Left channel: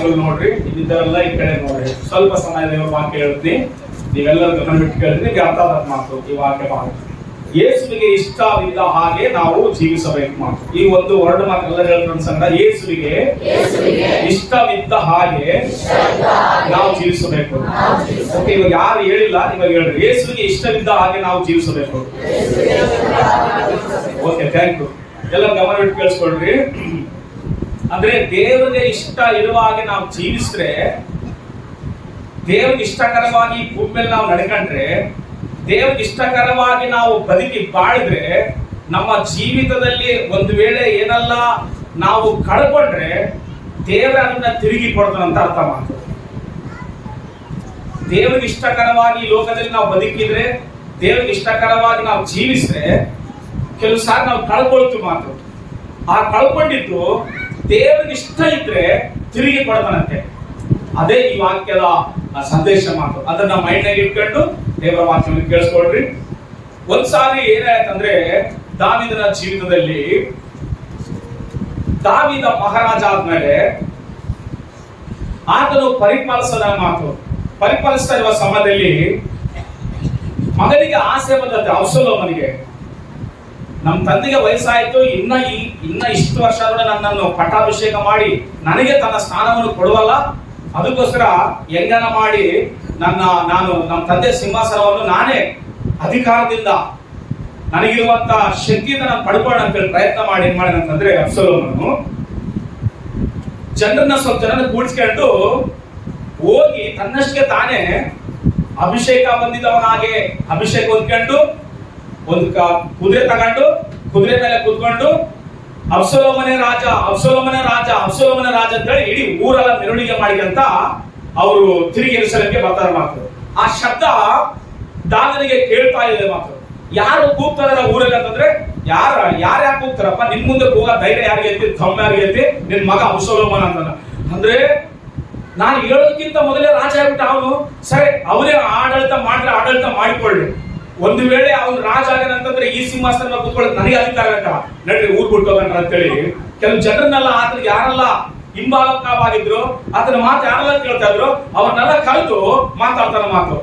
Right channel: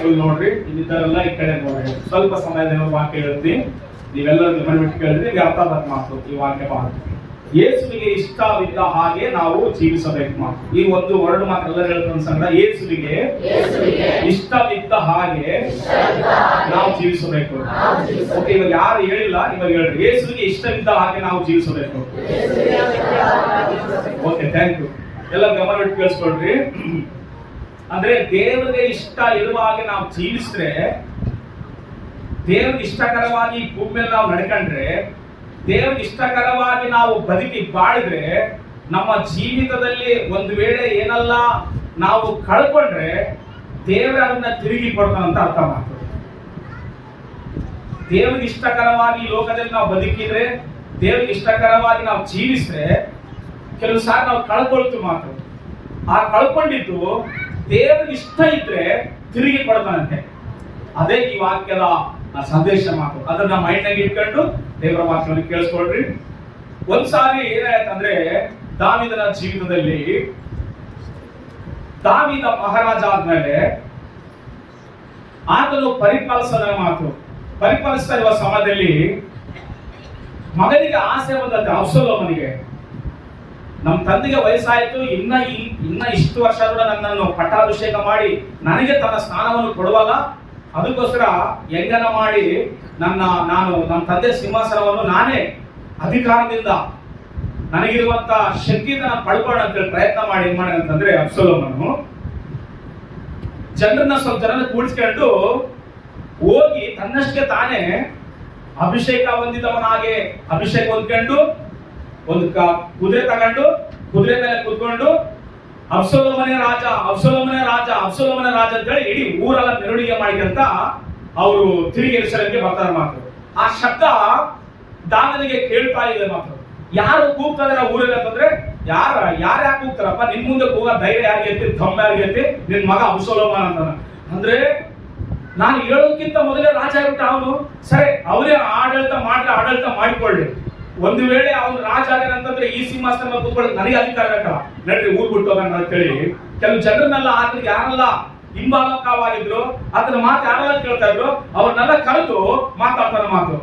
ಬಾಯಿಗಳು ನೋಡ್ರಿ, ಇದ್ದರೆಲ್ಲ ಈ ಕಡೆ ನೋಡ್ರಿ. ಸ್ವಲ್ಪ ಸಮಯ ದೇವರ ವಾಕ್ಯ ಹೇಳ್ತೀನಿ, ನೀವೆಲ್ಲರೂ ಗಮನ ಬಿಟ್ಟು ಕೇಳಿದ್ರೆ ನಿಮ್ಗೆ ಅರ್ಥ ಆದ ಮಾತು ಈ ವಾಕ್ಯ ಮಾಡಿ. ಯೇಸುವಿಗೆ ಇಷ್ಟವಿದ್ದ ಹಾಗೆ ನಾವು ಜೀವಿಸಬೇಕು ಮಾತು. ಈ ಒಂದು ವರ್ಡ್ ಮಾತ್ರ ಎಲ್ಲರೂ ಹೇಳ್ತಾರೆ ಸಂಗಡ, ಯೇಸುವಿಗೆ ಇಷ್ಟವಿದ್ದ ಹಾಗೆ ನಾವು ಜೀವಿಸಬೇಕು. ಓಕೆ, ಇವಾಗ ಯಾರು ಹೇಳಿಲ್ಲ ಇವಾಗ ಹೇಳ್ರಿ, ಯೇಸುವಿಗೆ ಇಷ್ಟವಿದ್ದ ಹಾಗೆ ನಾವು ಜೀವಿಸಬೇಕು. Okay, thank you. ಎಲ್ಲ ಗಮನ ಬಿಟ್ಟು ಕೇಳಿಸ್ಕೊಳ್ರಿ. ಅಂದ್ರೆ ದೇವರಿಗೆ ಇಷ್ಟ ಇರುವ ಹಾಗೆ ನಾವು ಜೀವಿಸಿದ್ರೆ, ದೇವರಿಗೆ ಇಷ್ಟಕರವಾಗಿ ಭೂಮಿ ಮೇಲೆ ನಾವು ನಡ್ಕೊಂಡ್ರೆ, ದೇವರಿಗೆ ಇಷ್ಟಕರವಾಗಿ ನಾವು ಬದುಕಿ ಬಾಳಿದ್ರೆ, ನಮ್ಮ ಜೀವಿತದಲ್ಲಿ ಒಂದು ವೇಳೆ ಏನೆಲ್ಲ ನಾವು ಕಳ್ಕೊಂಡ್ರೆ ದೇವರ ಅದನ್ನ ತಿರುಗಿ ಕೊಡ್ತಾನಂತ ಅರ್ಥ ಮಾತು. ದೇವರಿಗೆ ಇಷ್ಟಕರವಾಗಿ ಈ ಲೋಕದಲ್ಲಿ ನಾವು ಬದುಕಿದ್ರೆ, ದೇವರಿಗೆ ಇಷ್ಟಕರವಾಗಿ ನಾವು ಜೀವಿಸಿದ್ರೆ, ಕೆಲವು ಸಾರಿ ನಾವು ಕಳ್ಕೊಳ್ತೀವಿ ಮಾತು. ಆ ಕಳ್ಕೊಂಡಿದ್ದು ದೇವರಿಗೆ ಇಷ್ಟ ಇದ್ರೆ ತಿರುಗಿ ಕೊಡ್ತಾನಂತೆ. ಅದೇ ಈ ವಾಕ್ಯದ ಸಂದೇಶ ಮಾತು. ಅದನ್ನ ಮೈಂಡ್ನಾಗ ಇಟ್ಕೊಂಡು ದೇವರ ವಾಕ್ಯವನ್ನು ಕೇಳಿಸ್ಕೊಳ್ರಿ. ಒಂದ್ಸಾರಿ ಏನಾಯ್ತಂದ್ರೆ, ದಾವೀದನ ಜೀವಿತದಲ್ಲಿ, ದಾವೀದ ಮಹಾರಾಜ ಆದ್ಮೇಲೆ ಆತನು ಪರಿಪಾಲಿಸ್ತಾ ಇರುವ ಸಮಯದಲ್ಲಿ ಮಗನಿಗೆ ಆಸೆ ಬಂದತ್ತೆ, ಅಬ್ಸಲೋಮನಿಗೆ. ನಮ್ಮ ತಂದೆಗೆ ವಯಸ್ಸಾಯ್ತು, ಇನ್ನ ಇಷ್ಟು ವರ್ಷ ನನ್ನನ್ನು ಪಟ್ಟಾಭಿಷೇಕ ಮಾಡಿ ನನಗೆ ತನ್ನ ಸ್ಥಾನವನ್ನು ಕೊಡುವಲ್ಲ, ಅದಕ್ಕೋಸ್ಕರ ಹೆಂಗನ ಮಾಡಿ ನಮ್ಮ ತಂದೆ ಸಿಂಹಾಸನವನ್ನು ನಾನೇ ಅಧಿಕಾರದಿಂದ ನನಗಿರುವಂತ ಶಕ್ತಿಯಿಂದ ನಾನು ಪಡ್ಕೊಳ್ಳೋಣ ಅಂತೇಳಿ ಪ್ರಯತ್ನ ಮಾಡಿ ಏನ್ ಮಾಡಿದ ಅಂತಂದ್ರೆ, ಅಬ್ಸಲೋಮನು ಸ್ವಲ್ಪ ಜನರನ್ನ ಕೂಡಿಸ್ಕೊಂಡು ಹೋಗಿ ತನ್ನಷ್ಟಕ್ಕೆ ತಾನೇ ಅಭಿಷೇಕ ಹೊಂದಿದವನಾಗೆ ಅಭಿಷೇಕ ಹೊಂದ್ಕೊಂಡು ಒಂದು ಕುದುರೆ ತಗೊಂಡು ಕುದುರೆ ಮೇಲೆ ಕೂತ್ಕೊಂಡು ಅಬ್ಸಲೋಮನೇ ರಾಜ ಅಂತೇಳಿ ಇಡೀ ಊರೆಲ್ಲ ಮೆರವಣಿಗೆ ಮಾಡಿದಂತ ಅವರು ತಿರುಗಿ ಯೆರೂಸಲೇಮಿಗೆ ಬರ್ತಾರೆ ಮಾತು. ಆ ಶಬ್ದ ದಾವೀದನಿಗೆ ಕೇಳ್ತಾ ಇದೆ ಮಾತು. ಯಾರು ಕೂಗ್ತಾರೆ ಊರಲ್ಲಿ ಅಂತಂದ್ರೆ, ಯಾರು ಕೂಗ್ತಾರಪ್ಪ, ನಿನ್ ಮುಂದೆ ಕೂಗ ಧೈರ್ಯ ಯಾರಿಗೆ ಐತಿ, ದಮ್ಮ ಯಾರಿಗೆ ಐತಿ, ನಿನ್ ಮಗ ಅಬ್ಸಲೋಮನ ಅಂತಾನ. ಅಂದ್ರೆ ನಾನು ಹೇಳೋದಕ್ಕಿಂತ ಮೊದಲೇ ರಾಜ ಆಗ್ಬಿಟ್ಟ ಅವನು. ಸರಿ, ಅವರೇ ಆಡಳಿತ ಮಾಡಿಕೊಳ್ಳಿ. ಒಂದು ವೇಳೆ ಅವನು ರಾಜ ಆಗನಂತಂದ್ರೆ ಈ ಸಿಂಹಾಸನ ಕೂತ್ಕೊಳ್ಳೋದು ನನಗೆ ಅಧಿಕಾರ ಬೇಕಲ್ಲ, ನಡ್ರಿ ಊರ್ ಬಿಟ್ಟು ಹೋಗೋಣ ಅಂತೇಳಿ ಕೆಲವು ಜನರನ್ನೆಲ್ಲ, ಆತನಿಗೆ ಯಾರೆಲ್ಲ ಹಿಂಬಾಲಕವಾಗಿದ್ರು, ಆತನ ಮಾತು ಯಾರೆಲ್ಲ ಕೇಳ್ತಾ ಇದ್ರು, ಅವ್ರನ್ನೆಲ್ಲ ಕರೆದು ಮಾತಾಡ್ತಾನ ಮಾತು.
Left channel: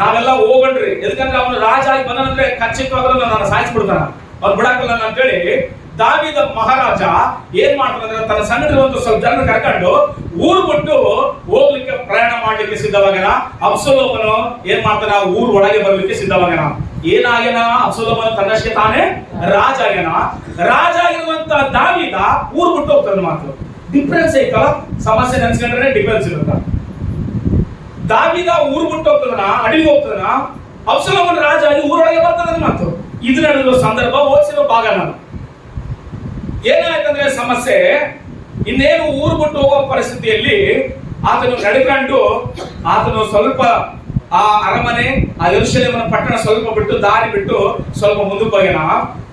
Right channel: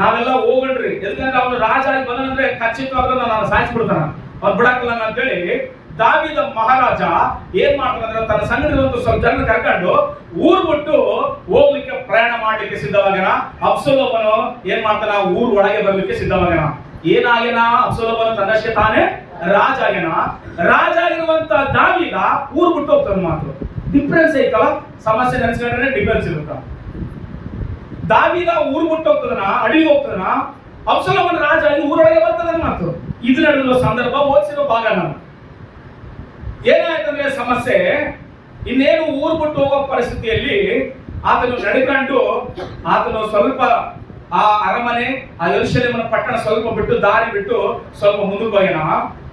ನಾವೆಲ್ಲ ಹೋಗಣ್ರಿ, ಎದಕ್ಕಂದ್ರೆ ಅವನು ರಾಜ ಆಗಿ ಬಂದನಂದ್ರೆ ಖಚಿತವಾಗ್ಲೂ ನಾನು ಸಾಯಿಸ್ಬಿಡ್ತಾನ, ಅವ್ರು ಬಿಡಾಕಲ್ಲ ಅಂತೇಳಿ ದಾವೀದ ಮಹಾರಾಜ ಏನ್ ಮಾಡ್ತಾನಂದ್ರೆ, ತನ್ನ ಸಂಗಡ ಸ್ವಲ್ಪ ಜನ ಕರ್ಕೊಂಡು ಊರ್ ಬಿಟ್ಟು ಹೋಗ್ಲಿಕ್ಕೆ ಪ್ರಯಾಣ ಮಾಡ್ಲಿಕ್ಕೆ ಸಿದ್ಧವಾಗ್ಯಾನ. ಅಬ್ಸಲೋಮನು ಏನ್ ಮಾಡ್ತಾನ, ಊರ್ ಒಳಗೆ ಬರ್ಲಿಕ್ಕೆ ಸಿದ್ಧವಾಗ್ಯಾನ. ಏನಾಗ್ಯಾನ, ಅಬ್ಸಲೋಮನು ತನ್ನಷ್ಟೇ ತಾನೇ ರಾಜ ಆಗಿರುವಂತ ದಾವೀದ ಊರ್ ಬಿಟ್ಟು ಹೋಗ್ತಾನ ಮಾತು. ಡಿಫ್ರೆನ್ಸ್ ಐತಲ್ಲ, ಸಮಸ್ಯೆ ನೆನ್ಸ್ಕೊಂಡ್ರೆ ಡಿಫ್ರೆನ್ಸ್ ಇರುತ್ತ. ದಾವೀದ ಊರ್ ಬಿಟ್ಟು ಹೋಗ್ತದನ, ಅಡಿಗೆ ಹೋಗ್ತದನ, ಅಬ್ಸಲೋಮನು ರಾಜ ಆಗಿ ಊರೊಳಗೆ ಬರ್ತದನ ಮಾತು. ಇದು ನಡೆದಿರೋ ಸಂದರ್ಭ ಓದಿಸಿರೋ ಭಾಗ ನಾನು. ಏನಾಯ್ತಂದ್ರೆ ಸಮಸ್ಯೆ, ಇನ್ನೇನು ಊರು ಬಿಟ್ಟು ಹೋಗೋ ಪರಿಸ್ಥಿತಿಯಲ್ಲಿ ಆತನು ನಡ್ಕೊಂಡು ಆತನು ಸ್ವಲ್ಪ ಆ ಅರಮನೆ, ಆ ಯೆರೂಸಲೇಮಿನ ಪಟ್ಟಣ ಸ್ವಲ್ಪ ಬಿಟ್ಟು ದಾರಿ ಬಿಟ್ಟು ಸ್ವಲ್ಪ ಮುಂದಕ್ಕೆ ಹೋಗ್ಯಾನ.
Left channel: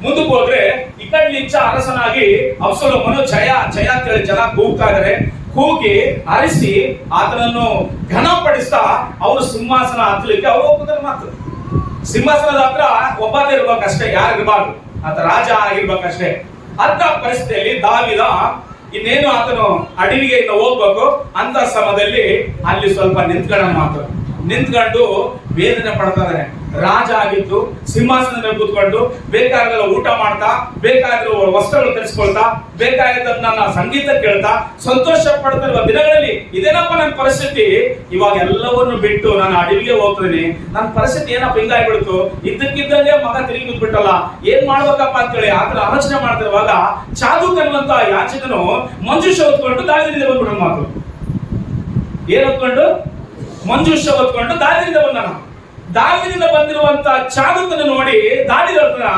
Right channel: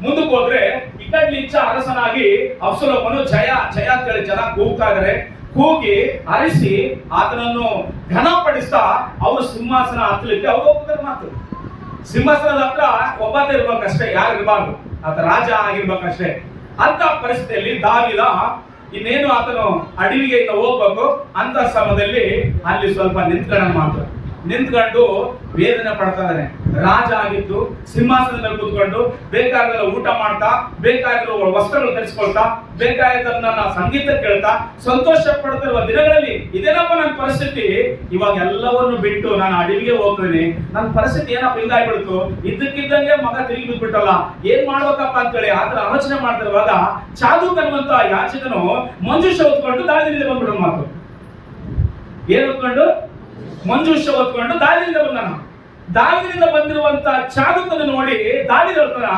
ಮುಂದಕ್ಕೆ ಹೋದ್ರೆ ಈ ಕಡೆ ಅರಸನಾಗಿ ಅಬ್ಸಲೋಮನು ಜಯ ಅಂತೇಳಿ ಜನ ಕೂಗ್ತಾ ಇದಾರೆ. ಕೂಗಿ ಅರಿಸಿ ಆತನನ್ನು ಘನಪಡಿಸ್ತಾ ಅವರು ಸಿಂಹಾಸನ ಹತ್ತಲಿಕ್ಕೆ ಅವ್ರು ಹೋಗ್ತಾರೆ ಮಾತು. ಸಿಂಹಾಸನದ ಹತ್ರ ಒಬ್ಬನೇ ಇರ್ಬೇಕಷ್ಟೇ, ಯಾರು ಇರಬಾರ್ದು, ಆತ ರಾಜ ಆಗಿರ್ಬೇಕಷ್ಟೇ. ಅಂತ ಪರಿಸ್ಥಿತಿಯಲ್ಲಿ ದಾವೀದ ಇನ್ನೇನು ಆತನು ಅಡವಿಗೆ ಇನ್ನು ಹೋಗ್ಬೇಕು ಅಂತ ಸಮಯದಲ್ಲಿ ಅಲ್ಲಿ ಸ್ವಲ್ಪ ನಿಂತ್ಕೊಂಡು ವೇದನೆ ಪಡ್ತಾ ಇದ್ದಾನೆ. ರಾಜ ಆಗಿದ್ದು ಸಿಂಹಾಸನದ ಮೇಲೆ ಕೂತ್ಕೊಂಡು ಬೇಕಾದ ಊಟ ಮಾಡ್ತಾ, ಬೇಕಾದ್ರೂ ವಸ್ತ್ರಗಳು ಧರಿಸ್ಕೊಳ್ತಾ, ಬೇಕಾದನ್ನ ಸಂಗೀತ ಕೇಳ್ತಾ ಸಂತೋಷ ಪಡ್ತಿರುವ ದಿನಗಳಲ್ಲಿ ಇದೇನಪ್ಪ ನನ್ನ ಪರಿಸ್ಥಿತಿ, ಇವಾಗ ಎಲ್ಲವನ್ನು ಬಿಟ್ಟು ನಾನು ಅಡವಿಗೆ ಹೋಗ್ತೀನಿ, ನನ್ನ ಪರಿಸ್ಥಿತಿ ಏನಪ್ಪ ಹಿಂಗಾಗ್ಬಿಡ್ತು, ಇದ್ದಕ್ಕಿದ್ದಂಗೆ ಮಗ ತಿರುಗಿ ಬಿದ್ಬಿಟ್ಟಲ್ಲ, ಏನ್ ಮಾಡ್ಬೇಕಪ್ಪ ಅಂತೇಳಿ ಆತರ ಆಲೋಚನೆ ಮಾಡ್ತಿರುವಾಗ ಚಾದೂಕ್ ಅನ್ನುವಂತ ಯಾಚಕನು ಮಂಜೂಷ ಹೊತ್ಕೊಂಡು ದಾವೀದನಿಂದ ಬಂದ್ಬಿಡೋ ಮಾತು. ಏನ್ ಹೊತ್ಕೊಂಡು? ಮಂಜೂಷ ಹೊತ್ಕೊಂಡು ದಾವೀದನಿಂದ ಬಂದನ. ದಾವೀದನಿಂದ ಬಂದಿರುವಂತ ಚಾದೂಕನ್ನು ನೋಡಿ ದಾವೀದ ಹೇಳ್ತಾನ,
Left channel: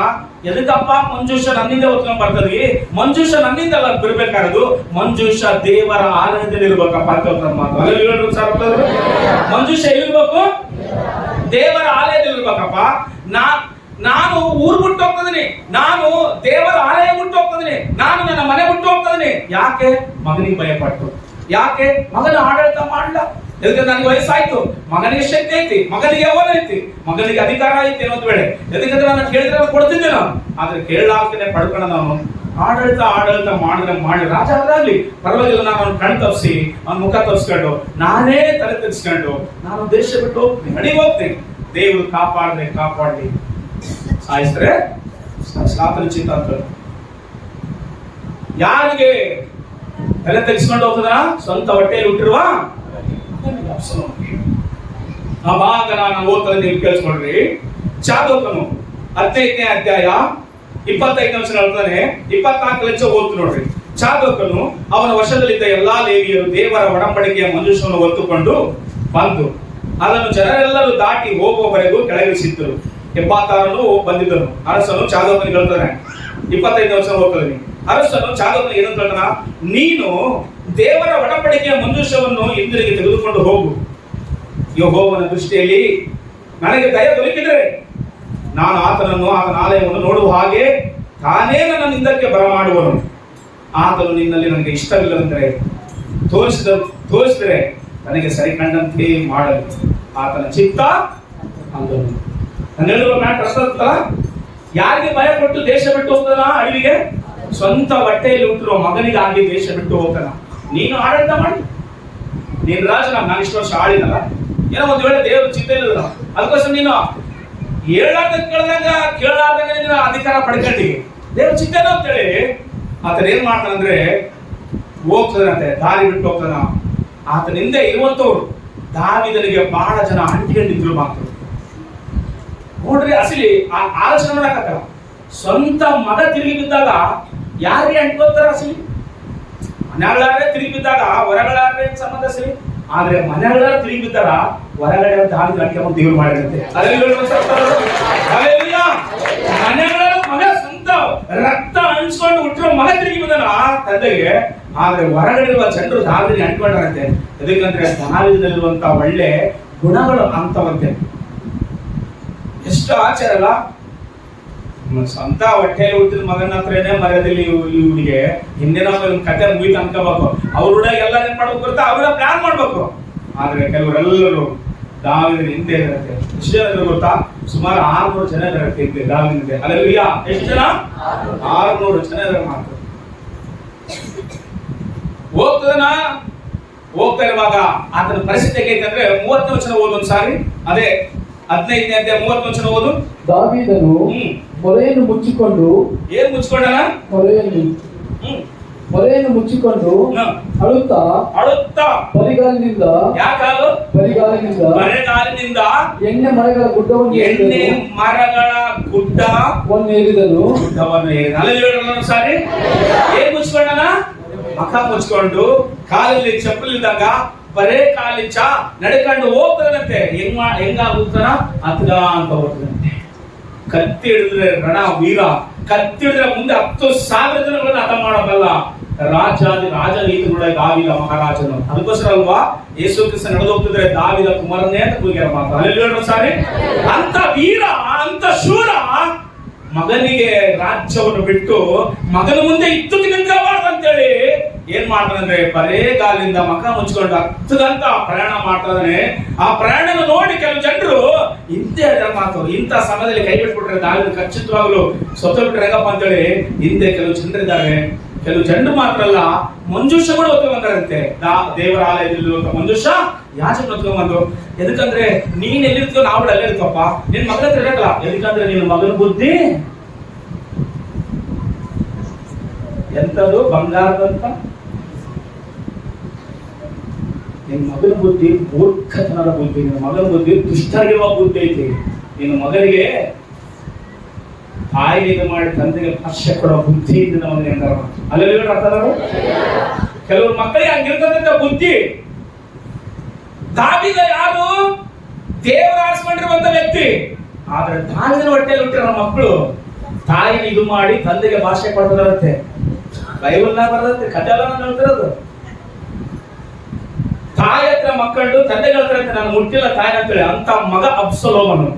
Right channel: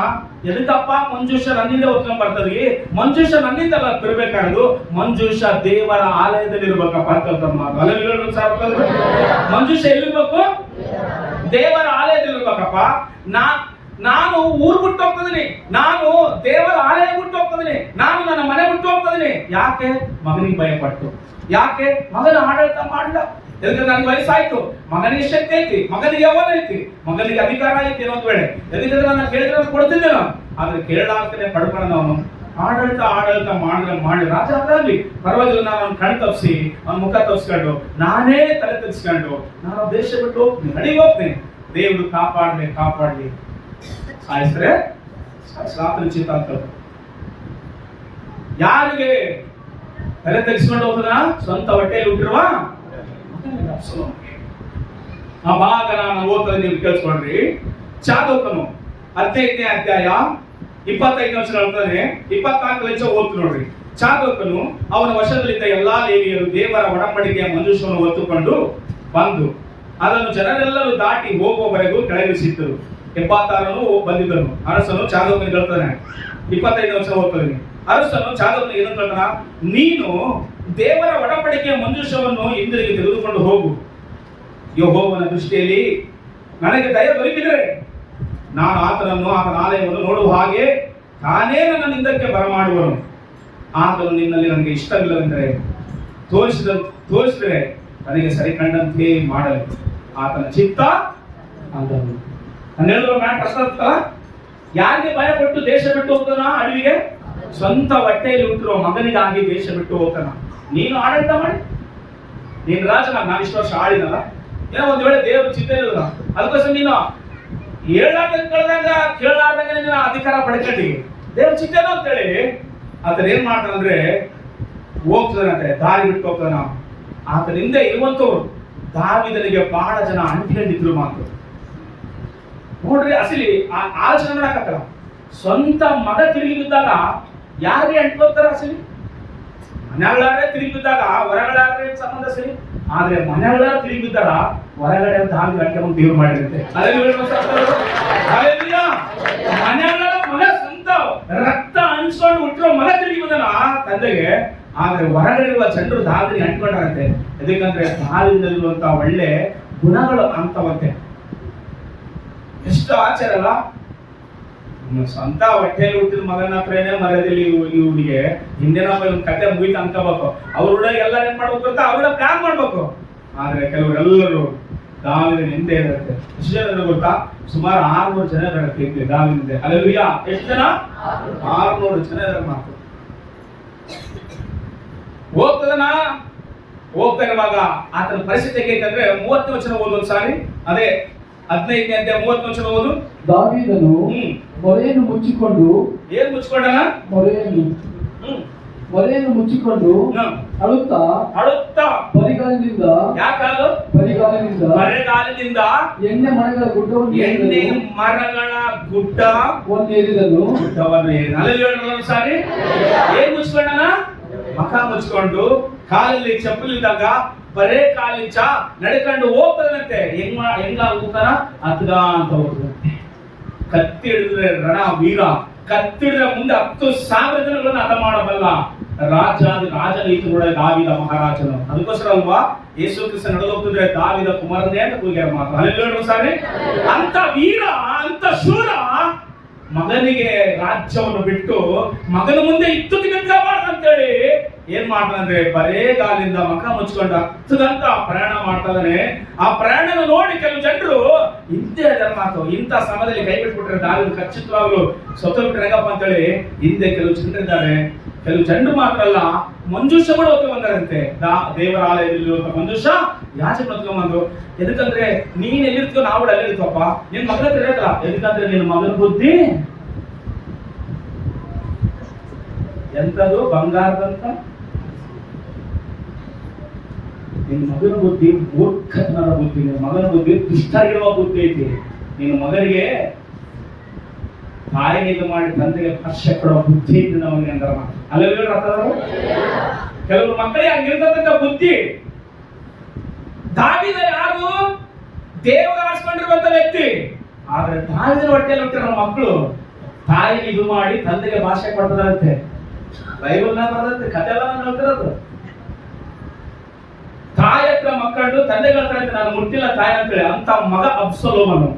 ಎದಕ್ಕಪ್ಪ ಮಂಜೂಷ ನನ್ನಿಂದ ಹೊತ್ಕೊಂಡ್ ಬರ್ತದೆ, ಮಂಜೂಷ ನನ್ನಿಂದ ಬಿರ್ಬೇಕಾರದು, ಮಂಜೂಷ ದೇವರ ಆಲಯದಲ್ಲಿ ಇರ್ಬೇಕಪ್ಪ ಅಂತ ಹೇಳ್ತಾನ ಮಾತು. ಮಂಜೂಷ ಎಲ್ಲಿರ್ಬೇಕು? ದೇವರ ಆಲಯದಲ್ಲಿ ಇರ್ಬೇಕಪ್ಪ. ನಾನು ಊರ್ ಬಿಟ್ಟು ಹೋಗ್ತದೀನಿ, ನಾನು ದೇವರ ಆಲಯ ಬಿಟ್ಟು ಹೋಗ್ತದೀನಿ, ನಾನು ನನ್ನ ಮನೆ ಬಿಟ್ಟು ಹೋಗ್ತದೀನಿ. ಯಾಕೆ? ಮಗನಿಗೆ ಭಯಪಟ್ಟು. ಯಾಕೆ? ಮಗನ ಆಡಳಿತ ಮಾಡಲ್ಲ, ಯಾಕಂದ್ರೆ ನನಗೆ ವಯಸ್ಸಾಯ್ತು, ಮಗನಿಗೆ ಶಕ್ತಿ ಐತಿ, ಮಗನಿಗೆ ಯೌವನ ಐತಿ, ಮಗನಿಗೆ ಅಧಿಕಾರ ಐತಿ ಅನ್ನೋದು ವೇಳೆ. ಯಾಕಂದ್ರೆ ನಾನು ಕೇಳಿದ್ರೆ ಕೊಡ್ತಿದ್ದೆ ನಾನು, ಆದ್ರೆ ಕೇಳಲಾಗ್ತೇನೆ ಪಡ್ಕೊಳ್ಳೋಣ ಅವನು. ಆಡಳಿತ ಮಾಡಿ ರಾಜ ಆದ್ರಾಗ್ಲಿ ಪರವಾಗಿಲ್ಲ, ನಾನು ಅವ್ನ ಕಣ್ ತಪ್ಪಿಸಿ ಅವ್ನ ಮುಖ ತಪ್ಪಿಸ್ಕೊಂಡು ನಾನೇ ತಲೆ ತೆಗೆಸ್ಕೊಂಡು ನಾನು ದೇಶ ಬಿಟ್ಟು ಹೋಗ್ತೀನಿ, ನಡಿ ಹೋಗ್ತೀನಿ. ದೇವರು ಕಾಪಾಡಲಿ ಸಾಯಿಸ್ರೆ ಸಾಯಿಸ್ಲಾತನ ಚಿಂತ ಅಂತ. ಯಾರಿಗೆ ತಲೆ ತೆಗೆಸ್ಕೊಂಡು ಹೋಗ್ತದ? ಸ್ವಂತ ಹೊಟ್ಟೆಯಲ್ಲಿ ಹುಟ್ಟಿರುವ ಆ ಭಾಗ ನಾನು ಓದ್ತದೆ, ನೀವು ಕೇಳಿಸ್ಕೊಂಡ್ರಿ. ಚಾದೋಕನು 15ನೇ ಅಧ್ಯಾಯ 25ನೇ ವಚನ ಹೇಳ್ತಾನೆ. 24 ಲಕ್ಷ ಓದ್ತು ನೋಡ್ರಿ. ಚಾದೋಕನು ಅವನ ವಶದಲ್ಲಿದ್ದ ಎಲ್ಲಾ ಲೇವಿಯರು ದೇವರ ಒಡಂಬಡಿಕೆಯ ಮಂಜೂಷವನ್ನು ಹೊತ್ತುಕೊಂಡು ಬಂದು ಅದನ್ನು ಜನರೆಲ್ಲರೂ ದಾಟಿ ಹೋಗುವವರೆಗೂ ಕೆಳಗಿಳಿಸಿದ್ದರು. 76 ಬಂದಿದ್ದನು. ಅರಸನು ಚಾದೋಕನಿಗೆ ಹೇಳ್ತಾನೆ, 25ನೇ ವಚನ ಓದ್ತಾನೆ. ಅರಸನು ಚಾದೋಕನಿಗೆ ಏನಂತ ಹೇಳ್ತಾನ, ನೀನು ದೇವರ ಒಡಂಬಡಿಕೆಯ ಮಂಜೂಷವನ್ನು ಹಿಂದಿರುಗಿ ತೆಗೆದುಕೊಂಡು ಹೋಗು. ಯೆಹೋವನ ದೃಷ್ಟಿಯಲ್ಲಿ ನನಗೆ ದಯ ದೊರಕಿದರೆ ನಾನು ಆತನ ಆಲಯವನ್ನು ನೋಡುವ ಹಾಗೆ ತಾನೇ ನನ್ನ ನಿಂದಕ್ಕೆ ಬರಮಾಡುವನು. ಆತನು ನಿನ್ನಲ್ಲಿ ನನಗೆ ಇಷ್ಟವಿಲ್ಲವೆಂದರೆ ತೋರಿಸಿದರೆ ನನಗೆ ಸರಿ ಕಂಡಂತೆ ಮಾಡಲಿ. ಆತನ ಚಿತ್ತ ಅಂದನು. ನಾನು ಹೇಳುವ ಪ್ರಶ್ನೆ, ಯಾರಿಗೆ ಭಯ ಪಟ್ಟು ದೇಶ ಬಿಟ್ಟು ಹೋಗ್ತಾನ? ಅಡವಿಗೆ ಸ್ವಂತ ಹೊಟ್ಟೆಯಲ್ಲಿ ಹುಟ್ಟಿರುವ ಮಗನಿಗಾಗಿ ದೇಶ ಬಿಟ್ಟು ಹೋಗ್ತಾನ. ನೀನು ಆಡಳಿತ ಮಾಡಿ, ನೀನು ರಾಜನ, ನಾನು ಇಷ್ಟು ವರ್ಷ ಆಳಿದಲ್ಲ, ಏನೋ ಒಂದ್ ವೇಳೆ ದೇವರು ಚಿತ್ತ ಇಲ್ಲ, ಅದಕ್ಕೋಸ್ಕರ ನೀನು ಕೇಳಾರ್ದಂಗ ನೀನು ಅಧಿಕಾರ ಪಡ್ಕೊಂಡಿ ದೇವ್ರ ಚಿತ್ತನೋ ಅಂತೇಳಿ ಆತನ ಏನ್ ಮಾಡ್ತಾನಂದ್ರೆ ಹೋಗ್ತದಂತೆ, ದಾರಿ ಬಿಟ್ಟು ಹೋಗ್ತಾನ. ಆತನ ಹಿಂದೆ ಇರುವಂತವ್ರು ದಾವೀದನಿಗೆ ಬಹಳ ಜನ ಅಂಟಿಕೊಂಡಿದ್ರು ಮಾತ್ರ. ನೋಡ್ರಿ, ಅಸಲಿ ಆಲೋಚನೆ ಮಾಡಕತ್ತಲ್ಲ. ಸ್ವಂತ ಮಗ ತಿರುಗಿ ಬಿದ್ದಾಗ ಯಾರಿಗೆ ಅಂಟ್ಕೋತಾರ? ಅಸಲಿ ಮನೆಗಳಾರೇ ತಿರುಗಿ ಬಿದ್ದಾಗ ಹೊರಗಳಾರೇ ಸಂಬಂಧ ಸರಿ, ಆದ್ರೆ ಮನೆಗಳ ತಿರುಗಿ ಬಿದ್ದಾರ ಹೊರಗಡೆ ದಾವಿದ ಅಂಟ್ಕೊಂಡು ದೇವ್ರು ಮಾಡಿದಂತೆ. ಮನೆಗಳ ಮಗ ಸ್ವಂತ ರಕ್ತ ಹಂಚ್ಕೊಂಡು ಹುಟ್ಟಿರೋ ಮಗ ತಿರುಗಿ ಬಿದ್ದಾನ ತಂದೆಗೆ, ಆದ್ರೆ ಹೊರಗಡೆ ಇರುವ ಜನರು ದಾವಿದಿಗೆ ಅಂಟ್ಕೊಂಡ್ರಂತೆ. ಎದಕ್ಕಂದ್ರೆ ದಾವಿದಲ್ಲಿರುವಂತ ಒಳ್ಳೆ ಗುಣಗಳು ಅಂತವಂತೆ. ಎಷ್ಟು ಆಚಾರ ಅಲ್ಲ. ಸ್ವಂತ ಹೊಟ್ಟೆಯಲ್ಲಿ ಹುಟ್ಟಿದ ಮಗನ ಹತ್ರನೇ ಮರ್ಯಾದಲ್ಲಿ ಇವನಿಗೆ ಹಿಂದಿನ ಕತೆ ಮುಗಿತು ಅನ್ಕೋಬೇಕು. ಅವ್ರ ಎಲ್ಲ ಏನ್ ಮಾಡ್ಬೇಕು ಅಂತ ಅವ್ರ ಪ್ಲಾನ್ ಮಾಡ್ಬೇಕು. ಆದ್ರೆ ಕೆಲವರೆಲ್ಲರೂ ದಾವಿದನ ಹಿಂದೆ ಇರುತ್ತೆ. ಎಷ್ಟು ಜನ ಇದ್ರು ಗೊತ್ತಾ? ಸುಮಾರು 600 ಜನ ಇರುತ್ತೆ ದಾವಿದ. ಅಲ್ಲೆಲ್ಲ ಎಷ್ಟು ಜನ? 600 ಜನ ಇದ್ರೆ ಮಾತ್ರ ಹೋಗ್ತಾ ಇರುವಾಗ ಆತನ ಪರಿಸ್ಥಿತಿ ಹೇಗೈತೆ ಅಂದ್ರೆ 30ನೇ ವಚನ ಓದು ಒಂದ್ಸಾರಿ. ಅದೇ 15ನೇ ಅಧ್ಯಾಯ 30ನೇ ವಚನ ಓದು. ದಾವೀದನು ಮೊರೆಯನ್ನು ಮುಚ್ಚಿಕೊಂಡು, ಏನ್ ಮುಚ್ಕೊಂಡನ? ಮೊರೆಯನ್ನು ಮುಚ್ಚಿಕೊಂಡು ಅಳುತ್ತಾ ಬರಿಗಾಲಿನಿಂದ, ಯಾಕಾಲು? ಬರಿಗಾಲಿನಿಂದ ಎಣ್ಣೆ ಮರಗಳ ಗುಡ್ಡವನ್ನು ಏರಿದನು. ಸಾರಿ, ಏನ್ ಮುಚ್ಕೊಂಡನ? ಮಖ ಮುಚ್ಕೊಂಡು ಕಾಲಲ್ಲಿ ಚಪ್ಪಲಿದ್ದಾಗ ಬರೇ ಕಾಲಿಂಚ ನಡ್ಕೊಂಡು ಹೋಗ್ತಾನಂತೆ. ಹೆಂಗ ಹೋಗ್ತಾನ? ಅತ್ಗ ಅಂತ ಹೋಗ್ತಾನಂತೆ. ಕತ್ತಿ ಹಿಡಿದ್ರೆ ರಣ ವೀರ, ಕತ್ತಿ ಹಿಡಿದ್ರೆ ಮುಂದೆ 10,000 ಜನಗಳನ್ನ ಹತ ಮಾಡಬಲ್ಲ ರಾಜ ನೀತಿಗಳೊಳಗೆ ದಾವಿದ ಮಹಾರಾಜನು. ಅದಕ್ಕೋಸ್ಕರ ಅಲ್ವಾ ಯೇಸು ಕ್ರಿಸ್ತ ನಡೆದು ಹೋಗ್ತಿದ್ರೆ ದಾವಿದ ಕುಮಾರನೇ ಅಂತ ಕೂಗ್ಯಾರ ಮಾತ್ರ. ಅಲ್ಲಿ ಸಾರಿ, ಅಂತ ವೀರ, ಅಂತ ಶೂರ ಮಗನಿಗೆ ರಾಜ್ಯವನ್ನು ಬಿಟ್ಟು ಮಗನ ಮುಂದೆ ಇತ್ತು ನಿಂತ್ಕೋಬಾರ್ದು ಅಂತೇಳಿ ಏನ್ ಮಾಡ್ತಾನಂದ್ರೆ ಬರೇ ಗಾಲಿಂದ ಮಖ ಮುಚ್ಕೊಂಡು 10 ಗಂಟೆ ಪ್ರಯಾಣ ಮಾಡ್ತಾನೆ. ಆ ಪ್ರಯಾಣನ ನೋಡಿ ಕೆಲವು ಜನರು ಹಿಂದೆ ಮಾತು, ಇಂಥ ಸಮಯದಲ್ಲಿ ಕೈ ಬಿಟ್ಬಿಟ್ರೆ ದಾವಿದ ಖಚಿತವಾಗ್ಲು ಸತ್ತೋಗ್ಬಿಟ್ರೆ ಹೆಂಗಪ್ಪ ಅಂತೇಳಿ ಹಿಂದೆ ಕೆಲವು ಜನರಿದ್ದಾರೆ. ಕೆಲವು ಜನರು ಮಾತ್ರ ಅಲ್ಲ, ಮಂಜೂಷ ಕೂಡ ಹೊತ್ತು ಬಂದಾರಂತೆ. ದೇವರ ಆಲಯದಲ್ಲಿ ಮಂಜೂಷ ಯಾಚಕ ಹೊತ್ಕೊಂಡ್ಬಂದು, ಎದಕ್ಕಂದ್ರೆ ನೀನ್ ಎಲ್ಲಿರ್ತೀವೋ ನಾವು ಅಲ್ಲೇ ಇರ್ತೀವಪ್ಪ, ನಿನ್ ಮಗನ ಹತ್ರ ಇರಕಲ್ಲ. ಎದಕ್ಕಂದ್ರೆ ನಿನ್ನ ಮಗನ ಬುದ್ಧಿ ಎಂತದು? ಬಂಗಾರದಂತ. ನಿನ್ನ ಮಗನ ಬುದ್ಧಿ ಮೂರ್ಖತನದ ಬುದ್ಧಿ, ನಿನ್ನ ಮಗನ ಬುದ್ಧಿ ದುಷ್ಟಾಗಿರುವ ಬುದ್ಧಿ ಐತಿ. ನಿನ್ನ ಮಗನಿಗೆ ತಾಯಿಗೆ ಮಾಡಿ ತಂದೆಗೆ ಸ್ಪರ್ಶ ಕೊಡೋ ಬುದ್ಧಿ ಇದ್ದು ಅವನಿಗೆ ಅಂದ್ರ ಅಲ್ಲೆಲ್ಲ ಅರ್ಥದಾರು. ಕೆಲವರು ಮಕ್ಕಳಿಗೆ ಹಂಗಿರ್ತಕ್ಕಂಥ ಬುದ್ಧಿ. ದಾವಿದ ಯಾರು? ದೇವರ ಆರಿಸಿಕೊಂಡಿರುವಂತ ವ್ಯಕ್ತಿ. ಆದ್ರೆ ದಾವಿದನ ಹೊಟ್ಟೆಯಲ್ಲಿ ಹುಟ್ಟಿರೋ ಮಕ್ಕಳು ತಾಯಿಗೆ ಇದು ಮಾಡಿ ತಂದೆಗೆ ಭಾಷೆ ಕೊಡ್ತಾರಂತೆ. ಬೈಬಲ್ನಾಗ ಬರ್ತದೆ, ಕಥೆ ಎಲ್ಲ ನಾನು ಹೇಳ್ತಿರೋದು. ತಾಯಿ ಹತ್ರ ಮಕ್ಕಳು ತಂದೆಗೆ ಹೇಳ್ತಾರಂತೆ, ನಾನು ಮುಟ್ಟಿಲ್ಲ ತಾಯಿ ಅಂತೇಳಿ. ಅಂತ ಮಗ ಅಬ್ಸಲೋಮನು.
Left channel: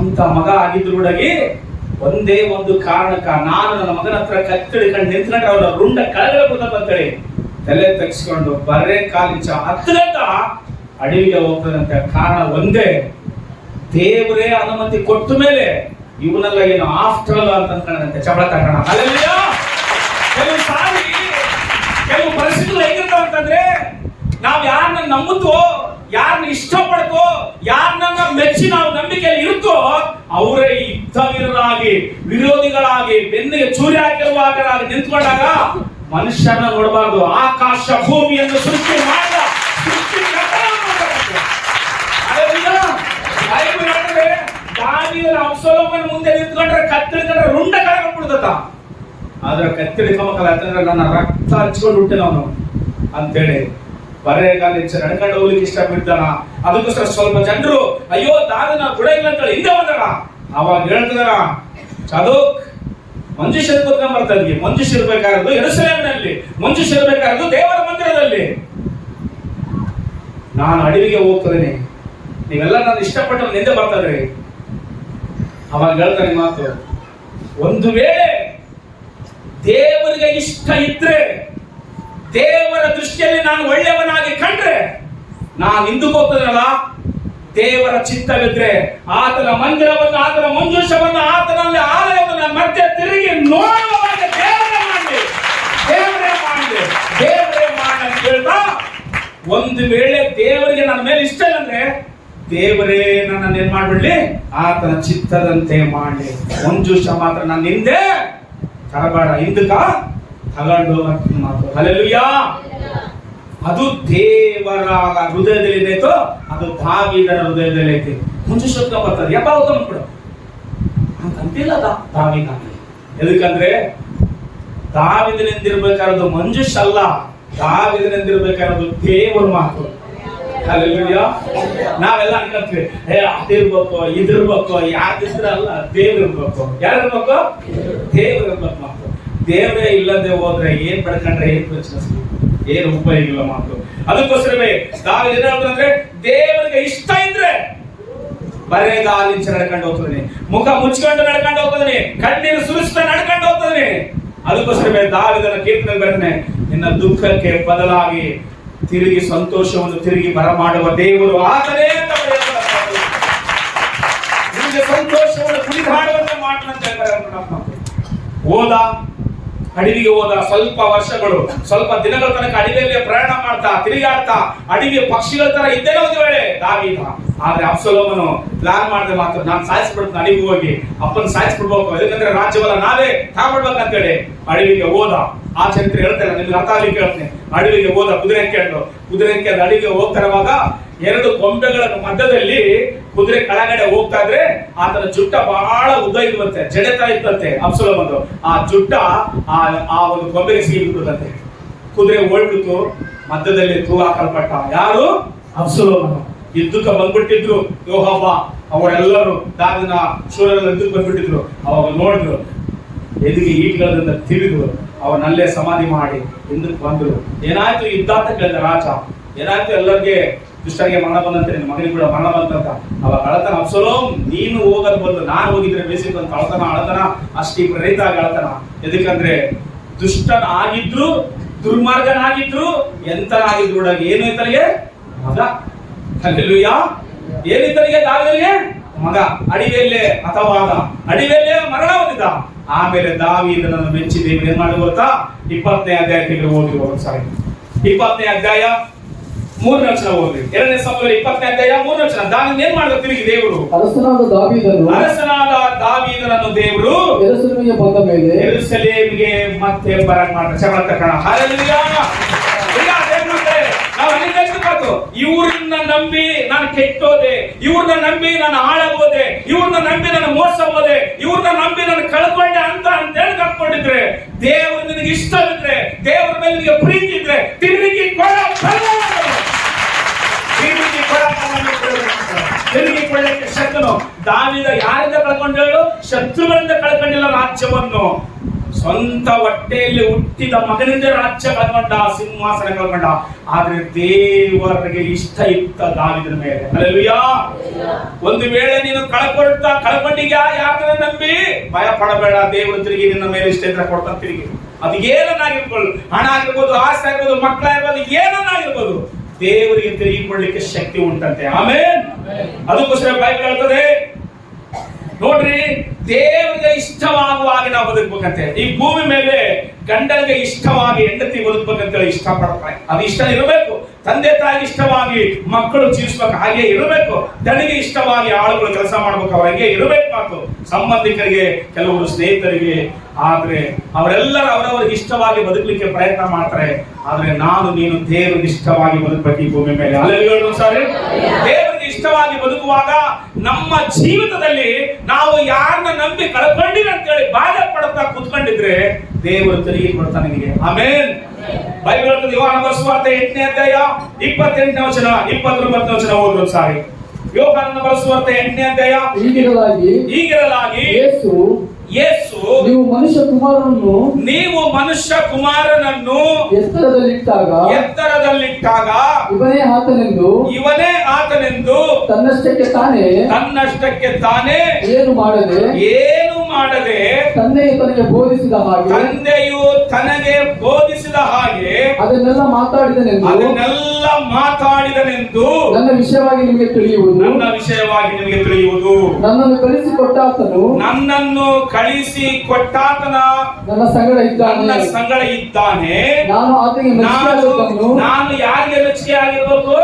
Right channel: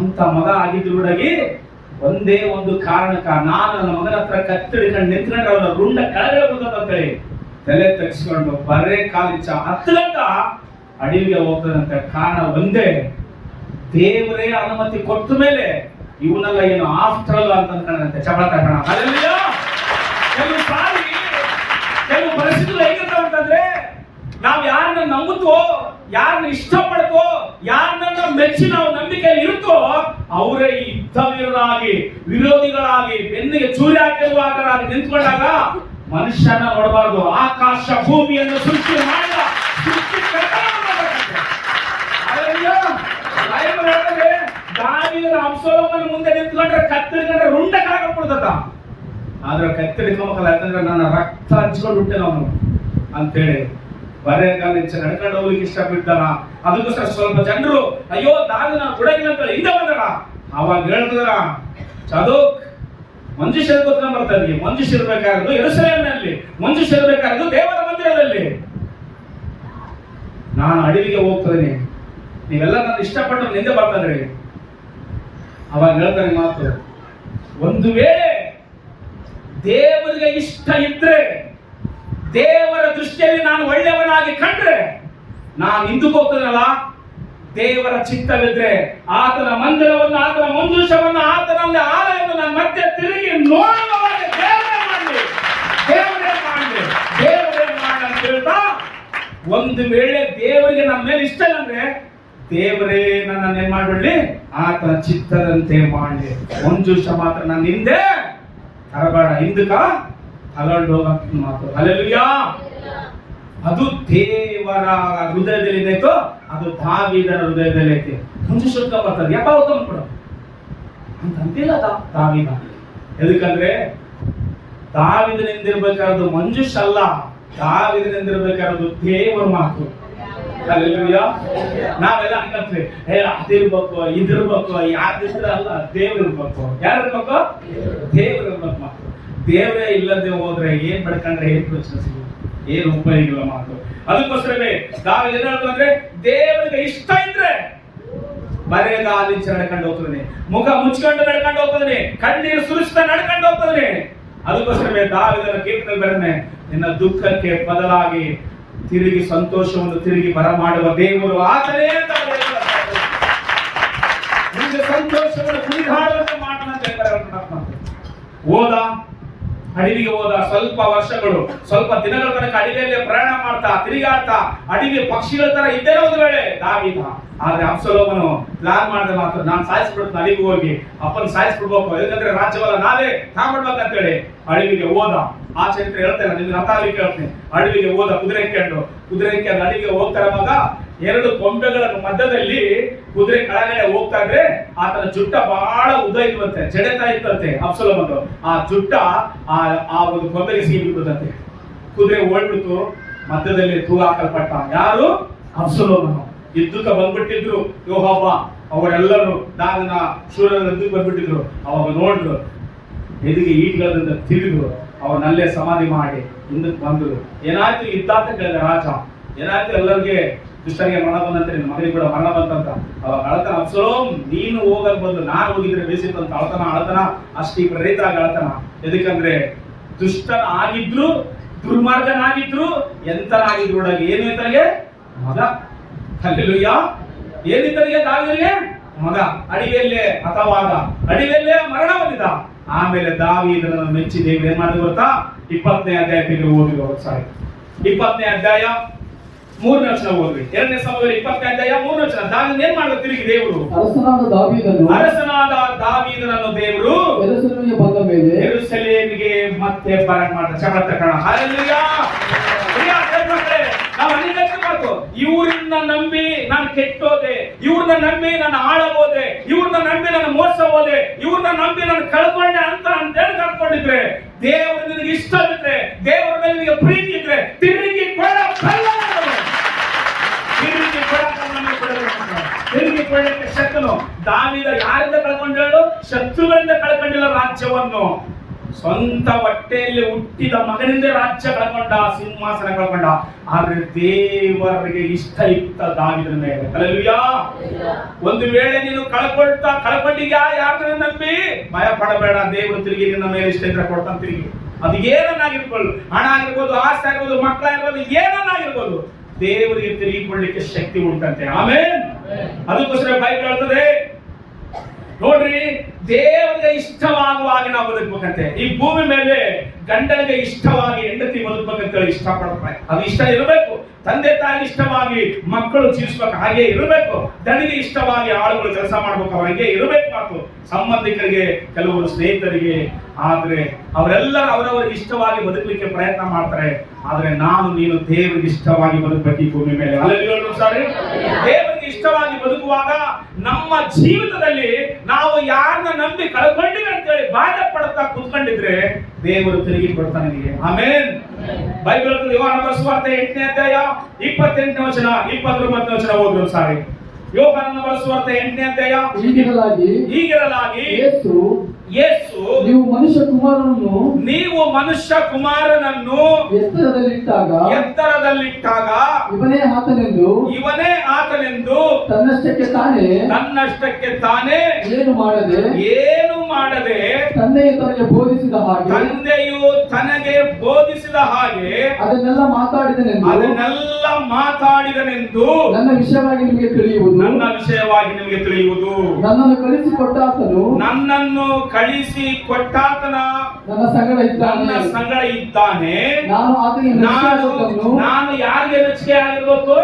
ಅಂತ ಮಗ ಆಗಿದ್ರೂಡಾಗಿ ಒಂದೇ ಒಂದು ಕಾರಣಕ್ಕ, ನಾನು ನನ್ನ ಮಗನ ಹತ್ರ ಕತ್ತಿಡ್ಕೊಂಡು ನಿಂತ್ಕೊಂಡ್ರೆ ಅವನ ರುಂಡ ಕೆಳಗಡೆ ಬರ್ತದ ಅಂತೇಳಿ ತಲೆ ತೆಗೆಸ್ಕೊಂಡು ಬರೇ ಕಾಲಿಂಚ 10 ಗಂಟೆ ಅಡವಿಗೆ ಹೋಗ್ತದಂತೆ. ಕಾರಣ ಒಂದೇ, ದೇವರೇ ಅನುಮತಿ ಕೊಟ್ಟ ಮೇಲೆ ಇವನೆಲ್ಲ ಏನು ಆಫ್ಟರ್ ಆಲ್ ಅಂತ ಅನ್ಕೊಂಡಂತೆ ಚಪಳ ತಗೋಣ. ಅಲ್ಲೆಲ್ಲ ಕೆಲವು ಸಾರಿ ಕೆಲವು ಪರಿಸ್ಥಿತಿಗಳು ಹೇಗಿರ್ತಾವ ಅಂತಂದ್ರೆ, ನಾವ್ ಯಾರನ್ನ ನಂಬುತ್ತೋ, ಯಾರನ್ನ ಇಷ್ಟಪಡ್ತೋ, ಯಾರನ್ನ ಮೆಚ್ಚಿ ನಾವು ನಂಬಿಕೆಯಲ್ಲಿ ಇರುತ್ತೋ ಅವರೇ ಯುದ್ಧವೀರರಾಗಿ, ವಿರೋಧಿಗಳಾಗಿ, ಬೆನ್ನಿಗೆ ಚೂರಿ ಹಾಕಿರುವಾಗರಾಗಿ ನಿಂತ್ಕೊಂಡಾಗ ಮನುಷ್ಯನ ನೋಡಬಾರ್ದು. ಆಕಾಶ ಭೂಮಿಯನ್ನು ಸೃಷ್ಟಿ ಮಾಡಿದ ದಾವೀದನ ಅಬ್ಸಲೋಮನ ಮುಂದೆ ನಿಂತ್ಕೊಂಡ್ರೆ ಕತ್ತರಿಕೊಂಡ್ರೆ ರುಂಡ ಕಳಕೊಂಡ್ಬಿಡ್ತತ. ಆದ್ರೆ ಕತ್ತರಿಕೋಬೇಕಲ್ಲ, ಯಾಕಂದ್ರೆ ನನ್ನ ರಕ್ತ ಹಂಚ್ಕೊಂಡು ಬಿಟ್ಟೆ ಅವನು ಅಂತೇಳಿ ಬರೆಗಾಲ ನಡ್ಕೊಂಡು ಹೋಗ್ಲಿಕ್ಕೆ ಇಷ್ಟಪಡ್ತಾನ. ಅದಕ್ಕೋಸ್ಕರ ಸ್ವಲ್ಪ ಜನರು ಅಯ್ಯೋ ದಾವಿದನ ಗುಡ ಇಲ್ಲ ಅಂತ ಹಿಂದೆ ಬಂದಾರ. ಅವಾಗ ಹೇಳ್ತಿದಾರ, ಚದೋಕ್ ಮಂಜುಷ ಕೂತ್ಕೊಂಡ್ ಬರ್ತಾ ಇದ್ವಿ. ಮಂಜುಷ ಇರ್ಬೇಕಾಗಿರೋದು ಯೆರೂಸಲೇಮಿನಲ್ಲಿ, ಮಂಜುಷ ಇರ್ಬೇಕಾಗಿರೋದು ದೇವರ ಮಂದಿರದಲ್ಲಿ. ನಾನು ಅಡವಿಗೆ ಹೋಗ್ತದೇನೆ, ನೀವೆಲ್ಲ ನನ್ನ ಇಷ್ಟಪಟ್ಟು ನಿಂದೆ ಬರ್ತಾ ಇದ್ರಿ. ಅವಾಗ ಹೇಳ್ತಾನೆ ಮಾತು, ಒಂದು ವೇಳೆ ದೇವರಿಗೆ ಇಷ್ಟ ಇದ್ರೆ, ದೇವರ ದೃಷ್ಟಿಯಲ್ಲಿ ನಾನು ಒಳ್ಳೆಯವನಾಗಿ ಕಂಡ್ರೆ, ನಾನು ಹಿಂದಕ್ಕೆ ಹೋಗ್ತದಲ್ಲ, ದೇವರ ಚಿತ್ತವಿದ್ರೆ ಆತನ ಮಂದಿರವನ್ನು, ಆತನ ಮಂಜೂಷವನ್ನು, ಆತನಲ್ಲಿ ಆಲಯವನ್ನು ನಾನು ಮತ್ತೆ ತಿರುಗಿ ನೋಡುವಾಗ ದೇವರೇ ಮಾಡಲಿ, ದೇವರೇ ಮಾಡಲಿ, ದೇವರೇ ಮಾಡಿ ಅಂತ ಹೇಳ್ತಾ, ಒಂದು ವೇಳೆ ದೇವರಿಗೆ ನನ್ನ ಮೇಲೆ ಇಷ್ಟ ಇಲ್ಲ ಅಂದ್ರೆ ದೇವರೇ ನನ್ನನ್ನು ಏನ್ ಮಾಡ್ಬಿಡ್ಲಿ, ಆತನ ಚಿತ್ತದಂತೆ ಮಾಡಲಿ. ಮಂಜೂಷ ಮಾತ್ರ ನನ್ನ ಹಿಂದೆ ತರಬೇಡ, ಹಿಂದಕ್ಕ ತಗೊಂಡು ಮಾತು. ಹಲ್ಲೆಲೂಯಾ. ಅದು ದೇವರ ಹೃದಯದಲ್ಲಿ ಏನೈತೋ ಅದು ದಾವೀದನ ಹೃದಯದಲ್ಲಿ ಐತಿ. ಮುಂಚೆ ಶುದ್ಧ ಬರ್ತದೆ, ಯಪ್ಪ ಹೋಗ್ಬಿಡು ಅಂತ ಅಂತಿಲ್ಲ ದಾವೀದ. ಎದಕ್ಕಂದ್ರೆ ದಾವೀದನಿಂದಿರ್ಬೇಕಾರದು ಮಂಜುಷ ಅಲ್ಲ, ದಾವೀದನಿಂದಿರ್ಬೇಕಾರದು ದೇವರ ಮಾತು. ಹಲ್ಲೆಲೂಯಾ. ನಾವೆಲ್ಲ ಅನ್ಕೊಂತೀವಿ, ಅದಿರ್ಬೇಕು, ಇದಿರ್ಬೇಕು, ಯಾವ್ದಿದ್ರೆ ಅಲ್ಲ, ದೇವ್ರ ಇರ್ಬೇಕು. ಯಾರಿರ್ಬೇಕು? ದೇವ್ರ ಇರ್ಬೇಕು ಮಾತು. ದೇವರೇ ಇಲ್ಲದೆ ಹೋದ್ರೆ ಏನ್ ಪಡ್ಕೊಂಡ್ರೆ ಏನ್ ಪ್ರಶ್ನೆ ಸಿಗುತ್ತೆ, ಏನು ಉಪಯೋಗ ಇಲ್ಲ ಮಾತು. ಅದಕ್ಕೋಸ್ಕರವೇ ದಾವೀದ ಏನ್ ಹೇಳ್ತಾನಂದ್ರೆ, ದೇವರಿಗೆ ಇಷ್ಟ ಇದ್ರೆ ಬರೆಗಾಲಿಂಚ ನಡ್ಕೊಂಡು ಹೋಗ್ತದನೆ, ಮುಖ ಮುಚ್ಕೊಂಡು ನಡ್ಕೊಂಡು ಹೋಗ್ತದನೆ, ಕಣ್ಣೀರು ಸುರಿಸ್ತಾ ನಡ್ಕೊಂಡು ಹೋಗ್ತದನೆ. ಅದಕ್ಕೋಸ್ಕರವೇ ದಾವೀದನ ಕೀರ್ತನೆ ಬರೆದನೆ, ನಿನ್ನ ದುಃಖಕ್ಕೆ ಬದಲಾಗಿ ತಿರುಗಿ ಸಂತೋಷವನ್ನು ತಿರುಗಿ ಬರಮಾಡುವ ದೇವರು ಆತನೇ ಅಂತ ನಿಮಗೆ ಸಂತೋಷವನ್ನು ಕುಣಿದಾಡುವಂತೆ ಮಾಡಂತ ಹೇಳ್ತಾರೆ. ಹೋದ ಅಡವಿಗೆ ಹೋದ, ಸ್ವಲ್ಪ ವರ್ಷಗಳು, ಸ್ವಲ್ಪ ದಿನಗಳ ತನಕ ಅಡವಿಯಲ್ಲಿ ಪ್ರಯಾಣ ಮಾಡ್ತಾ ತಿರುಗಾಡ್ತಾ ಅಡವಿ ಪಕ್ಷಿಗಳ ತರ ಇದ್ದೇನೆ ಒಂದು ವೇಳೆ ದಾವೀದ. ಆದ್ರೆ ಅಬ್ಸಲೋಮನು ಪ್ಲಾನ್ ಮಾಡಿದ್ರೆ ಮಾತ್ರ ನಾನು ಸಾಯಿಸ್ಬಿಡ್ತೀನಿ, ಅಡವಿಗೆ ಹೋಗಿ ಅಪ್ಪನ ಸಾಯಿಸ್ಬಿಡ್ಬೇಕು, ಯಾಕಂದ್ರೆ ರಾಜ್ಯವಲ್ಲ ನಾವೇ ತಾಳ್ಬೇಕಂತೇಳಿ ಅಡವಿಗೆ ಹೋದ. ಆ ಚರಿತ್ರೆ ಹೇಳ್ತೇನೆ, ನಿಮ್ಗೆ ಅರ್ಥ ಆಗ್ಲಿಕ್ಕೆ ಹೇಳ್ತೀನಿ. ಅಡವಿಗೆ ಹೋದ, ಕುದುರೆ ಕೆಂಡು ಅಡವಿಗೆ ಹೋಗ್ತಿರುವಾಗ ಎರಡು ಕೊಂಬೆಗಳ ಮಧ್ಯದಲ್ಲಿ ಕುದುರೆ ಕೆಳಗಡೆ ಹೋಗ್ತಾ ಇದ್ರೆ ಆತನ ಜುಟ್ಟ ಬಹಳ ಉದ್ದ ಇರುವಂತೆ, ಜಡೆತ ಇತ್ತಂತೆ ಅಬ್ಸಲೋಮನು. ಆ ಜುಟ್ಟ ಆ ಒಂದು ಕೊಂಬೆಗೆ ಸಿಗಿಬಿಡುತ್ತಂತೆ. ಕುದುರೆ ಓಡ್ಬಿಡ್ತು, ಮಧ್ಯದಲ್ಲಿ ತೂ ಹಾಕಲ್ಪಟ್ಟ. ಯಾರು? ಅಬ್ಸಲೋಮನು. ಯುದ್ಧಕ್ಕೆ ಬಂದ್ಬಿಟ್ಟಿದ್ರು ಯೋವಾಬ ಅವರೆಲ್ಲರೂ, ದಾವೀದನ ಶೂರರೆಲ್ಲ ಯುದ್ಧಕ್ಕೆ ಬಂದ್ಬಿಟ್ಟಿದ್ರು. ಅವಾಗ ನೋಡಿದ್ರು, ಎದುರಿಗೆ ಈಟ್ಗಳಿಂದ ತಿಳಿದ್ರು, ಅವನಲ್ಲೇ ಸಮಾಧಿ ಮಾಡಿ ಹಿಂದಕ್ಕೆ ಬಂದ್ರು. ಏನಾಯ್ತು ಯುದ್ಧ ಅಂತ ಕೇಳಿದ ರಾಜ. ಏನಾಯ್ತು? ಎಲ್ಲರಿಗೆ ದುಷ್ಟರಿಗೆ ಮರಣ ಬಂದಂತೆ, ನಿನ್ನ ಮಗನಿಗೆ ಕೂಡ ಮರಣ ಬಂತಂತ. ಅವಾಗ ಅಳತನ, ಅಬ್ಸಲೋಮ್ ನೀನು ಹೋಗೋದು ಬಂದು ನಾನು ಹೋಗಿದ್ರೆ ಬೇಸಿತ್ತು ಅಂತ ಅಳತನ ಅಷ್ಟಿ ಪ್ರೇರಿತ ಆಗಿ ಅಳತನ. ಎದಕ್ಕಂದ್ರೆ ದುಷ್ಟನ ಆಗಿದ್ರು, ದುರ್ಮಾರ್ಗನಾಗಿದ್ರು, ಎಂತನಾಗಿದ್ರು ಕೂಡ ಏನು ಇತನಿಗೆ ಮಗ. ಹಲ್ಲೆಲೂಯಾ. ಏನಿತನಿಗೆ ದಾವೀದನಿಗೆ ಮಗ. ಅಡವಿಯಲ್ಲೇ ಹತವಾದ, ಅಡವಿಯಲ್ಲೇ ಮರಣ ಹೊಂದಿದ. ಆಮೇಲೆ ದಾವೀದನನ್ನು ಮೆಚ್ಚಿ ದೇವರು ಏನ್ ಮಾಡಿದ್ರು ಗೊತ್ತಾ? 20ನೇ ಅಧ್ಯಾಯಕ್ಕೆ ಓದಿ. ಸಾರಿ, 20ನೇ ಅಧ್ಯಾಯ 3ನೇ ವಚನ ಓದ್ರಿ. 2ನೇ ಸಮುವೇಲ 20ನೇ ಅಧ್ಯಾಯ 3ನೇ ವಚನ. ದಾವೀದನ ಏನ್ ಮಾಡಿದ್ರು ತಿರುಗಿ ದೇವರು? ಅರಸನಾದ ದಾವೀದನನ್ನು ದೇವರು ಯೆರೂಸಲೇಮಿಗೆ ಮತ್ತೆ ಬರಕ್ ಮಾಡ್ತಾರೆ. ಚಮತ್ಕಾರ ಕಣ. ಹಲ್ಲೆಲೂಯಾ. ನಾವು ಅನೇಕ ಮಾತು, ಇವ್ರನ್ನ ನಂಬಿ ನಾನು ಕೆಟ್ಟೋದೆ, ಇವ್ರನ್ನ ನಂಬಿ ನಾನು ಹಾಳಾಗೋದೆ, ಇವ್ರನ್ನ ನಂಬಿ ನಾನು ಮೋಸ ಹೋದೆ, ಇವ್ರನ್ನ ನಂಬಿ ನಾನು ಕಳ್ಕೊಂಡೆ ಅಂತ ಹೇಳಿ ಕಳ್ಕೊಂಡಿದ್ರೆ, ದೇವರು ನಿನಗೆ ಇಷ್ಟವಿದ್ರೆ, ದೇವರ ಮೇಲೆ ನಿನಗೆ ಪ್ರೀತಿ ಇದ್ರೆ ತಿರುಗಿ ಕೊಳ್ಳಕ್ಕೆ ಶಕ್ತನು. ದಾವೀದ ಯಾರಿಂದ ಕಳ್ಕೊಂಡು ಹೇಳು? ಶತ್ರುಗಳಿಂದ ಕಳ್ಕೊಂಡಿಲ್ಲ ರಾಜ್ಯವನ್ನು. ಸ್ವಂತ ಹೊಟ್ಟೆಯಲ್ಲಿ ಹುಟ್ಟಿದ ಮಗನಿಂದ ರಾಜ್ಯ ಕಳ್ಕೊಂಡ, ಸಿಂಹಾಸನ ಕಳ್ಕೊಂಡ. ಆದ್ರೆ ದೇವರಿಗೆ ಇಷ್ಟ ಇತ್ತ ದಾವೀದನ ಮೇಲೆ. ಹಲ್ಲೆಲೂಯಾ. ಒಂದು ವೇಳೆ ನೀನು ಕಳ್ಕೊಂಡಿದ್ಯಾ, ಯಾರನ್ನ ನಂಬಿ ಭಯ ಪಡಬೇಡ. ದೇವರು ತಿರುಗಿ ನಿನ್ನ ಮೇಲೆ ಇಷ್ಟ ಇದ್ರೆ ಕೊಡ್ತಾನೆ ತಿರುಗಿ. ಅದು ಏನನ್ನಾಗಿರ್ಬೋದು, ಹಣ ಆಗಿರ್ಬೋದು, ಆಸ್ತಿ ಆಗಿರ್ಬೋದು, ಮಕ್ಕಳಾಗಿರ್ಬೋದು, ಏನನ್ನಾಗಿರ್ಬೋದು, ದೇವರಿಗೆ ತಿರುಗಿಕೊಳ್ಳಿಕ್ಕೆ ಶಕ್ತಿ ಉಂಟಂತೆ. ಆಮೇಲೆ ಅದಕ್ಕೋಸ್ಕರ ಬೈಬಲ್ ಹೇಳ್ತದೆ, ನೋಡ್ರಿ, ದೇವರಿಗೆ ಇಷ್ಟವಾಗುವಾಗ ನಾವು ಬದುಕಬೇಕಂತೆ. ಈ ಭೂಮಿ ಮೇಲೆ ಗಂಡನಿಗೆ ಇಷ್ಟವಾಗಿ ಹೆಂಡತಿ ಬದುಕಬೇಕಂತೇಳಿ ಇಷ್ಟಪಡ್ತಾರೆ. ಅದು ಇಷ್ಟ ಇರಬೇಕು. ತಂದೆ ತಾಯಿಗೆ ಇಷ್ಟವಾಗಿ ಮಕ್ಕಳು ಜೀವಿಸ್ಬೇಕು, ಹಾಗೆ ಇರಬೇಕು. ದಣಿಗೆ ಇಷ್ಟವಾಗಿ ಆಳುಗಳು ಕೆಲಸ ಮಾಡ್ಬೇಕು, ಅವರಿಗೆ ಇರಬೇಕು ಮಾತು. ಸಂಬಂಧಿಕರಿಗೆ, ಕೆಲವರು ಸ್ನೇಹಿತರಿಗೆ. ಆದ್ರೆ ಅವರೆಲ್ಲರೂ ಅವರವರಿಗೆ ಇಷ್ಟವಾಗಿ ಬದುಕಲಿಕ್ಕೆ ಪ್ರಯತ್ನ ಮಾಡ್ತಾರೆ. ಆದ್ರೆ ನಾನು ನೀನು ದೇವರಿಗೆ ಇಷ್ಟವಾಗಿ ಬದುಕಬೇಕು ಈ ಭೂಮಿ ಮೇಲೆ. ಅಲ್ಲೆಲ್ಲರೂ ಸಾರಿ, ದೇವರಿಗೆ ಇಷ್ಟವಾಗಿ ಬದುಕುವಾಗ ನಮ್ಮ ಜೀವಿತದಲ್ಲಿ ನಾವು ಯಾರನ್ನ ನಂಬಿ ಕಳ್ಕೊಂಡಿವಿ ಅಂತೇಳಿ ಬಾಧೆ ಪಡುತ್ತಾ ಕುತ್ಕೊಂಡಿದ್ರೆ ದೇವರು ತಿರುಗಿ ಕೊಡ್ತಾನೆ ನಿನಗೆ. ಆಮೇನ್. ಬೈಬಲ್ ಹೇಳ್ತದೆ, ಯೋಹಾನನ ಸುವಾರ್ತೆ 8ನೇ ಅಧ್ಯಾಯ 28ನೇ ವಚನ 29ನೇ ವಚನ ಓದ್ರು ಸಾರಿ. ಯೋಹಾನನ ಸುವಾರ್ತೆ 8ನೇ ಅಧ್ಯಾಯ. ಹೀಗಿರಲಾಗಿ ಯೇಸು ನೀವು ಮನುಷ್ಯ ಕುಮಾರನನ್ನು ಎತ್ತರದಲ್ಲಿಟ್ಟಾಗ ಇವನೇ ಆತನೆಂದು ತನ್ನಷ್ಟಕ್ಕೆ ತಾನೇ ಏನು ಮಾಡದೆ ತಂದೆಯು ತನಗೆ ಬೋಧಿಸಿದ ಹಾಗೆ ಅದನ್ನೆಲ್ಲ ಮಾತಾಡಿದನೆಂದು ನನ್ನ ವಿಷಯವಾಗಿ ನಿಮಗೆ ತಿಳಿಯುವುದು. ನನ್ನನ್ನು ಕಳಿಸಿ ಕೊಟ್ಟಾತನ ನನ್ನ ಸಂಗಡ ಇದ್ದಾನೆ. ನಾನು ಯಾರಿಗೆ ಮೆಚ್ಚುಗೆ ಆಗಿರ್ಬೇಕು?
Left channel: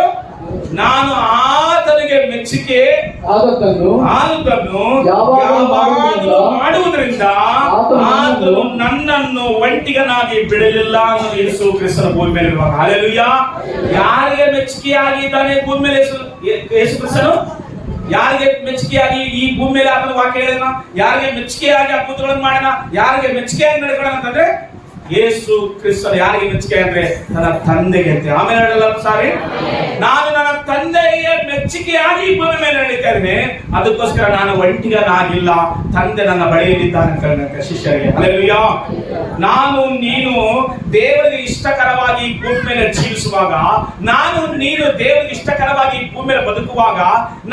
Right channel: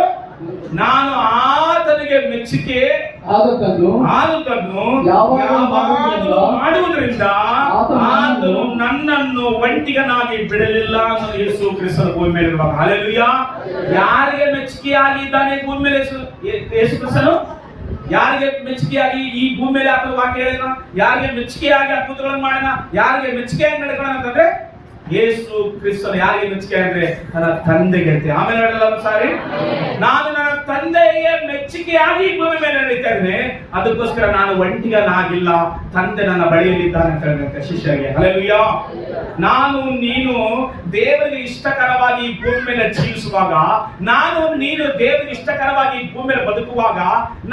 ನಾನು ಆತನಿಗೆ ಮೆಚ್ಚುಗೆ ಆದದ್ದನ್ನು ಯಾವಾಗಲೂ ಮಾಡುವುದರಿಂದ ಆತನು ನನ್ನನ್ನು ಒಂಟಿಗನಾಗಿ ಬಿಡಲಿಲ್ಲ ಅನ್ನೋ ಯೇಸು ಕ್ರಿಸ್ತನ ಭೂಮಿ ಮೇಲೆ ಇರುವಾಗ. ಹಲ್ಲೆಲೂಯಾ. ಯಾರಿಗೆ ಮೆಚ್ಚುಗೆಯಾಗಿದ್ದಾನೆ ಭೂಮಿ ಮೇಲೆ ಯೇಸು ಕ್ರಿಸ್ತನು? ಯಾರಿಗೆ ಮೆಚ್ಚುಗೆಯಾಗಿ ಈ ಭೂಮಿ ಮೇಲೆ ಆತನ ವಾಕ್ಯ ಹೇಳಿದ? ಯಾರಿಗೆ ಮೆಚ್ಚುಗೆಯಾಗಿ ಅದ್ಭುತಗಳನ್ನು ಮಾಡಿದ? ಯಾರಿಗೆ ಮೆಚ್ಚುಗೆಯಾಗಿ ನಡ್ಕೊಳ್ಳೋಣ ಅಂತಂದ್ರೆ ಯೇಸು ಕ್ರಿಸ್ತನು. ಯಾರಿಗೆ ಮೆಚ್ಚುಗೆ ಅಂದ್ರೆ ನನ್ನ ತಂದೆಗೆ ಅಂತ. ಆಮೇಲೆ ಹೇಳಲ್ಲ ಸಾರಿ, ನಾನು ನನ್ನ ತಂದೆಗೆ ಮೆಚ್ಚುಗೆಯಾಗಿ ಭೂಮಿ ಮೇಲೆ ನಡೀತಾ ಇದ್ದೇನೆ. ಅದಕ್ಕೋಸ್ಕರ ನಾನು ಒಂಟಿಗನಾಗಿಲ್ಲ, ತಂದೆ ನನ್ನ ಬಳಿಯಲ್ಲಿದ್ದಾನೆ ಅಂತ ಹೇಳಿದಂತೆ ಶಿಷ್ಯರಿಗೆ. ಹಲ್ಲೆಲೂಯಾ. ನಾನು ನೀನು ದೇವರಿಗೆ ಇಷ್ಟಕರವಾಗಿ ಭೂಮಿ ಮೇಲೆ ಜೀವಿಸುವಾಗ, ನಾನು ನೀನು ದೇವರಿಗೆ ಇಷ್ಟಕರವಾಗಿ ಭೂಮಿ ಮೇಲೆ ಬದುಕುವಾಗ,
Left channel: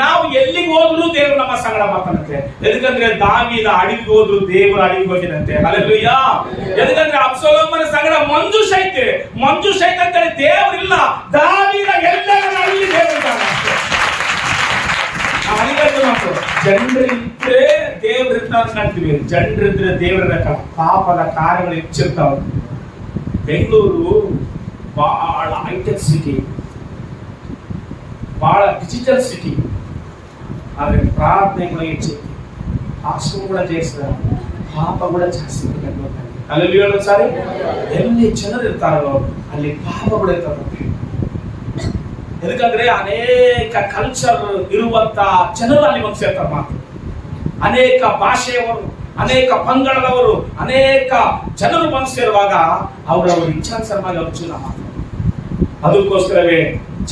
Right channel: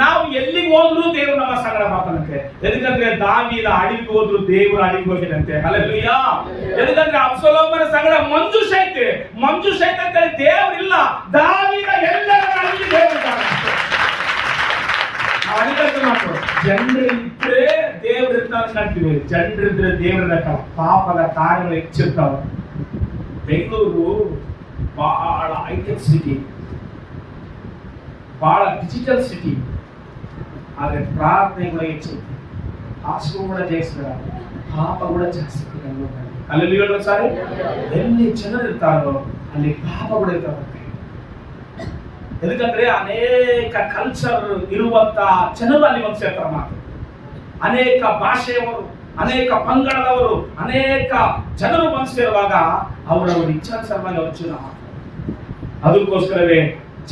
ನಾವು ಎಲ್ಲಿಗೆ ಹೋದ್ರು ದೇವರು ನಮ್ಮ ಸಂಗಡ ಮಾತಾಡುತ್ತೆ. ಎದಕ್ಕಂದ್ರೆ ದಾವೀದ ಅಡವಿಗೆ ಹೋದ್ರು ದೇವರು ಅಡವಿಗೆ ಹೋಗಿದಂತೆ. ಹಲ್ಲೆಲೂಯಾ. ಎದಕ್ಕಂದ್ರೆ ಅಬ್ಸಲೋಮನ ಸಂಗಡ ಮಂಜುಷ ಅಂತೇಳಿ ದೇವರಿಲ್ಲ. ದಾವೀದ ಎಲ್ಲರ ಅಡವಿ ದೇವರಿದ್ದಾನೆ. ಜನರಿದ್ರೆ ದೇವರಿರ್ತಾನೆ ಕಾಣ್ತೀವಿ, ಜನರಿದ್ರೆ ದೇವರ ಪಾಪದ ಕಾರ್ಯಗಳು ಹೆಚ್ಚಿರ್ತಾವ. ಬೆಂಗಳೂರು ಬಹಳ ಹೈಟೆಕ್ ಸಿಟಿ, ಬಹಳ ಡಿಜಿಟಲ್ ಸಿಟಿ. ಆದ್ರೆ ಪ್ರಾರ್ಥನೆಗಳು ಹೆಚ್ಚೈತಿ, ಆಶ್ರಮ ಕೂಡ ಜಾಸ್ತಿ, ಪಾಪ ಕೂಡ ಜಾಸ್ತಿ. ಅಲ್ಲಿ ಹೇಳೋದು ಸಾರಿ, ಎಲ್ಲಿ ಜನರು ಇರ್ತಾರೋ ಅಲ್ಲಿ ಪಾಪ ಕೂಡ ಇರ್ತಾರೆ. ಎದಕ್ಕಂದ್ರೆ ಅನೇಕ ಕಲ್ಚರ್ ಇರುವಂತ ಜನರು ಅಲ್ಲಿ ಬಂದು ಸೇರ್ತಾರೆ. ಮಾತು ಅನೇಕ ಭಾಷೆಯವರು, ಅನೇಕ ಪಂಗಡದವರು, ಅನೇಕ ಜನರು ಬಂದು ಸೇರುವಾಗ ಅವರವರ ಇಚ್ಛಾನುಸಾರವಾಗಿ ಅವರು ಚುನಾವ ಮಾಡ್ತಾರೆ. ಅದಕ್ಕೋಸ್ಕರವೇ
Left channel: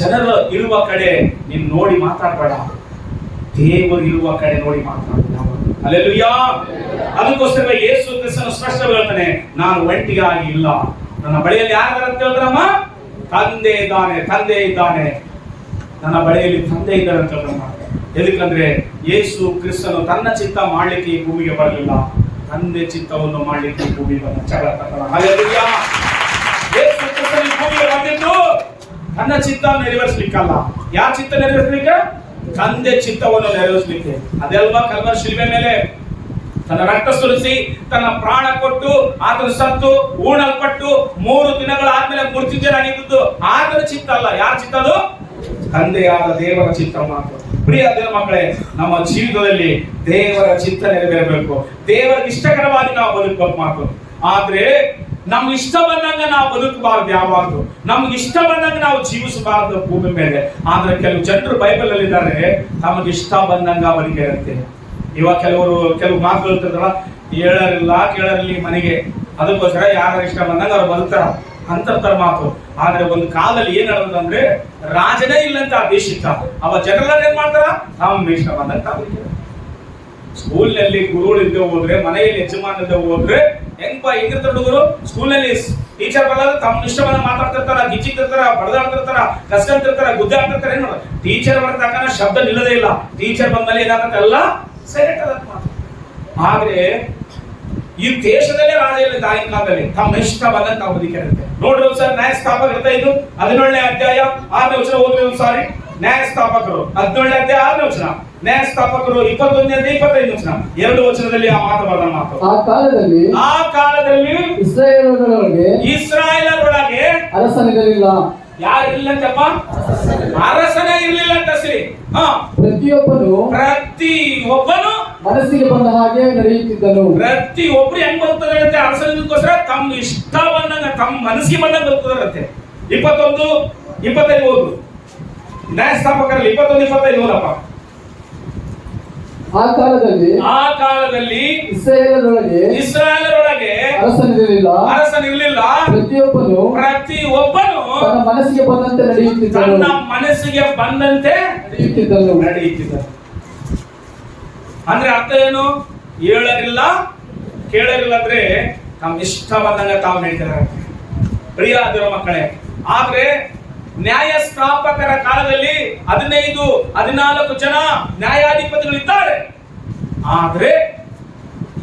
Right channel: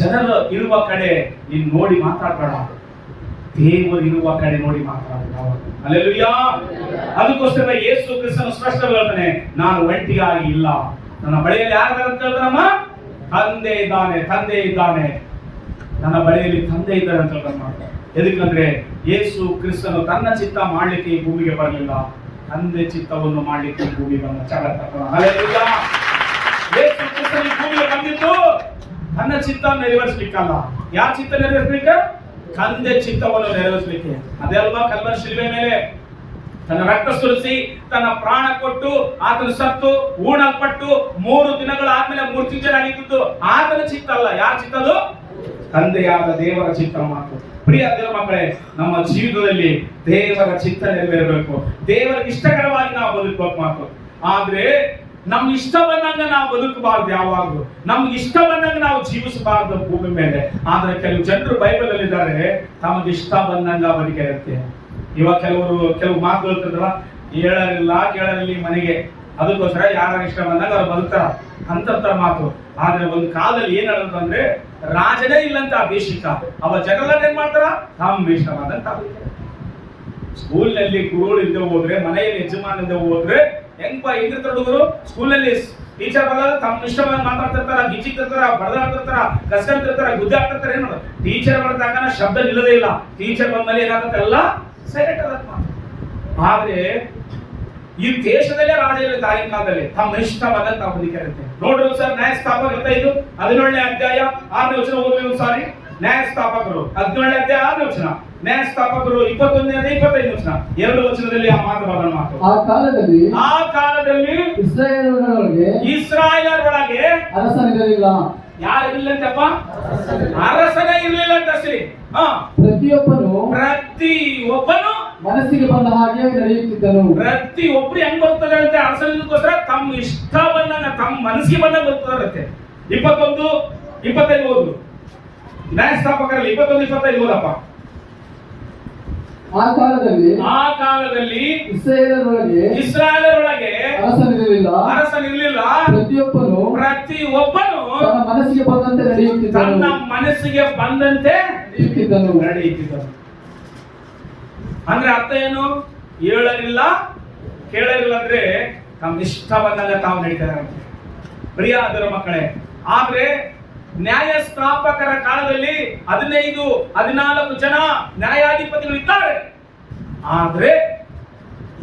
ಜನರು ಇರುವ ಕಡೆ ನೀನು ನೋಡಿ ಮಾತಾಡಬೇಡ, ದೇವರು ಇರುವ ಕಡೆ ನೋಡಿ ಮಾತಾಡಬೇಡ. ಹಲ್ಲೆಲೂಯಾ. ಅದಕ್ಕೋಸ್ಕರ ಯೇಸು ಕ್ರಿಸ್ತನು ಸ್ಪಷ್ಟವಾಗಿ ಹೇಳ್ತಾನೆ, ನಾನು ಒಂಟಿಗಾಗಿ ಇಲ್ಲ, ನನ್ನ ಬಳಿಯಲ್ಲಿ ಯಾರು ಅಂತ ಹೇಳಿದ್ರಮ್ಮ? ತಂದೆ ಇದ್ದಾನೆ, ನನ್ನ ಬಳಿಯಲ್ಲಿ ತಂದೆ ಇದ್ದಾರೆ ಅಂತ ಹೇಳ್ತಾನೆ. ಎದಕ್ಕಂದ್ರೆ ಯೇಸು ಕ್ರಿಸ್ತನು ತನ್ನ ಚಿತ್ತ ಮಾಡ್ಲಿಕ್ಕೆ ಈ ಭೂಮಿಗೆ ಬರಲಿಲ್ಲ, ತಂದೆ ಚಿತ್ತವನ್ನು ಮಾಡ್ಲಿಕ್ಕೆ ಈ ಭೂಮಿಗೆ ಬಂದ. ಹಲ್ಲೆಲೂಯಾ. ಯೇಸು ಕ್ರಿಸ್ತನು ಈ ಭೂಮಿಗೆ ಬಂದಿದ್ದು ತನ್ನ ಚಿತ್ತ ನೆರವೇರಿಸಲಿಕ್ಕಲ್ಲ. ಯಾರ ಚಿತ್ತ ನೆರವೇರಿಸಲಿಕ್ಕೆ? ತಂದೆ ಚಿತ್ತವನ್ನು ನೆರವೇರಿಸಲಿಕ್ಕೆ. ಅದೆಲ್ವಾ ಕಲ್ವರಿ ಶಿಲುಬೆ ಮೇಲೆ ತನ್ನ ರಕ್ತ ಸುರಿಸಿ ತನ್ನ ಪ್ರಾಣ ಕೊಟ್ಟು ಆತನ ಸತ್ತು ಊಣಲ್ಪಟ್ಟು 3 ದಿನಗಳಾದ್ಮೇಲೆ ಮೂರ್ತಿಂಜನಾಗಿದ್ದು ಆತನ ಚಿತ್ತ ಅಲ್ಲ. ಯಾರ ಚಿತ್ತ? ಅದು ತಂದೆಯಾದ ದೇವರ ಚಿತ್ತ ಮಾತ್ರ. ಪ್ರಿಯ ದೇವರ ಮಕ್ಕಳೇ, ನಮ್ಮ ಜೀವಿತದಲ್ಲಿ ದೇವರ ಚಿತ್ತ ನೆರವೇರಬೇಕು, ದೇವರಿಗೆ ಇಷ್ಟಕರವಾಗಿ ನಾವು ಬದುಕಬೇಕು ಮಾತು. ಆದ್ರೆ ನಮ್ಗೆ ಇಷ್ಟ ಬಂದಂಗ ನಾವು ಬದುಕಬಾರ್ದು, ಯಾವಾಗಲೂ ನಮ್ಗೆ ಇಷ್ಟ ಬಂದಂಗ ನಾವು ಜೀವಿಸಬಾರ್ದು ಭೂಮಿ ಮೇಲೆ. ಆದ್ರೆ ಕೆಲವು ಜನರು ಬೈಬಲ್ ಅಲ್ಲಿ ಇದ್ದಾರೆ, ನಮಗೆ ಇಷ್ಟ ಬಂದಂಗ ಅವರಿಗೆ ಇರುತ್ತೆ. ಇವಾಗ ಕೆಲವು ಮಾತುಗಳು ಇರ್ತಾರಲ್ಲ, ಕೇಳರಿಲ್ಲ ಮನೆಗೆ, ಅದಕ್ಕೋಸ್ಕರ ಯಾರ ಇಷ್ಟ ಬಂದಾಗ ಅವ್ರು ಬದುಕ್ತಾರ ಅಂತರ್ತರ ಮಾತು. ಆದ್ರೆ ಒಂದು ಕಾಲದಲ್ಲಿ ಏನ್ ಹೇಳೋದಂದ್ರೆ, ರಾಜನೇ ಇಲ್ಲಂತ ಆ ದೇಶಕ್ಕ, ಅವ ಜನರೆಲ್ಲ ಏನ್ ಮಾಡ್ತಾರ? ತಮ್ಮ ಇಷ್ಟ ಬಂದಂಗ ಸ್ಕೂಲ್ ನಲ್ಲಿ ಗುರುಗಳು ಇದ್ದೇ ಹೋದ್ರೆ, ಮನೆಯಲ್ಲಿ ಯಜಮಾನ ಇದ್ದೇ ಹೋದ್ರೆ ಹೆಂಗಿರ್ತಾರ ಹುಡುಗರು? ಸ್ಕೂಲ್ ನಲ್ಲಿ ಟೀಚರ್ ಬರಲ್ಲ, ತಮ್ಮ ಇಷ್ಟ ಬಂದ ಮಾತಾಡ್ತಿರ್ತಾರ, ಗಿಚ್ಚಿರ್ತಾರ, ಬಡದಾಡ್ತಿರ್ತಾರ, ಕಸ್ಕಂತಿರ್ತಾರ, ಗುದ್ದಾಡ್ತಿರ್ತಾರ. ಏನ್ ಮಾಡೋದು? ಟೀಚರ್ ಬರ್ತಕ್ಕನ ಶಬ್ದ ನಿಲ್ಲದೇ ಇಲ್ಲ. ಟೀಚರ್ ಬಂದ್ಮೇಲೆ ಏನಾಗುತ್ತೆ? ಎಲ್ಲ ಸೈಲೆಂಟ್ ಆದ ಮಾತು. ಆದ್ರೆ ಈ ದೇಶದಲ್ಲೇ ರಾಜ ಇಲ್ಲ ತಾಯಿನ ಕಾಲದಲ್ಲಿ ತಮ್ಮ ಇಷ್ಟ ಬಂದಂತ ಬದುಕಿರುತ್ತೆ. ನೋಡ್ರಿ ಒಂದ್ಸಾರಿ ನ್ಯಾಯಸ್ಥಾಪಕ 17ನೇ ಅಧ್ಯಾಯ 6ನೇ ವಚನ ಓದ್ರಿ ಒಂದ್ಸಾರಿ. ನ್ಯಾಯಸ್ಥಾಪಕರು 17ನೇ ಅಧ್ಯಾಯ 6ನೇ ವಚನ. ನ್ಯಾಯಸ್ಥಾಪಕರು 21ನೇ 25 ವಚನ, 2 ವಚನದಲ್ಲಿ ಆ ಮಾತು ಬರೆದ ಮಾತು. ಆ ಕಾಲದಲ್ಲಿ ಇಸ್ರಾಯೇಲರೊಳಗೆ ಅರಸನಿರಲಿಲ್ಲ. ಯಾರು ಇಲ್ಲಂತಪ್ಪ? ಅರಸನೇ ಇರಲಿಲ್ಲ ಅಂತ ಸರಿ. ಪ್ರತಿಯೊಬ್ಬನು ಮನಸ್ಸಿಗೆ ಬಂದ ಹಾಗೆ ನಡೆಯುತ್ತಿದ್ದನು. ಪ್ರತಿಯೊಬ್ರು ಹೆಂಗ್ ಬರ್ತದಂತೆ ಅರಸನಿಗೋಸ್ಕರ ತಮ್ಮ ಇಷ್ಟ ಬಂದಂಗ, ತಮ್ಮ ಮನಸ್ಸಿಗೆ ಬಂದಂಗ ಬರ್ತದಂತೆ. 21, 25 ಓದು. ನ್ಯಾಯಸ್ಥಾಪಕರಲ್ಲಿ 21, 25 ಓದಪ್ಪ. ಆ ಕಾಲದಲ್ಲಿ ಇಸ್ರಾಯೇಲರೊಳಗೆ ಅರಸನಿರಲಿಲ್ಲ. ಪ್ರತಿಯೊಬ್ಬನು ತನ್ನ ಮನಸ್ಸಿಗೆ ಬಂದಂತೆ ನಡೆಯುತ್ತಿದ್ದನು. ಅಂದ್ರೆ ಅರ್ಥ ಏನು? ಹೇಳಲಿಲ್ಲ, ಕೇಳಲಿಲ್ಲ ಅಂದ್ರೆ ತಮ್ಮ ಇಷ್ಟ ಬಂದಂಗ ತಾವು ನಡೀತಾರೆ. ಪ್ರಿಯ ದೇವರ ಮಕ್ಕಳೇ, ಆದ್ರೆ ನ್ಯಾಯಸ್ಥಾಪಕರ ಕಾಲದಲ್ಲಿ 15, 14 ಜನ ನ್ಯಾಯಾಧಿಪತಿಗಳಿದ್ದಾರೆ. ಆದ್ರೆ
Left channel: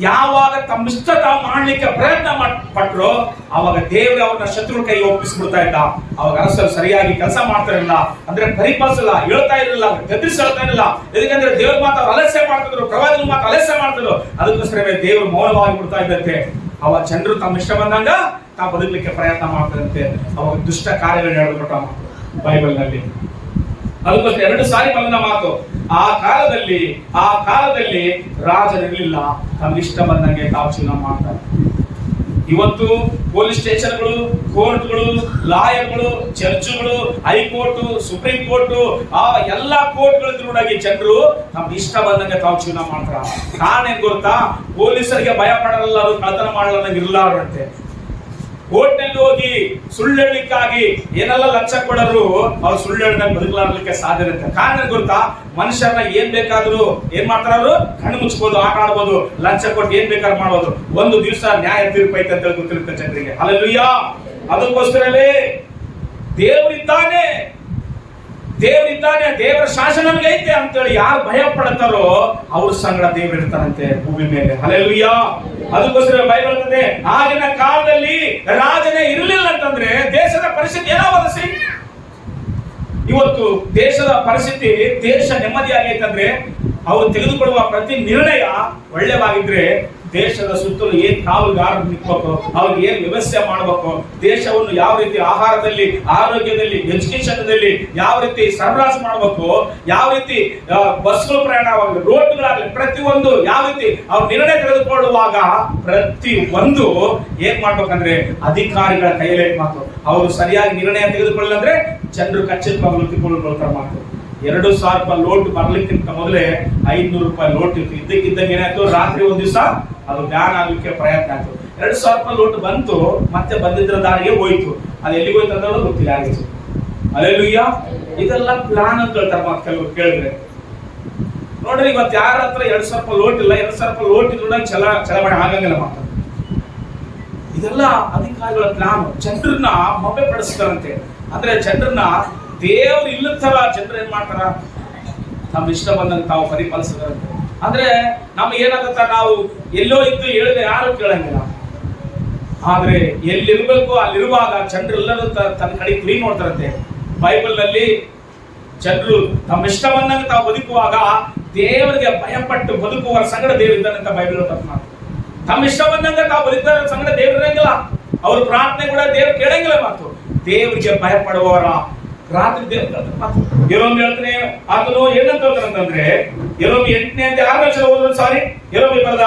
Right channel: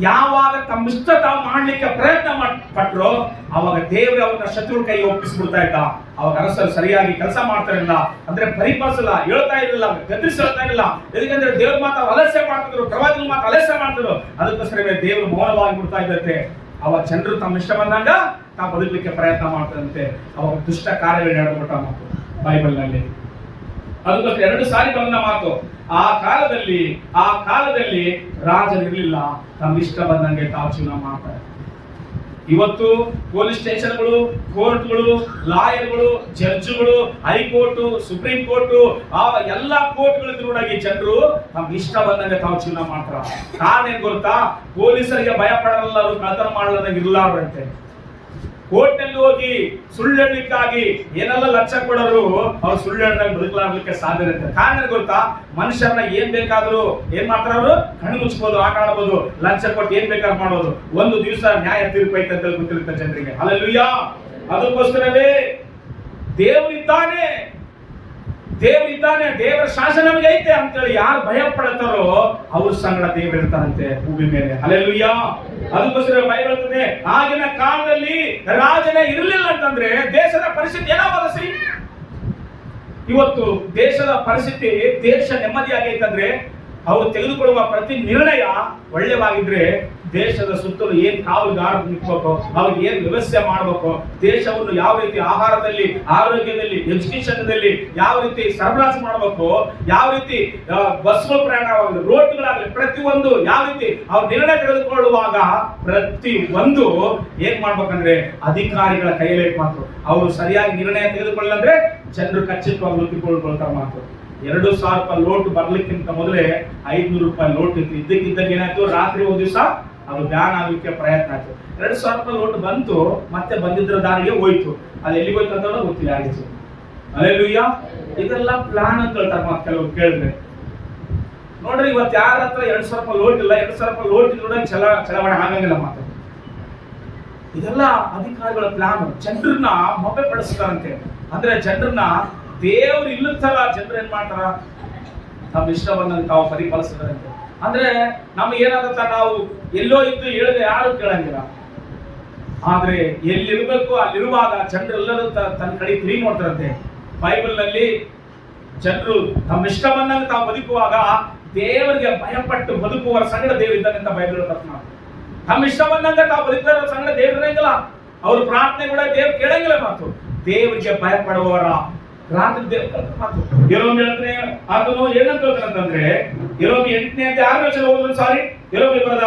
ಯಾವಾಗ ತಮ್ಮಿಷ್ಟ ತಾವು ಮಾಡ್ಲಿಕ್ಕೆ ಪ್ರಯತ್ನ ಪಟ್ರು, ಅವಾಗ ದೇವರು ಅವ್ರನ್ನ ಶತ್ರು ಕೈ ಒಪ್ಪಿಸ್ಬಿಡ್ತಾ ಇದ್ದ. ಅವಾಗ ಅರಸರು ಸರಿಯಾಗಿ ಕೆಲಸ ಮಾಡ್ತಾರಿಲ್ಲ, ಅಂದ್ರೆ ಪರಿಪಾಲಿಸಲ್ಲ, ಹೇಳ್ತಾ ಇರಲಿಲ್ಲ, ಗದ್ರಿಸಿ ಹೇಳ್ತಾ ಇರಲಿಲ್ಲ. ಯಾಕಂದ್ರೆ ದೇವ್ರ ಮಾತು ಅವ್ರು ಅಲಸ್ಯ ಮಾಡ್ತಿದ್ರು, ಪ್ರವಾದಿಗಳ ಮಾತು ಅಲಸ್ಯ ಮಾಡ್ತಿದ್ರು. ಅದಕ್ಕೋಸ್ಕರ ದೇವರು ಮೌನವಾಗಿ ಬಿಡ್ತಾ ಇದ್ದಂತೆ. ಅವಾಗ ಜನರು ತಮ್ಮ ಇಷ್ಟ ಬಂದಾಗ ತಾವು ಬದುಕಲಿಕ್ಕೆ ಪ್ರಯತ್ನ ಮಾಡ್ತಾರಂತೆ. ಅವಾಗ ದುಷ್ಟ ಕಾರ್ಯಗಳು ಹೇಳ್ಬಿಟ್ಟ ಮಾತು ಬೈಬಲ್ನಲ್ಲಿ. ಅದಕ್ಕೋಸ್ಕರ 2 ಸಾರಿ ಬಂದ ಮಾತು. ಆ ಕಾಲದಲ್ಲಿ ರಾಜರಿರಲಿಲ್ಲ, ತಮ್ಗೆ ಇಷ್ಟ ಬಂದಂಗೆ ತಾವು ಜೀವನ ಮಾಡ್ತಾರೆ. ಇವತ್ತು ಪೊಲೀಸ್ ಸ್ಟೇಷನ್ಗಳು, ಕೋರ್ಟ್ಗಳು, ಲಾಯರ್ಗಳು, ಜಡ್ಜ್ಗಳು, ಹೈಕೋರ್ಟ್, ಸುಪ್ರೀಂ ಕೋರ್ಟ್, ಆ ಎಲ್ಲಾ ಕೋರ್ಟ್ಗಳಿದ್ರೊಳಗೆ ಜನರು ತಮ್ಗೆ ಇಷ್ಟ ಬಂದಂಗೆ ತಾವು ಜೀವನ ಮಾಡ್ತಾರ. ಕಾರಣ ಏನ್ ಗೊತ್ತಾ? ಪೊಲೀಸರಿಗೆ ಭಯ ಪಡಲ್ಲ, ಕಳ್ತನ ಮಾಡಲಾರ್ದಂಗೆ ಇರಲಾರಂತೆ. ಕೋರ್ಟ್ನಲ್ಲಿ ಹೋಗಿ ಸುಳ್ಳು ಹೇಳಲಿಕ್ಕಾಗಿ ಏನೆಲ್ಲ ಲಂಚ ಕೊಡರು, ಅವ್ರು ಸುಳ್ಳು ಹೇಳ್ದಂಗೆ ಬದುಕಲಾರ್ಲಿಕ್ಕೆ ಸಾಧ್ಯ ಇರುತ್ತೆ. ಕಾರಣ ಗೊತ್ತಾ? ಮನುಷ್ಯರನ್ನ ಏನ್ ಬೇಕಾದ್ರೂ ಏನ್ ಮಾಡ್ತಾರ, ಅವರು ಕಣ್ಣು ಮುಚ್ಬೋದು, ಆಟ ಆಡ್ಬೋದು, ಲಂಚ ಕೊಟ್ಟು ಏನ್ ಬೇಕಾದ್ರೂ ಮಾಡ್ಬೋದು. ಒಂದು ದಿವಸ ನ್ಯಾಯ ತೀರ್ಪು ಐತೆ ಅಂತ ಗೊತ್ತಿರುತ್ತೆ ಜನರಿಗೆ. ಹಲ್ಲೆಲೂಯಾ. ಅದಕ್ಕೋಸ್ಕರವೇ ದೇವರಿದ್ದಾನೆ, ದೇವರ ಶಾಸನ ನಮಗೆ ಐತೆ ಅಂತೇಳಿ ಯಾರು ಭಯ ಪಡ್ತಾರೋ ಅವ್ರ ಸಂಗಡ ದೇವರು ಇರ್ತಾರಂತೆ ಭೂಮಿ ಮೇಲೆ. ಹಲ್ಲೆಲೂಯಾ. ಅದಕ್ಕೋಸ್ಕರ ಬೈಬಲ್ ಹೇಳ್ತದೆ, ಆಗಿನ ಕಾಲದಲ್ಲಿ ರಾಜನೇ ಇರಲಿಲ್ಲ ಅಂತಂದ್ರೆ ದೇಶದ ಪರಿಸ್ಥಿತಿ ಏನಾಗತ್ತೆ? ಇವತ್ತು ದೇಶದ ಪರಿಸ್ಥಿತಿ, ದೇಶ ನೆಮ್ಮದಿಯಾಗೈತಂದ್ರೆ ಅವರು ತೆಗೆದುಕೊಳ್ಳುವ ಪ್ರತಿ ನಿರ್ಣಯ ಒಳ್ಳೆವಾಗಿದ್ರೆ ದೇಶದ ಸುತ್ತಲೂ ಏನ್ ಕಾವಲುಗಾರ ನಿಂತ್ಬೇಕು, ಅವ್ರಿಗೆ ಏನ್ ವ್ಯವಸ್ಥೆ ಮಾಡಬೇಕು, ದೇಶವನ್ನು ಯಾವ ರೀತಿ ಆಹಾರದಲ್ಲಿ, ಆರೋಗ್ಯದಲ್ಲಿ, ಎಜುಕೇಶನ್ದಲ್ಲಿ ಯಾವ ರೀತಿ ಸರಬರಾಜು ಮಾಡಬೇಕು, ಯಾವ ರೀತಿ ಬಸ್ಗಳು ಪ್ರಯಾಣವಾಗಲಿ, ರೋಡ್ಗಳಾಗಲಿ, ಪ್ರತಿಯೊಂದು ಯಾವ ರೀತಿ ಅವ್ರು ನಿರ್ಣಯ ತೆಗೆದುಕೊಳ್ಳುವಾಗ ಪ್ರತಿ ಒಂದು ಏನ್ ಮಾಡ್ಬೇಕಂದ್ರೆ ಅಧಿಕಾರಿಗಳ ಕೈಯಲ್ಲೇ ಮಾತು. ಅವರು ಸರಿಯಾಗಿ ನಿರ್ಣಯ ತೆಗೆದುಕೊಳ್ಳಿಲ್ಲ ಅಂದ್ರೆ ಜನರು ಖಚಿತವಾಗಲು ತಿಳ್ಕೊಳ್ತಾರೆ ಮಾತು. 2,000 ರೂಪಾಯಿ ಲೋಟ್ ಬರ್ಲಿಕ್ಕಿಂತ ಮೊದಲೇ 500 ರೂಪಾಯಿ ಲೋಟ್ ಇತ್ತು. ಇದ್ದಕ್ಕಿದ್ದಂಗೆ ಏನಾಯ್ತು, ರಾತ್ರಿ ಒಂದ್ ದಿವಸ ಅದು ಬ್ಯಾನ್ ಆಗ್ಲಿಕ್ಕೆ ಪ್ರಯತ್ನ ಆಯ್ತು. 2,000 ರೂಪಾಯಿ ಲೋಟ್ ಬಂತು, ಮತ್ತೆ ಬಂದಿದ್ರ ದಾರಿಗೆ ಹೋಯ್ತು. ಅದು ಎಲ್ಲಿಗೆ ಹೋಯ್ತು ಅಂತ ಗೊತ್ತಿಲ್ಲ ಯಾರಿಗೆ. ಹಲ್ಲೆಲೂಯಾ. ಇದೆಲ್ಲ ಪ್ಲಾನ್ ಅಂತ ಹೇಳ್ತಾರೆ ಮಾತು ಕೆಲವರು ಕೇಳಿದ್ರೆ. ನೋಡ್ರಿ, ಇವತ್ತು ಯಾರ ಹತ್ರ 2,000 ರೂಪಾಯಿ ಲೋಟ್ ಇಲ್ಲ, 2,000 ರೂಪಾಯಿ ಲೋಟ್ ಇದ್ರೂ ಚಲಾವಣೆ ಆಗಂಗಿಲ್ಲ ಮಾತು. ಇದೆಲ್ಲ ಅಧಿಕಾರಿಗಳ ಪ್ಲಾನ್. ಜನರನ್ನ ಮೊಬ್ಬೆ ಪಡಿಸ್ತಾರಂತೆ. ಅಂದ್ರೆ ಜನರನ್ನ ದೇವ್ರು ಇಲ್ಲ ತರ ಜನರು ಏನ್ ಮಾಡ್ತಾರ, ತಮ್ಮ ಇಷ್ಟ ಬಂದಂಗೆ ತಾವು ಪರಿಪಾಲಿಸಿದಾರಂತೆ. ಅಂದ್ರೆ ನಮ್ಗೆ ಏನಾಗತ್ತ, ನಾವು ಎಲ್ಲೋ ಇದ್ದು ಹೇಳಿದ್ರೆ ಯಾರು ಕೇಳಂಗಿಲ್ಲ. ಆದ್ರೆ ಎಲ್ಲಿರ್ಬೇಕು ಅಲ್ಲಿರುವಾಗ ಜನರೆಲ್ಲರೂ ತನ್ನ ಕಡೆ ತಿರುಗಿ ನೋಡ್ತಾರಂತೆ. ಬೈಬಲ್ ನಲ್ಲಿ ಜನರು ತಮ್ಮ ಇಷ್ಟ ಬಂದಂಗೆ ತಾವು ಬದುಕುವಾಗ ದೇವರಿಗೆ ಭಯಪಟ್ಟು ಬದುಕುವವರ ಸಂಗಡ ದೇವರು ಇದ್ದಾನೆ ಅಂತ ಬೈಬಲ್ ಹೇಳ್ತಾರೆ. ತಮ್ಮ ಇಷ್ಟ ಬಂದಂಗ ತಾವು ಬದುಕುವ ಸಂಗಡ ದೇವ್ರು ಇರಂಗಿಲ್ಲ, ಅವ್ರ ಪ್ರಾರ್ಥನೆ ಕೂಡ ದೇವ್ರು ಕೇಳಂಗಿಲ್ಲ ಮಾತು. ದೇವರಿಗೆ ಭಯಪಡುವವರ ರಾತ್ರಿ ದೇವ್ರ ಮಾತು. ಯೆರೆಮೀಯ ಹೇಳ್ತಾನೆ, ಅದನ್ನು ಏನಂತ ಹೇಳ್ತಾರಂತಂದ್ರೆ, ಯೆರೆಮೀಯ 8ನೇ ಅಧ್ಯಾಯ 6ನೇ ವಚನ ಓದೋದು. ಸಾರಿ, ಯೆರೆಮೀಯ ಬರೆದ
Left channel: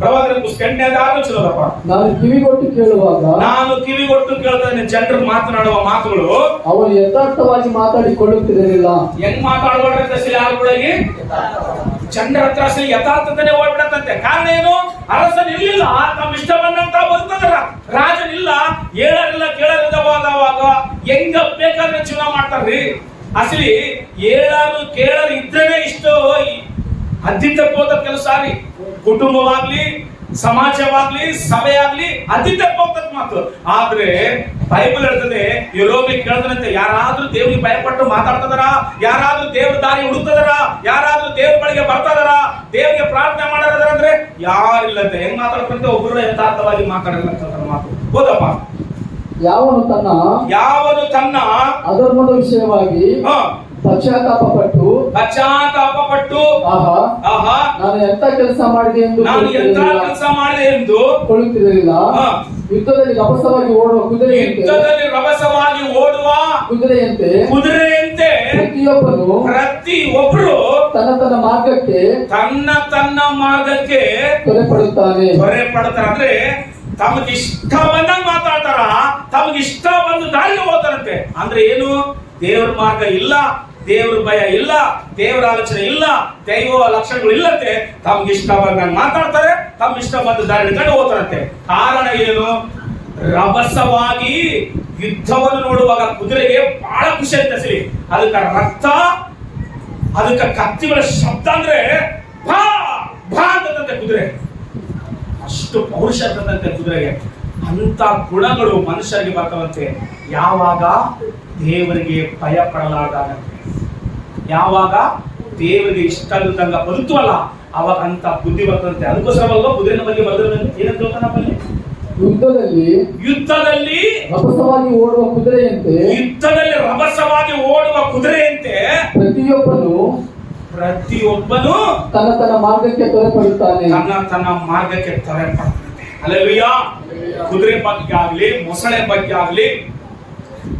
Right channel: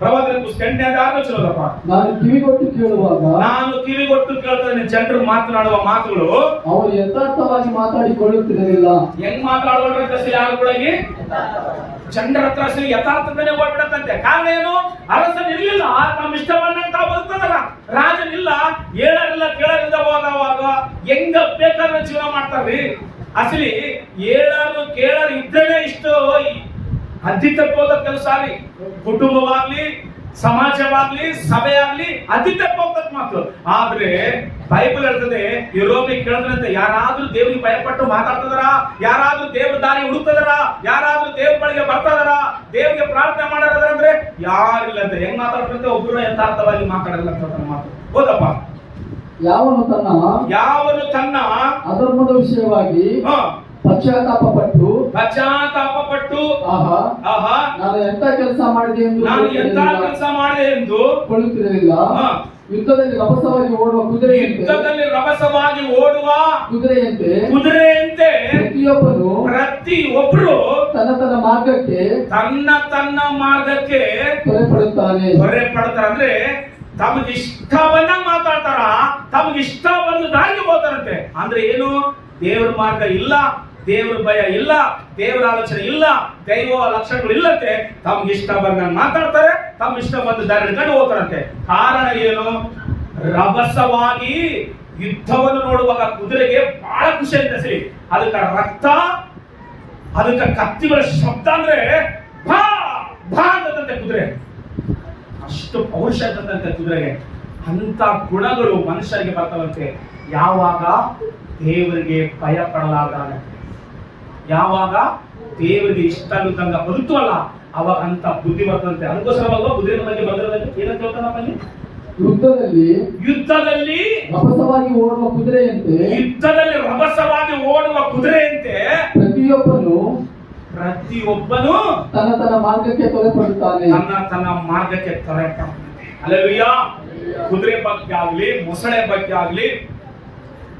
ಪ್ರವಾದನ ಪುಸ್ತಕ 8ನೇ ಅಧ್ಯಾಯ 6ನೇ ವಚನ ಓದಪ್ಪ. ನಾನು ಕಿವಿಗೊಟ್ಟು ಕೇಳ್ತಾನೆ ಜನರು ಮಾತನಾಡುವ ಮಾತುಗಳು ಅವರು ಯಥಾರ್ಥವಾಗಿ ಮಾತಾಡಿಕೊಳ್ಳುತ್ತಿರಲಿಲ್ಲ. ಹೆಂಗ್ ಮಾತಾಡಬಾರ್ದು ಯಾರುಗಳಿಗೆ? ಜನರ ಹತ್ರ ಅಸಲಿ ಯಥಾರ್ಥತನೇ ಹೋಗ್ಬಿಡತ್ತಂತೆ. ಕಾರಣ ಏನು? ಅರಸನಿರ್ಲಿಲ್ಲ, ತಮ್ಮ ಇಷ್ಟ ಬಂದಂತ ಬದುಕ್ತದಲ್ಲ. ರಾಜನಿಲ್ಲ, ಹೇಳರಿಲ್ಲ, ಕೇಳರಿಲ್ಲದ ಹೋದವಾಗ ಹೆಂಗ ಬೇಕಾದ್ರೆ ಜೀವನ ಮಾಡ್ತಾರ್ರಿ. ಅಸಲಿ ಹೇಳರು ಕೇಳರು ಇದ್ರೇನೆ ಇಷ್ಟು ಅದ್ದಿ ತಪ್ಪೋದ ಕೆಲಸ ರೀ. ಕುಟುಂಬವಾಗ್ಲಿ, ಸಮಾಜವಾಗ್ಲಿ, ಸಭೆ ಆಗ್ಲಿ ಅತಿ ತಪ್ಪೋಗ್ತದ ಮಾತು. ಆದ್ರೆ ಬೈಬಲ್ ಹೇಳ್ತದೆ, ಯೆರೆಮೀಯ ಕೇಳ್ತಾನಂತೆ, ಯಾರಾದ್ರೂ ದೇವರಿಗೆ ಭಯಪಟ್ಟು ಮಾತಾಡ್ತದಾರ, ಯಾರಾದ್ರೂ ದೇವ್ರ ದಾರಿ ಹುಡುಕ್ತದಾರ, ಯಾರಾದ್ರೂ ದೇವ್ರ ಬಳಿಗೆ ಬರ್ತದಾರ, ದೇವರಿಗೆ ಪ್ರಾರ್ಥನೆ ಮಾಡಾರ ಅಂದ್ರೆ ಯಾರಿಲ್ಲಂತೆ. ಹೆಂಗ್ ಮಾತಾಡ್ತಂತೆ? ಒಬ್ಬರು ಯಥಾರ್ಥವಾಗಿ ಮಾತಾಡಲ್ಲ ಅಂತ ಮಾತು. ಹೋದಪ್ಪ. ಯಾವನು ತನ್ನ ಅಧರ್ಮದ ವಿಷಯವಾಗಿ ಪಶ್ಚಾತ್ತಾಪ ಪಟ್ಟು ಆಹಾ ನಾನು ಎಂತ ಕೆಲಸ ಮಾಡಿದೆ ಎಂದು ಕೊಳ್ಳುತ್ತಿರಲಿಲ್ಲ. ಯುದ್ಧದಲ್ಲಿ ರಭಸವಾಗಿ ಓಡುವ ಕುದುರೆಯಂತೆ ಪ್ರತಿಯೊಬ್ಬರು ತನ್ನ ಮಾರ್ಗಕ್ಕೆ ತ್ವರೆಪಡುತ್ತಾರೆ. ಅಂದ್ರೆ ತಮಗೆ ಇಷ್ಟ ಬಂದಂಗ ಮಾತಾಡ್ತಾರ, ತಮಗೆ ಇಷ್ಟ ಬಂದು ದಾರಿಗೆ ಹೋಗ್ತಾರಂತೆ. ಅಂದ್ರೆ ಏನು? ದೇವ್ರ ಮಾರ್ಗ ಇಲ್ಲ, ದೇವ್ರ ಭಯ ಇಲ್ಲ, ದೇವರ ಆಲೋಚನೆ ಇಲ್ಲ, ದೈವ ಲಕ್ಷಣಗಳು ಇಲ್ಲಂತೆ. ತಮ್ಗೆ ಇಷ್ಟ ಬಂದಂಗ ಮಾತಾಡ್ತಾರೆ, ತಮ್ಮ ಇಷ್ಟ ಬಂದು ದಾರಿ ಹಿಡ್ಕೊಂಡು ಹೋಗ್ತಾರಂತೆ. ಕಾರಣ ಏನು? ರಭಸವಾಗಿ ಯುದ್ಧವನ್ನು ನೋಡುವಾಗ ಕುದುರೆಗೆ ಬಹಳ ಖುಷಿ ಅಂತ ಸಿರಿ. ಅದಕ್ಕೆ ರಕ್ತ, ಅದಕ್ಕೆ ಕತ್ತಿಗಳ ಶಬ್ದ ಅಂದ್ರೆ ಭಾ ಭಾ ಅಂತಂತೆ ಕುದುರೆ. ಅಷ್ಟು ಪೌರುಷ ಅಂತಂತೆ ಕುದುರೆಗೆ. ಅಂತ ಗುಣಗಳು ಮನುಷ್ಯರಿಗೆ ಬರ್ತಾವಂತೆ ಯಾವಾಗ ದೇವರಿಗೆ ಭಯ ಪಡಲಾರ್ದಾಗ, ಯಾವಾಗ ದೇವರಿಗೆ ಇಷ್ಟ ಇಲ್ಲದಂಗ ಬದುಕುವಲ್ಲ, ಅವಾಗ ಅಂತ ಬುದ್ಧಿ ಬರ್ತಂತೆ. ಅದಕ್ಕೋಸ್ಕರವಲ್ವ ಕುದುರೆನ ಬಗ್ಗೆ ಬರೆದಿರೋದು. ಏನಂತ ನಮ್ಮಲ್ಲಿ ಯುದ್ಧದಲ್ಲಿ ರಭಸವಾಗಿ ಓಡುವ ಕುದುರೆಯಂತೆ ಪ್ರತಿಯೊಬ್ಬನು ತನ್ನ ಮಾರ್ಗಕ್ಕೆ ತ್ವರೆಪಡುತ್ತಾನೆ. ತನ್ನ ಮಾರ್ಗಕ್ಕೆ ತ್ವರೆಪಡುತ್ತಾನೆ. ಹಲ್ಲೆಲೂಯಾ. ಕುದುರೆ ಬಗ್ಗೆ ಆಗ್ಲಿ, ಮೊಸಳೆ ಬಗ್ಗೆ ಆಗ್ಲಿ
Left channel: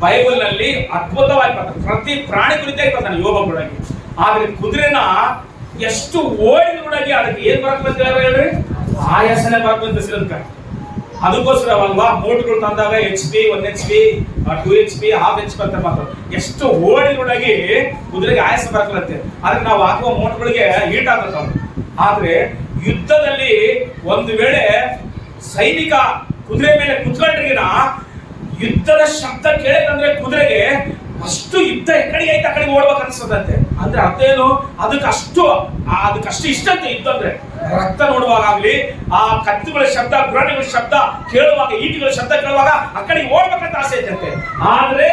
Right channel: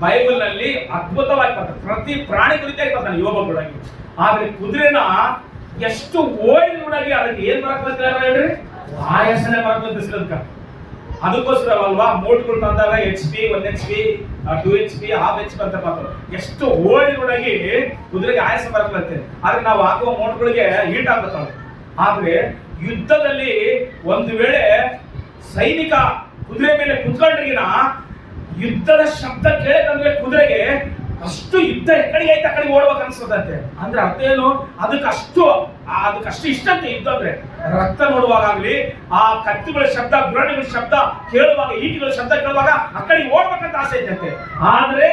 ಬೈಬಲ್ ನಲ್ಲಿ ಅದ್ಭುತವಾಗಿ ಬರ್ತಾರೆ. ಪ್ರತಿ ಪ್ರಾಣಿ ಕುರಿತಾಗಿ ಬರ್ತಾನೆ ಯೋಗಗಳಾಗಿ. ಆದ್ರೆ ಕುದುರೆನ ಎಷ್ಟು ಓಡಿನೊಳಗೆ ಅದಕ್ಕೆ ಏನ್ ಬರ್ತಂತ ಹೇಳ್ರಿ? ಆಯಾಸನೆ ಬರ್ತಂತ ಸಿಲಂಕ. ಅದಕ್ಕೋಸ್ಕರವಲ್ವಾ ಮೋಟ್ಗಳು ತಂದಾಗ HP 1 HP 2 HP 1/2 HP ಅಂತ ಮಾತಾಡ. ಎಷ್ಟು ಓಡಿನೊಳಗೆ ಕುದುರೆಗೆ ಆಯಾಸ ಬರ್ತಂತೆ. ಆದ್ರೆ ನಾವು ಹಾಕುವ ಮೋಟ್ಗಳಿಗೆ ಹೀಟ್ ಆಗ್ತಾವೆ. ಆದ್ರೆ ಯುದ್ಧದಲ್ಲಿ ಒಂದು ವೇಳೆ ಸೈನಿಕ ಕುದುರೆ ಮೇಲೆ ಕುತ್ಕೊಂಡ್ರಿಗಿನ ಯುದ್ಧದ ಶಬ್ದ ಕೇಳಿದಂದ್ರೆ ಕುದುರೆಗೆ ಅಷ್ಟು ಯುದ್ಧ ಎಕಡೆಗೆ ಐತೆ ಆ ಕಡೆಗೆ ಓಡ್ಬೇಕು ಅನ್ಸದಂತೆ. ಅಂದ್ರೆ ಅರ್ಥ ಏನು? ಅದಕ್ಕಷ್ಟು ಇಷ್ಟ ಅಂತೆ ಯುದ್ಧ ಅಂದ್ರೆ. ರಕ್ತ ನೋಡುವಾಗಲಿ, ಆ ಕತ್ತಿಗಳ ಶಬ್ದ, ಗುರಾಣಿಗಳ ಶಬ್ದ ಕೇಳುವಾಗ, ಈಟಿಗಳ ಶಬ್ದ ಕೇಳುವಾಗ ಆ ಕಡೆಗೆ ಓಡ್ಬೇಕಂತ ಆಸೆ ಐತಂತೆ. ಆದ್ರೆ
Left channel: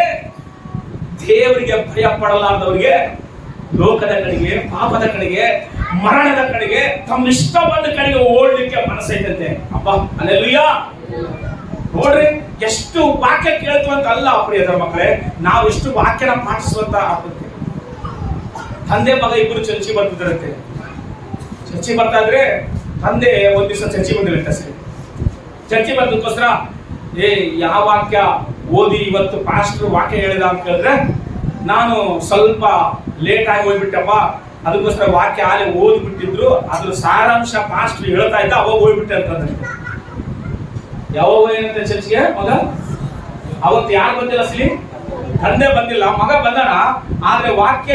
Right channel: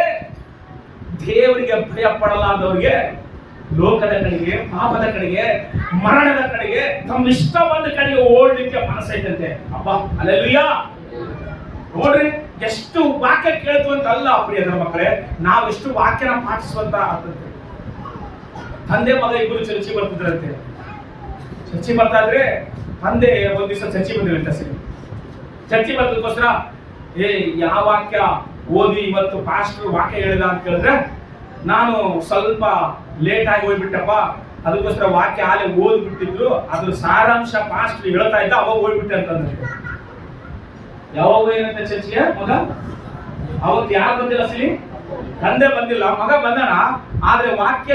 ದೇವರಿಗೆ ಭಯ ಪಡಲಾರ್ದವರಿಗೆ ಲೋಕದ ಕಡೆಗೆ, ಪಾಪದ ಕಡೆಗೆ, ಮರಣದ ಕಡೆಗೆ, ತಮ್ಮ ಇಷ್ಟ ಬಂದ ಕಡೆಗೆ ಓಡ್ಲಿಕ್ಕೆ ಮನಸ್ಸೈತಂತೆ. ಅಬ್ಬ ಹಲ್ಲೆಲೂಯಾ. ನೋಡ್ರಿ ಎಷ್ಟು ವಾಕ್ಯ ಕೇಳ್ತುವಂತ ಅಲ್ಲ ಪ್ರಿಯರ ಮಕ್ಕಳೇ, ನಾವು ಎಷ್ಟು ವಾಕ್ಯನ ಪಾಠಿಸುವಂತ ಆಗ್ತದೆ. ತಂದೆ ಮಗ ಇಬ್ಬರು ಚರ್ಚಿ ಬರ್ತಿದ್ರಂತೆ. ಚರ್ಚಿ ಬರ್ತಾ ಇದ್ರೆ ತಂದೆ ಒಂದ್ ದಿವಸ ಚರ್ಚಿ ಬಂದಿರಂತೆ. ಸರಿ, ಚರ್ಚಿ ಬರೋದಕ್ಕೋಸ್ಕರ ಯಾವ ವಾಕ್ಯ ಓದಿ ಇವತ್ತು ಪಾಸ್ಟರ್ ವಾಕ್ಯ ಹೇಳಿದ ಅಂತ ಕೇಳಿದ್ರೆ, ನಾನು ಸ್ವಲ್ಪ ಲೇಟ್ ಆಗಿ ಹೋಗ್ಬಿಟ್ಟಪ್ಪ, ಅದಕ್ಕೋಸ್ಕರ ವಾಕ್ಯ ಆಲೆ ಓದ್ಬಿಟ್ಟಿದ್ರು, ಅದ್ರ ಸಾರಾಂಶ ಪಾಸ್ಟರ್ ಹೇಳ್ತಾ ಇದ್ದ, ಅವಾಗ ಹೋಗ್ಬಿಟ್ಟೆ ಅಂತಂದ್ರೆ. ಯಾವಾಗ ಏನಂತೆ ಚರ್ಚಿಗೆ ಮಗ? ಅವತ್ತು ಯಾರು ಬಂದಿಲ್ಲ ಸಿಲಿ? ತಂದೆ ಬಂದಿಲ್ಲ, ಮಗ ಬಂದಣ. ಆದ್ರೆ ವಾಕ್ಯ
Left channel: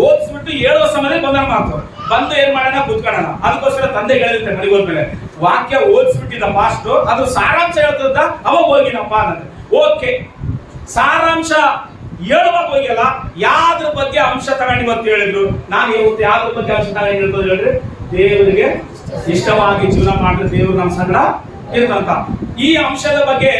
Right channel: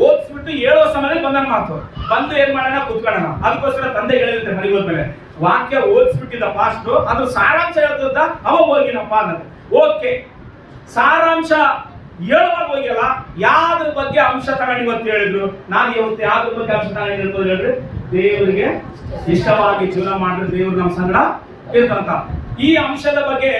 ಓದಿಸ್ಬಿಟ್ಟು 7 ಸಮಯದಲ್ಲಿ ಬಂದಣ. ಮಾತು ಬಂದು ಏನ್ ಮಾಡೋಣ, ಕೂತ್ಕೊಳ್ಳೋಣ. ಅದಕ್ಕೋಸ್ಕರ ತಂದೆ ಹೇಳಿರುತ್ತೆ ಮನೆಗೆ ಹೋದ್ಮೇಲೆ, ವಾಕ್ಯ ಓದಿಸ್ಬಿಟ್ಟಿದ್ದ ಪಾಸ್ಟು, ಅದ್ರ ಸಾರಾಂಶ ಹೇಳ್ತದ, ಅವಾಗ ಹೋಗಿನಪ್ಪ ಅನ್ನೋದು. ಓಕೆ, ಸಾರಾಂಶ ಹೇಳುವಾಗ ಹೋಗಿಲ್ಲ, ಯಾವ್ದ್ರ ಬಗ್ಗೆ ಅಂಶ ತಗೊಂಡು ಇವತ್ತು ಹೇಳಿದ್ರು. ನಾನು ಇವತ್ತು ಯಾವ್ದ್ರ ಬಗ್ಗೆ ಅಂಶ ತಗೊಂಡು ಹೇಳ್ತದೆ ಹೇಳ್ರಿ? ದೇವರಿಗೆ ಇಷ್ಟವಾಗಿ ಜೀವನ ಮಾಡಿದ್ರೆ ದೇವ್ರು ನಮ್ಮ ಸಂಗಡ ಇರ್ತಂತ. ಈ ಅಂಶದ ಬಗ್ಗೆ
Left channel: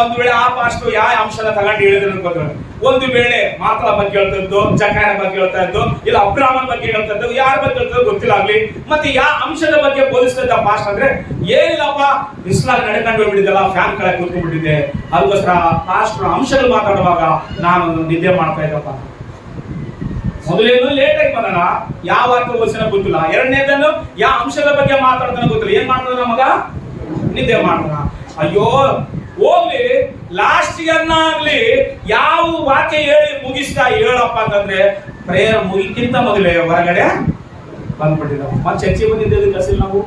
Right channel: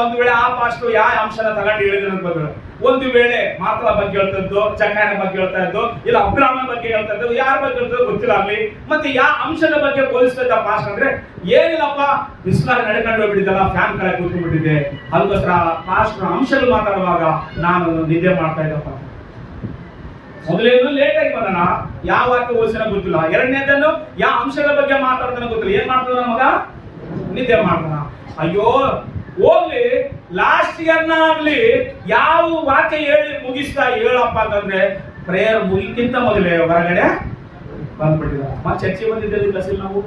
ಒಂದು ವೇಳೆ ಆ ಪಾಸ್ಟು ಯಾವ ಅಂಶನ ತಗೊಂಡು ಹೇಳಿದ್ರು ಅನ್ಕೋತಾರೆ. ಒಂದು ವೇಳೆ ಮಾತಲ ಬಗ್ಗೆ ಹೇಳ್ತಾ ಇದ್ದು, ಜಕಾಯನ ಬಗ್ಗೆ ಹೇಳ್ತಾ ಇದ್ದು, ಇಲ್ಲ ಅಬ್ರಾಹ್ಮನ ಬಗ್ಗೆ ಹೇಳ್ತಾ ಇದ್ದು, ಯಾರ ಬಗ್ಗೆ ಹೇಳ್ತಾ ಗೊತ್ತಿಲ್ಲ ಆಗ್ಲಿ. ಮತ್ತೆ ಯಾವ ಅಂಶದ ಬಗ್ಗೆ ಬೋಧಿಸ್ತಾ ಇದ್ದ ಪಾಸ್ಟ್ ಅಂದ್ರೆ, ಏನಿಲ್ಲಪ್ಪ ಬಿಸಿಲಾಗ ನಡ್ಕೊಂಡು ಹೋಗ್ಬಿಟ್ಟಿದ್ದಲ್ಲ, ಫ್ಯಾನ್ ಕೆಳಗೆ ಕೂತ್ಕೊಂಡ್ಬಿಟ್ಟಿದ್ದೆ, ಅದಕ್ಕೋಸ್ಕರ ಪಾಸ್ಟರ್ ಅಂಶಗಳು ಮಾತಾಡುವಾಗ ನಾನು ನಿದ್ದೆ ಮಾಡ್ತಾ ಇದ್ದಪ್ಪ. ಮೊದಲೇನು ಲೇಟ್ ಆಗಿ ಬಂದನ, ಯಾವ ವಾಕ್ಯ ಓದಿಸಿನ ಗೊತ್ತಿಲ್ಲ. ಎರಡನೇದನ್ನು ಯಾವ ಅಂಶದ ಬಗ್ಗೆ ಮಾತಾಡ್ತಾನೆ ಗೊತ್ತಿಲ್ಲ. ಏನ್ ಮಾಡ್ತಾನ ಮಗ? ನಿದ್ದೆ ಮಾಡ್ತಾನ. ಅಯ್ಯೋ ಹೋಗ್ಲಿ, ಲಾಸ್ಟ್ಗನ್ನಾಗ್ಲಿ ಯಾವ ವಾಕ್ಯ ಹೇಳಿ ಮುಗಿಸ್ತಾ ಹೇಳಪ್ಪ ಅಂತಂದ್ರೆ, ಪ್ರೇಯರ್ ಮುಗಿಕ್ಕಿಂತ ಮೊದಲೇ ಹೊರಗಡೆ ಬಂದ್ಬಿಟ್ಟಿದ. ಮತ್ತೆ ಚರ್ಚೆ ಬಂದಿದ್ದೇವೆ ಕಸಿಲ್ ನಾವು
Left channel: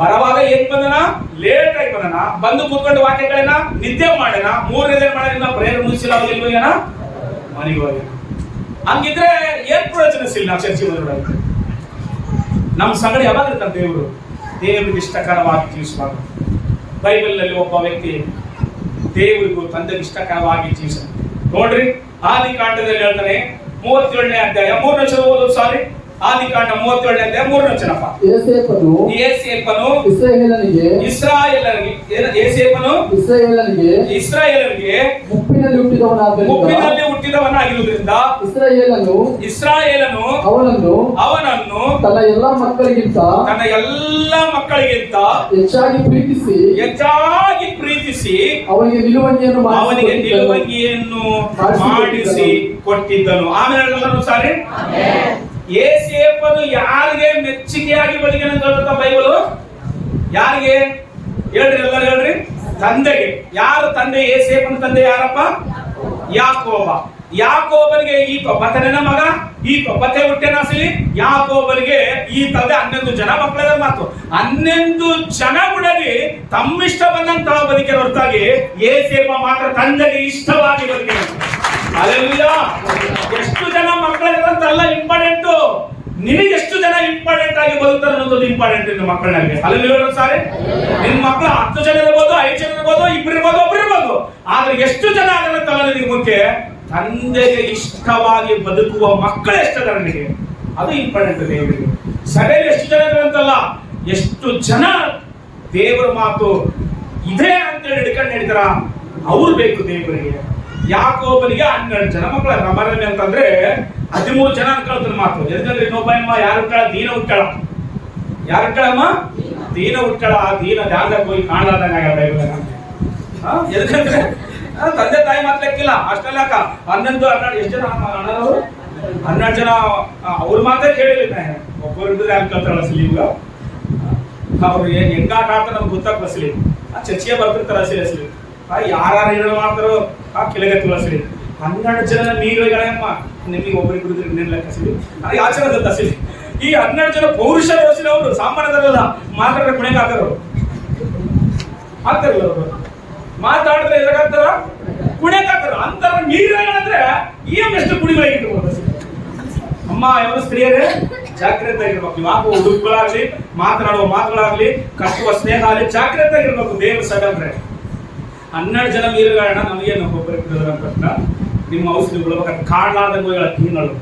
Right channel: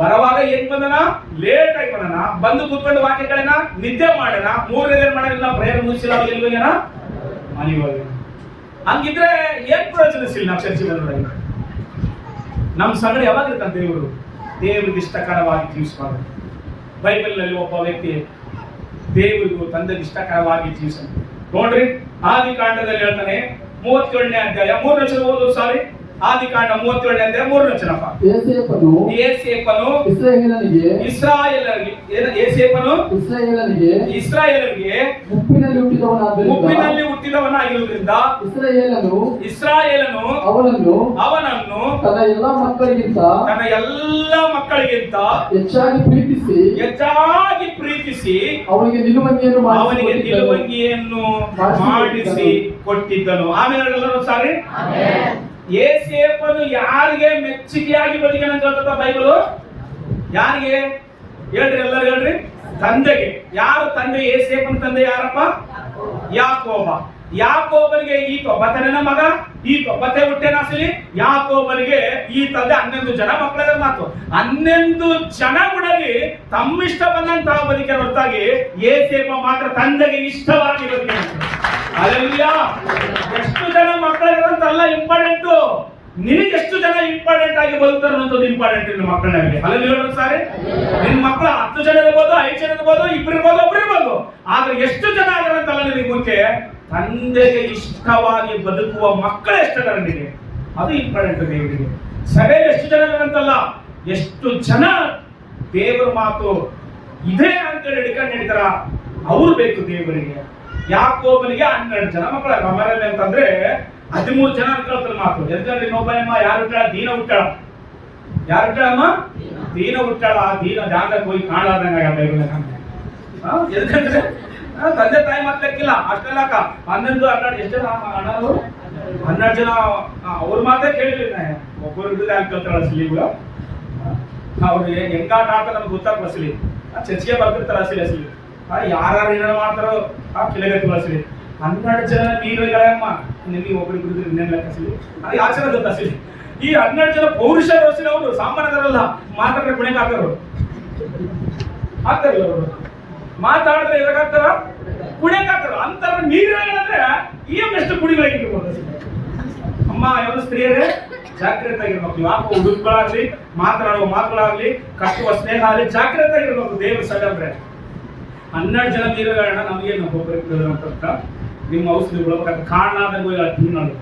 ಬರವಾಗ ಏನ್ ಬಂದನ? ಲೇಟ್ ಆಗಿ ಬಂದನ. ಬಂದು ಕೂತ್ಕೊಂಡು ವಾಕ್ಯಗಳೇನ ನಿದ್ದೆ ಮಾಡೇನ. 3ನೇದೇನ್ ಮಾಡೋಣ? ಪ್ರೇಯರ್ ಮುಗಿಸಿಲ್ಲ, ಎಲ್ಲಿ ಹೋಗ್ಯಾನ? ಮನೆಗೆ ಹೋಗ್ಯಾನ. ಹಂಗಿದ್ರೆ ಏನ್ ಪ್ರಯೋಜನ ಸಿಲ್ಲ ನಾವು ಚರ್ಚೆ ಬಂದ್ರೆ. ನಮ್ಮ ಸಂಗಡ ಯಾವಾಗ ಇರ್ತಾನೆ ದೇವರು? ದೇವರಿಗೆ ಇಷ್ಟಕರವಾಗಿ ಜೀವಿಸುವಾಗ. ಬೈಬಲ್ ನಲ್ಲಿ ಒಬ್ಬ ವ್ಯಕ್ತಿ ದೇವರಿಗೂ ತಂದೆಗೆ ಇಷ್ಟಕರವಾಗಿ ಜೀವಿಸ ನೋಡ್ರಿ. ಆದಿಕಾಂಡದಲ್ಲಿ ಹೇಳ್ತಾನೆ 37ನೇ ಅಧ್ಯಾಯ 3ನೇ ವಚನ ಓದೋದು. ಸಾರಿ, ಆದಿಕಾಂಡ 37ನೇ ಅಧ್ಯಾಯ 3ನೇ ವಚನಪ್ಪ. ಯೋಸೇಫನು ಇಸ್ರಾಯೇಲರಿಗೆ ಮುಪ್ಪಿನಲ್ಲಿ ಹುಟ್ಟಿದವನಾಗಿರುವುದರಿಂದ ಇಸ್ರಾಯೇಲನು ಅವನನ್ನು ತನ್ನ ಎಲ್ಲ ಮಕ್ಕಳಿಗಿಂತ ಹೆಚ್ಚಾಗಿ ಪ್ರೀತಿಸಿ ಅವನಿಗೆ ನಿಲುವಂಗಿಯನ್ನು ಮಾಡಿಸಿ ಕೊಟ್ಟಿದ್ದನು. ಆಮೇಲೆ ಎಲ್ಲರೂ ಸಾರಿ ಯೋಸೇಫನು ಯಾರಿಗೆ ಮೆಚ್ಚುಗೆಯಾಗಿ ಬದುಕಿನಂತ ಗೊತ್ತಾ ಬೈಬಲ್? ಯಾರಿಗೆ ಹೇಳ್ರಿ, ಎಲ್ಲರೂ ಹೇಳ್ರಿ. ತಂದೆಗೆ. ಯಾರು ತಂದೆ? ಯೋಸೇಫನ ತಂದೆ ಯಾರಪ್ಪ? ಯಾಕೋಬ. ಯಾಕೋಬನಿಗೆ ಈತ ಮಗ, ಈತ ಬತ್ತೆ ಹುಟ್ಟೆನಾಸಲಿ. ಯಾಕೋಬನಿಗೆ ಈ ತಂದೆ 11 ಜನ ಮಕ್ಕಳ ಮಾತು. 11 ಜನ ಗುಡಲಿ ತಮ್ಮಿಷ್ಟ ಬಂದಂತ ಬದುಕಿನ ಹೊರತಾಗಿ ಯೋಸೇಫ ಮಾತ್ರ ತಂದೆಗೆ ಇಷ್ಟವಾಗಿ ಬದುಕಿನ. ಹಲ್ಲೆಲೂಯಾ. ಎಷ್ಟು ಜನ ಮಕ್ಕಳಿರಂತಲ್ಲ ಇಂಪಾರ್ಟೆಂಟ್, ನಿನಗೆ ಎಷ್ಟು ಜನ ಇಂಪಾರ್ಟೆಂಟ್ ಆಗಿ ಬದುಕ್ತಾರೆ ಅನ್ನೋದು ಇಂಪಾರ್ಟೆಂಟ್. ನಿನ್ನ ಮಕ್ಕಳಾಗಿ ಹಲ್ಲೆಲೂಯಾ ಸಾರಿ. ನಿನ್ನ ಮಕ್ಕಳು 10 ಜನ ಇರ್ಬೋದು, 5 ಜನ ಇರ್ಬೋದು, 2 ಇರ್ಬೋದು, 1 ಇರ್ಬೋದು. ಆದ್ರೆ ಎಷ್ಟು ಜನ ಆಗಿರಂತಲ್ಲ ನಿನಗೆ ಮುಖ್ಯ, ತಂದೆಗೆ ಇಷ್ಟವಾಗಿ ಬದುಕುವ ಮಕ್ಕಳು ಎಷ್ಟಿದ್ದಾರೆ ನಿನಗೆ, ಅದು ಇಂಪಾರ್ಟೆಂಟ್ ದೇವರಿಗೆ. ಸಭೆಯಲ್ಲಿ ಎಷ್ಟು ಜನ ಇದ್ದಾರಂತಲ್ಲ, ಎಷ್ಟು ಜನ ದೇವರ ಮಾತು ಇದೆ ಅಂತೇಳಿ ಹಿಡ್ಕೊಂಡು ನಡೀತಾರ, ಅವ್ರು ಬೇಕು ದೇವರಿಗೆ. ಯಾಕೋಬನಿಗೆ 12 ಜನ ಮಕ್ಕಳ. ರಮರಮೆ ಅಂತಂದ್ರೆ 13 ಜನ ಅನ್ಕೊಳ್ತಾರ ಮಾತು. ಎದಕ್ಕಂದ್ರೆ ಇನ್ನೊಬ್ಬ ಯಾರು ಹುಟ್ಟಾಳ? ದೀನ ಹುಟ್ಟಾಳ. ಯಾರು ಹುಟ್ಟಾಳಮ್ಮ? ದೀನ ಹುಟ್ಟಾಳ. ಆ ದೀನ ಧ್ಯಾನಕ್ಕೆ ಹೋಗಿ ಕಾಣಲಾರ್ದಂಗ. ಎದಕ್ಕಂದ್ರೆ ತಂದೆ ತಾಯಿ ಮಾತಾಡಕ್ಕಿಲ್ಲ ಅಷ್ಟೆಲ್ಲ. 11 12 ಎಷ್ಟು ಜನ ಅಣ್ಣವರು? 12 ಜನ. ಅವ್ರ ಮಾತೇ ಕೇಳಿಲ್ಲ. ಒಬ್ಬರು ಇದ್ರೆ ಅನ್ಕೊಳ್ತಾಳ ಅಸಲಿ. ಈಗ ಅವ್ರು ಹೆಂಗಾಟ ಆಡ್ತಾರೆ ನಮ್ಗೆ ಗೊತ್ತಾಗ ಅಸಲಿ. ಚರ್ಚೆಗೆ ಬರ್ತಿರ್ತಾರ ಅಸಲಿ ಅಸಲಿ. ಯಾರು ಏನಾರು ಮಾಡ್ತಾರೋ ಕೆಳಗತ್ತು ಅಸಲಿ. 12 ಜನ ನೀರುಗಳಮ್ಮ ನಿಮಗೆ ಒಬ್ಬರಿಬ್ಬರು ಇನ್ನೇನು ಲೆಕ್ಕ ಅಸಲಿ. ನನಗೆ ಆಚಾರ ಅಸಲಿ. ಈ 12 ಜನ ಪೌರುಷರು ಅಸಲಿ. ಅವರು ಸಾಮಾನ್ಯದರಲ್ಲ, ಮಾತಾಡಿದ್ರೆ ಕುಣಿಗೆ ಹಾಕೋರು ಹಾಕ್ತಾರಲ್ಲ. ಅವರು ಮಾತಾಡಿದ್ರೆ ಎದಾಗ್ತಾರ? ಕುಣಿಗೆ ಹಾಕೋರು ಅಂತಾರ. ನೀರುಗಳಂದ್ರೆ ಎಷ್ಟು ಕುಡಿಗಳಾಗಿರ್ಬೋದು. ಅಮ್ಮ ಯಾವ ಸ್ತ್ರೀಯರೇ ಜಾಗ್ರತೆ ಆಗಿರ್ಬೇಕು. ಯಾವ ಹುಡುಗಗಳಾಗ್ಲಿ, ಮಾತನಾಡುವ ಮಾತುಗಳಾಗ್ಲಿ, ಕಟ್ಟುವ ಸ್ನೇಹ ಆಗಲಿ, ಜಾಗ್ರತೆ ಆಗಿರ್ಬೇಕು. ದೇವ್ರ ಸಗಂದ್ರೆ 12 ಜನ ಮೀರುಗಳನ್ನ ನಮಗೇನು ಒಬ್ಬರಿಗೆ ನಿಮ್ಮ ಔಷಧಿಗಳು ಕಾಣಲಾದಂಗ ದೀನಳು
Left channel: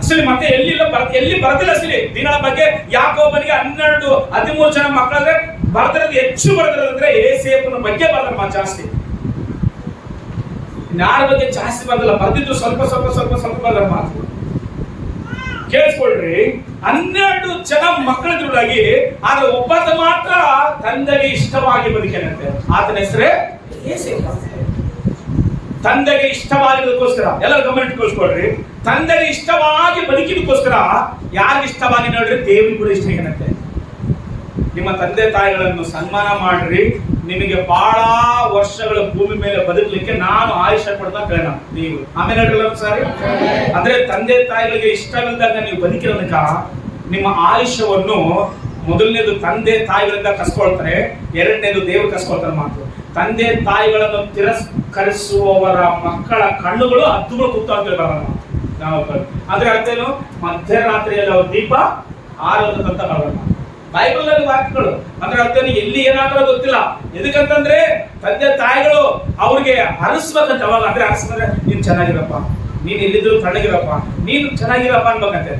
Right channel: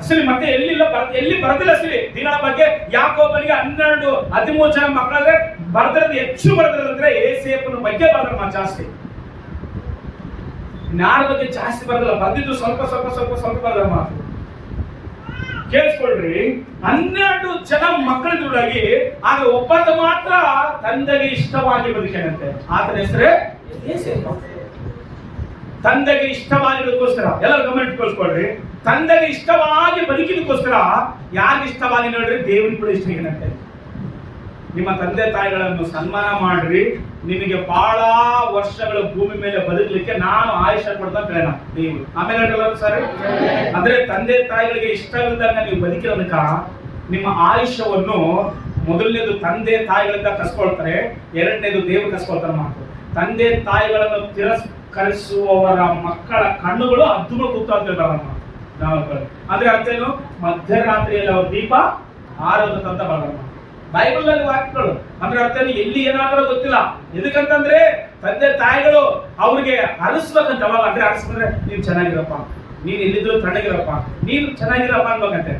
ಅಸಲಿ. ಮತ್ತೆ ಎಲ್ಲಿ ಬರದಿಲ್ಲ ಅಸಲಿ ದೀನಳ ಬಗ್ಗೆ. ಯಾಕೋಬನಿಗೆ 12 13 ಜನ ಮಕ್ಕಳಾದ್ರೆ ಬರ್ದಿರೋದು ಹೆಚ್ಚು ಬರ್ದಿರೋದಂದ್ರೆ ಯೋಸೇಫನ ಬಗ್ಗೆ ಬರ್ದ್ರ ಜಾಸ್ತಿ. ಯಾರ ಬಗ್ಗೆ ಜಾಸ್ತಿ ಬರ್ದಿಲ್ಲ. ಬರ್ದಿದ್ದು ಸ್ವಲ್ಪ ಸ್ವಲ್ಪ ಸ್ವಲ್ಪ ಸ್ವಲ್ಪ ಬರ್ದ್ರ ಮಾತು. ಕೇಳಿಸ್ಕೊಳ್ರಿ, 12 ಜನ ಮಕ್ಕಳಿದ್ರೊಳಗೆ ಆದ್ರೆ ಒಬ್ಬತ ಮಾತ್ರ ತಂದೆಗೆ ಇಷ್ಟವಾಗಿ ಬದುಕೇನಂತೆ. ಆತನ ಹೆಸರೇ ಯೋಸೇಫ. ತಂದೆಗೆ ಇಷ್ಟವಾಗಿರೋದಕ್ಕೋಸ್ಕರ ಎಲ್ಲರೂ ಗಮನ ಇಟ್ಕೊಳ್ಸ್ಕೊಳ್ರಿ. ತಂದೆಗೆ ಇಷ್ಟವಾಗಿ ಬದುಕಿದಕ್ಕೋಸ್ಕರ ಯಾರಿಗೆ ಇಷ್ಟವಾಗಿ ನೋಡ್ರಿ, ದೇವ್ರಿಗೆ ಕೂಡ ಇಷ್ಟ ಏನಂತೆ. ನಿಮ್ಮ ತಂದೆ ತಾಯಿಗಳನ್ನು ಸನ್ಮಾನ ಮಾಡ್ರಿ. ನಿಮಗೆ ಬಹಳ ವರ್ಷಗಳ ಭೂಮಿ ಮೇಲೆ ಬದುಕಲಿಕ್ಕೆ ನಾನು ಆಯುಷ್ಯ ಕೊಡ್ತಾ ಕೇಳೋಣ ನೀವು. ಆಮೇಲೆ ಹೇಳ್ರಲ್ಲ ಸರಿ. ಅಂದ್ರೆ ತಂದೆ ತಾಯಿಗಳಿಗೆ ಇಷ್ಟವಿಲ್ಲದಾಗ ನೀವು ಬದುಕಿರೋದಕ್ಕ ನಿಮ್ಮ ಆಯುಷ್ಯವನ್ನು ಮೊದಲನೇದು ತಂದೆ ತಾಯಿಗಳಿಂದ ಕಸ್ಕೊಳ್ತಾರೆ, ಎರಡನೇದು ದೇವರು ಕಸ್ಕೊಳ್ತಾರೆ ಮಾತು. ತಂದೆ ತಾಯಿಗಳನ್ನು ತಿರಸ್ಕರಿಸುವವರ ಮಕ್ಕಳ ಕಣ್ಣುಗಳು ಹದ್ದುಗಳು ಕೂತ ಅಂತ ಹೇಳ್ತಾರೆ ನಾವು. ಅಂದ್ರೆ ಅರ್ಥ ಏನು? ಮಧ್ಯರಾತ್ರಿಯಲ್ಲಿ ಅವ್ರ ದೀಪ ಆರೋದಂತ ಬರಲ್ಲ ಬೈಬಲ್ ನಲ್ಲಿ ವಾಕ್ಯಗಳು. ಅಂದ್ರೆ ಅರ್ಥ ಎಲ್ಲಿ ಏನಾದ್ರೂ ಗೊತ್ತಿಲ್ಲ. ಎದಕ್ಕಂತಂದ್ರೆ ತಂದೆ ತಾಯಿಗಳು ಅವ್ರಿಗೆ ಹರಿಸ್ಬೇಕಂತ. ಅವಾಗ ಅಂದ್ರೆ ಹರಿಸ್ಬೇಕಂದ್ರೆ ನೀನ್ ಚೆನ್ನಾಗಿರಪ್ಪ, ನೀನ್ ಎಲ್ಲಿದ್ರು ತಣ್ಣಗಿರಪ್ಪ, ನೀನು ಚೆನ್ನಾಗಿರಪ್ಪ ಅನ್ಬೇಕಂತೆ.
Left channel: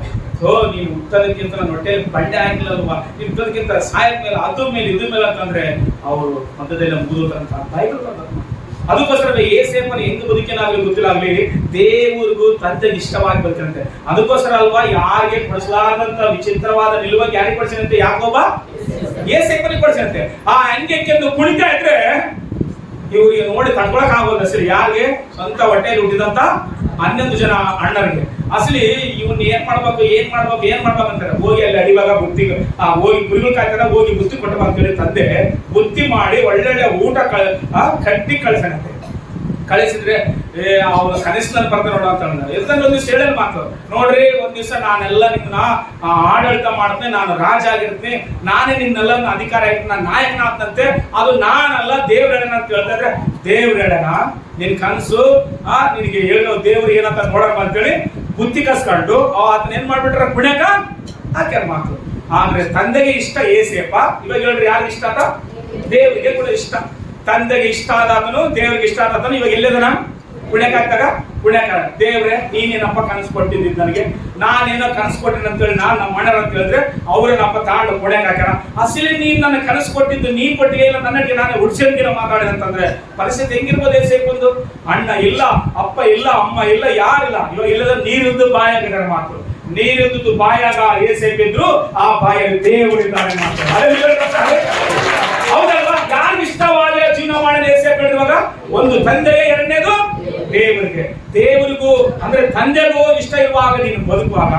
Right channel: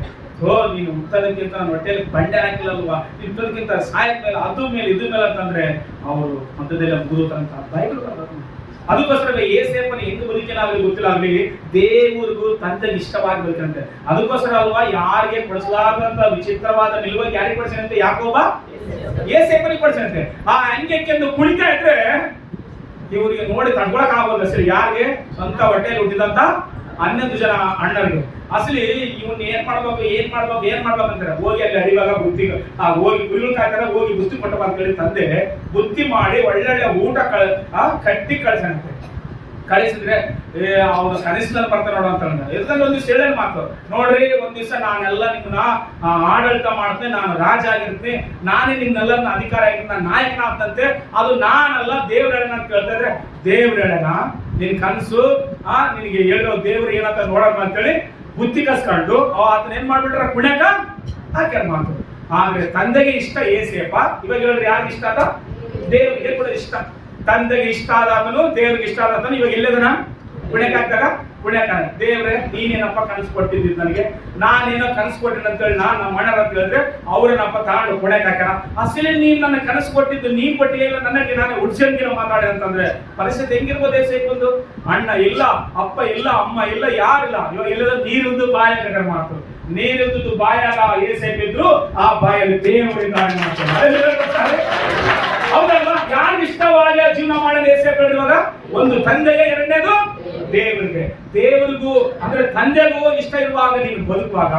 ನೀನು ಹುಟ್ಟೋದಕ್ಕಿಂತ ನನ್ನ ಹೊಟ್ಟೆಯಲ್ಲಿ ಬಂಡೆ ಆಗಿಲ್ಲಲ್ವಾ, ನೀನು ಹುಟ್ಟೋದಕ್ಕಿಂತ ಸಾಯದ ಮೇಲೆ ಅದು ಮೇಲೆ ಇದು ಮೇಲೆ ಅಂತಂದ್ರೆ ಅವರು ಮಧ್ಯದಲ್ಲಿ ಮುಗಿದೋತಾರಂತ ಬೈಬಲ್ ಬರ್ತದೆ. ಅದಕ್ಕೋಸ್ಕರ ಯೋಸೇಫನ ಹೆಂಗ್ ಬದುಕಿನಾಗ್ಲಿ ಗೊತ್ತಿಲ್ಲಾಗ್ಲಿ ದೇವರಿಗೂ ತಂದೆಗೆ ಇಷ್ಟವಾಗಿ ಬದುಕಂತೆ. ಅದಕ್ಕೋಸ್ಕರ ಅಲ್ವಾ ಯಾರಿಗೆ ಕೊಡಿಸಲಾದಂತ ವಿಚಿತ್ರವಾದ ನಿಲುವಾಗಿ ಯಾರಿಗೆ ಕೊಡಿಸಿದಂತೆ? ಯಾಕೋಬ ಯೋಸೇಫನಿಗೆ ಕೊಡಿಸಿದಂತೆ. ಆ ಅಂಗೆಕ್ಕೆಂದು ಕುಣಿತಾ ಇದ್ರೆ ಇವರಿಗೆ ನೋಡಿ ತಡ್ಕೊಳಕ್ ಆಗೋಲ್ಲ ಸರಿ. ಯಾರಿಗೆ? ಸ್ವಂತ ಹೊಟ್ಟೆಯಲ್ಲಿ ಹುಟ್ಟಿದಂತ 11 ಜನ ಅಣ್ಣರಿಗೆ. ಅಸಲಿ ಇವನ್ ಏನ್ ಮಾಡ್ಬೇಕಂತಾರೆ. ಹೋಗಿ ಅಲ್ಲಿ ಅಡಿವಾಗ ಬುತ್ತಿ ಹೋಗಿ ಕುರಿಗಳು ಕಾಯ್ತಾರೆ, ಹೋಗಿ ಬುತ್ತಿ ಕೊಟ್ಟಪ್ಪ ಅಂತೇಳಿ ತಂದೆ ಬುತ್ತಿ ಮಾಡಿ ಒಳ್ಳೊಳ್ಳೆ ಊಟ ಕಟ್ಟಿ ಕಳ್ಸಂತೆ. ಕಳಿಸಿದ್ರೆ ಅವ್ರ ಕನಿಷ್ಠನ ಬರ್ತಾರೆ ನೋಡು ಅಂತ ಎಲ್ದಂಗೆ ಒಂದು ಹೇಳಲ್ ಮಾತು. ನೋಡ್ರಿ, ಒಂದ್ ದಿವಸ ನಾನೆಲ್ಲ ನಿಮ್ಮನ್ನ ಆಡಳಿತ ಮಾಡ್ತೇನೆ, ನಾನು ರಾಜ ಆಗಿರ್ತೀನಿ, ನಾನೇ ನಿಮ್ನೆಲ್ಲ ಅಧಿಕಾರ ಆಗಿರ್ತೀನಿ, ನಾನು ನಾಯಕನಾಗ್ತಂತೆ. ಅದು ನಾನಲ್ಲ, ದೇವ್ರ ಹೇಳನ ಅಂತ ಹೇಳ್ತಾ ಇದ್ರೆ, ದೇವ್ರ ಹೇಳನ ನಿನ್ ಕನ್ಸು ನಿನಗೆ ಹೇಳೋ ದೇವ್ರು ಏನಂತ ನೋಡಮ್ಮ ಅಂತೇಳಿ ಬುತ್ತಿ ಕಸ್ಕೊಂಡು ಆತನ ಏನ್ ಮಾಡ್ಬಿಟ್ರ ಕುಣ್ಯಾಕ ಹಾಕ್ಯಾರ ಮಾತು. ಆದ್ರೆ ತಂದೆಗೆ ಇಷ್ಟ ಯೋಸೇಫ. ಇವಾಗ ಹೇಳ್ರಿ ಯಾರಿಗೆ ಇಷ್ಟ ಆತ? ದೇವರಿಗೆ ಕೂಡ ಇಷ್ಟ. ತಂದೆಗೆ ಇಷ್ಟ ಆದಾತನು, ದೇವ್ರಿಗೆ ಇಷ್ಟ ಆದಾತನು. ಇವಾಗ ಎಲ್ಲದನ ಕುಣ್ಯಾಕ ಹಾಕ್ತಾಗ ಕುಣ್ಯಾಕ ದೇವ್ರೆ ನೀನೇನಪ್ಪ ಕನಸು ಕೊಟ್ಟಿದ್ದ ನನಗೆ, ನಾನೇನೋ ಕನಸು ಕೊಟ್ಟಿನ ಅಂತೇಳಿ ನಾನು ನಮ್ಮ ಅಣ್ಣರ ಅಂತ ಹೇಳಿದ್ರೆ ಅವ್ರೇನಪ್ಪ ತಾಂಡು ಕುಣ್ಯಾಕ ಹಾಕ್ಯಾರ. ಅಸಲಿ ನೀನ್ ನನ್ನ ಕನಸು ಕೊಟ್ಟಿದ್ದು ನೀನ್ ಕೊಟ್ಟಿಗೆ ಇಲ್ಲ, ನನಗೆ ನಾನೇ ಉಡ್ಸಂಗಿನ ಮಾತಾಡಿ ಅಂತಂದ್ರೆ ಪರಿಸ್ಥಿತಿ ಹೆಂಗಿರ್ಬೋದು? ಯೋಸೇಫಂದು ಅಣ್ಣ ಇಲ್ಲ, ಅಪ್ಪ ಇಲ್ಲ, ಅಮ್ಮ ಇಲ್ಲ, ಯಾರಿಲ್ಲ. ಇವಾಗ ಇಲ್ಲದ ನೀರಿದ್ದು ಬಾಯಾಗ ಮಾತು. ನೀರಿದ್ದು ಬಾಯಾಗ ಯೋಸೇಫ ಇದ್ರು, ಆ ಬಾಯಲ್ಲಿ ದೇವರಿದ್ದಾರೆ ಮಾತು. ಹೌದಲ್ವಾ? ಯಾರಿಗೆ ಇಷ್ಟವಾದ ಇವಾಗ? ಒಂದು ತಂದೆಗೆ, ಎರಡನೇದು ದೇವರಿಗೆ. ದೇವರಿಗೂ ಅಂದ್ರೆ ತಂದೆಗೂ ಇಷ್ಟ ಇರುವಾಗ ನೀನು ಬದುಕುವಾಗ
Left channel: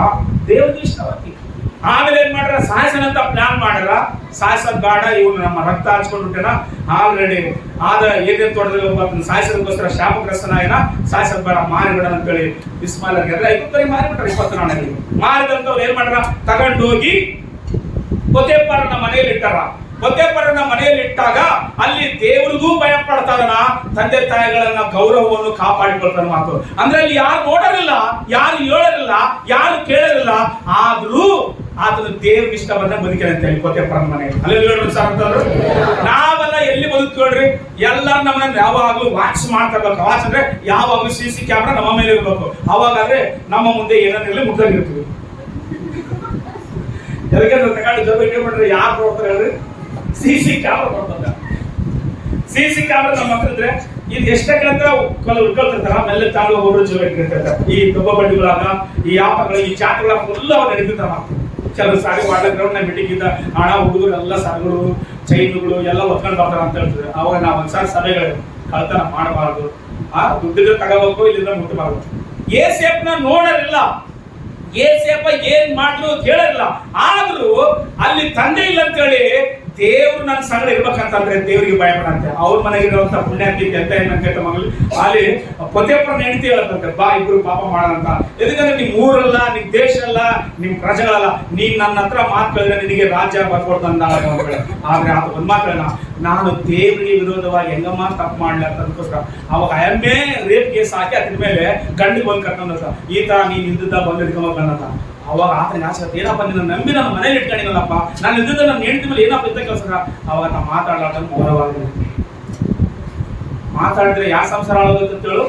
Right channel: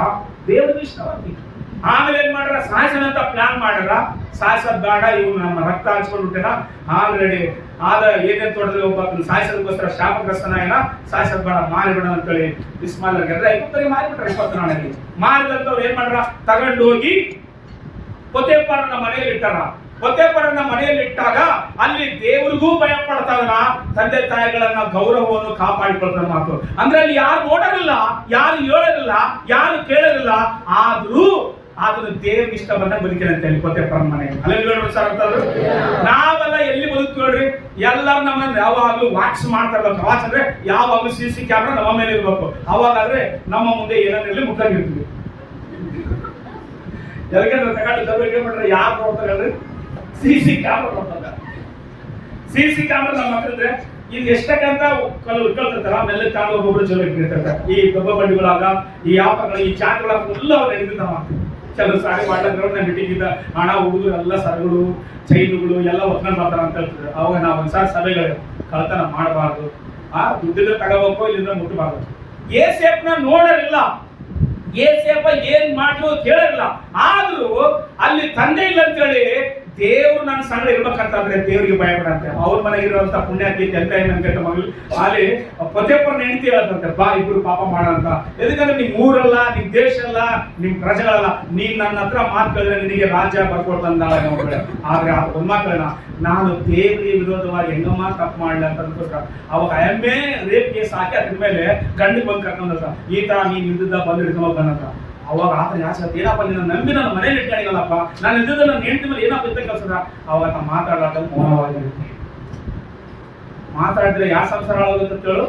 ದೇವರಿಗೂ ಇಷ್ಟವಾಗ್ತಿ. ಆಮೇಲೆ ಏನ್ ಮಾಡ್ರ, ಸಾಯಿಸನಂತ ಪ್ಲಾನ್ ಮಾಡ್ಯಾರ. ಸಾಯಿಸೋದ್ ಬೇಡ, ಇವನು ನಮ್ಮ ರಕ್ತ ಹಂಚ್ಕೊಂಡ್ಬಿಟ್ಟೇನ, ಆಲ್ರೆಡಿ ಆದ ಏನೇನ್ ತೋಟದಲ್ಲಿ ಒಬ್ಬ ಸಾಯಿಸೋದಕ್ಕೋಸ್ಕರ ಶಾಪಗ್ರಸ್ತನಾಯನ, ಸಾಯಿಸೋದ್ ಬೇಡ, ಮಾರಿಬಿಡ ಅಂತೇಳಿ ಇಸ್ಮಾಯಿಲರಿಗೆ ಅಂದ್ರೆ 50 ಮಾರಿಬಿಟ್ರ. 20 ನಾಣ್ಯಗಳಿಗೆ ಮಾರಿದಂತವ್ರು ಏನ್ ಮಾಡ್ರ, ತಗೊಂಡೋಗಿ ಪೊತೆಫರನ ಮನೆಯಲ್ಲಿ ಇಟ್ಟಾರ. ಪೊತೆಫರನ ಮನೆಯಲ್ಲಿ ಇಟ್ಟಾಗ ಅಲ್ಲಿ ದೇವರಿಗೂ ಭಯ ಪಡ್ತಾನ, ತಂದೆ ತಾಯಿಗಳನ್ನ ಗೌರವವನ್ನು ಕಾಪಾಡಿಕೊಳ್ತಾನ ಮಾತು. ಅಂದ್ರೆ ಅಲ್ಲಿ ಯಾರು ನೋಡರಿಲ್ಲ, ಯಾರು ಹೇಳರಿಲ್ಲ, ಯಾರು ಕೇಳರಿಲ್ಲ, ಆದ್ರೂ ಆತನು ದೇವ್ರಿಗೆ ಇಷ್ಟ ಬಂದಾಗ ಬದುಕಿರಂತೆ ಅಲ್ಲಿ ಪೊತೆಫರನ ಮನೆಯಲ್ಲಿ. ಅಲ್ಲಿ ಸರ್ ಅಂತಂದ್ರು, ನಾವೆಲ್ಲ ಎಲ್ಲಿ ಬದುಕ್ತೇಳ್ರಿ, ಎಲ್ಲರೂ ನಮ್ಮನ್ನ ಯಾವಾಗ್ಲೂ ವಾಚ್ ಮಾಡ್ತಾ ಇರ್ಬೇಕು. ವಾಚ್ ಅಂದ್ರೆ ಯಾವಾಗ್ಲೂ CC ಕ್ಯಾಮ್ರಾ ನಮ್ಮ ಮೇಲೆ ಇರ್ಬೇಕು. ಅವಾಗಾದ್ರೆ ನಮ್ಮ ಮುಂದೆ ಏನೇನಿರಲಿ ಮುಗ್ದಾಗಿರ್ತೀವಿ. ಯಾಕಂದ್ರೆ ತಗೊಂಡು ಜೊತೆಗೆ ಬಿಟ್ರೆ ಯಾರು ನೋಡ್ತಾರೆ ಹೇಳ್ರಿ, CC ಕ್ಯಾಮ್ರಾ ನೋಡ್ತಾರೆ. CC ಕ್ಯಾಮ್ರಾ ನಮ್ಮ ಹತ್ರ ಇದ್ರೆ ಇದು ಎಷ್ಟಕ್ಕಂತ ಉಳ್ಕೊಳ್ತಿರ್ತಾರ, ಆಮೇಲೆ ತಾಂಡು ಒಬ್ಬೊಬ್ರು ಜೊತೆ ಇಟ್ಟಿರ್ತಾರೆ. ಈ ದೊಬ್ಬ ಬಂಡಿಗಳಾಗ, ಈ ಆಪಗಳು, ಈ ಚಾಟ್ಗಳ ಎಲ್ಲ ಅವ್ ನಡೀತಿರ್ತಾವ. ಕೆಲವು ಸಾರಿ ವಾಟರ್ ಗ್ರೌಂಡ್ ನ ಮೀಟಿಂಗ್ ಇದ್ದ ಹಣ ಹುಡುಗರು ಎಲ್ಲ ಸರಗಳು, ಚೈನುಗಳು ಎಲ್ಲ ಒತ್ಕೊಂಡು ಬರ್ತಾರ ಅಂತ ಹೇಳ್ತಿದ್ರು. ಅವಾಗ ನಾವು ಒಂದ್ಸಾರಿ ಸಭೆಗಳು ಕಳ್ತನ ಮಾಡಬಾರ್ದು, ದುಡ್ಡಿದ್ರೆ ತಗೋಬೇಕು, ಇಲ್ಲಿಂದ ಮುಟ್ಟಬಾರ್ದು. ಏಸೇಪ್ನ ನೋಡರಿಲ್ಲ, ಏಸೇಪ ಏನ್ ಮಾಡ್ಲು ಕೇಳಿರಲ್ಲ. ಆದ್ರೂ ಅಲ್ಲಿ ತಂದೆ ಇಲ್ಲ ಅಂತೇಳಿ ದೇವ್ರು ನನ್ನ ಸಂಗಡ ಇರ್ಬೇಕಂತಂದ್ರೆ ದೇವ್ರಿಗೆ ಭಯಪಡಂತೆ. ಅವ್ರ ಮನೆಗಿರುವಂತ ಪುಣ್ಯಾತಿ ಎಂತ ಏನಂತ ಮಗಳು ಅಲ್ಲಿ ಪೊತೆಫರನ ಹೆಂಡತಿ ಹೇಳತ್ತಂತೆ, ಬಾ ಇಬ್ರು ಪಾಪ ಮಾಡೋಣಂತ. ಎದಕ್ಕಂದ್ರೆ ನಿಮ್ ಊರಲ್ಲ, ನಿಮ್ ದೇಶ ಅಲ್ಲ, ನಿಮ್ ಪ್ರಜೆಗಳಲ್ಲ, ನೀನ್ ನನ್ನ ಹತ್ರ ಮಾತು ಕೇಳಿದ್ರೆ ನಿನಗೆ ರಾಜ್ಯ ಬರ್ಕೊಡ್ತಂದ. ಆದ್ರೆ ಆತ ಒಂದ್ ಮಾತುಗಳನ್ನ, ನಾನು ದೇವರಿಗೆ ವಿರೋಧವಾಗಿ ಹೆಂಗಮ್ಮ ತಪ್ಪು ಮಾಡ್ಲಿ ಅಂತ ಅದಕ್ಕೋಸ್ಕರ ಅವಾಗ ಎಮ್ಮೆ ರೇಪ್ ಕೇಸ್ ಹಾಕಿ ಅದ್ರ ಮೇಲೆ ಗಂಡಿಗೆ ಬಂದು ಕರ್ಕೊಂಡ, ಈತ ನೀನ್ ಇದ್ದ ಬಂದು ಹಿಡ್ಕೊಂಡ್ ಬಂದಂತ. ಅವಾಗ ಆತನಿಗೆ ಆಸೆ, ಏನಪ್ಪ ನಿನ್ನ ನಂಬಿ ನನ್ನ ಮನೇಲಿ ಇಟ್ಕೊಂಡಿನಲ್ಲಪ್ಪ, ನಾನು ಇದ್ದಿದ್ದ ನನ್ನ ಹೆಂಡತಿ ಮೇಲೆ ಏನಪ್ಪ ಇದ್ದ ಕೆಲಸ. ಅವಾಗ ನಾ ಮಾತಾಡ್ಲಾರ್ದ ಮೌನವಾಗಿರ್ತೀನಿ. ಮಾತಾಡಿದ್ರೆ ಯಾವ ಸಂಸಾರ ಆಗೋದಂತ ಹೇಳು,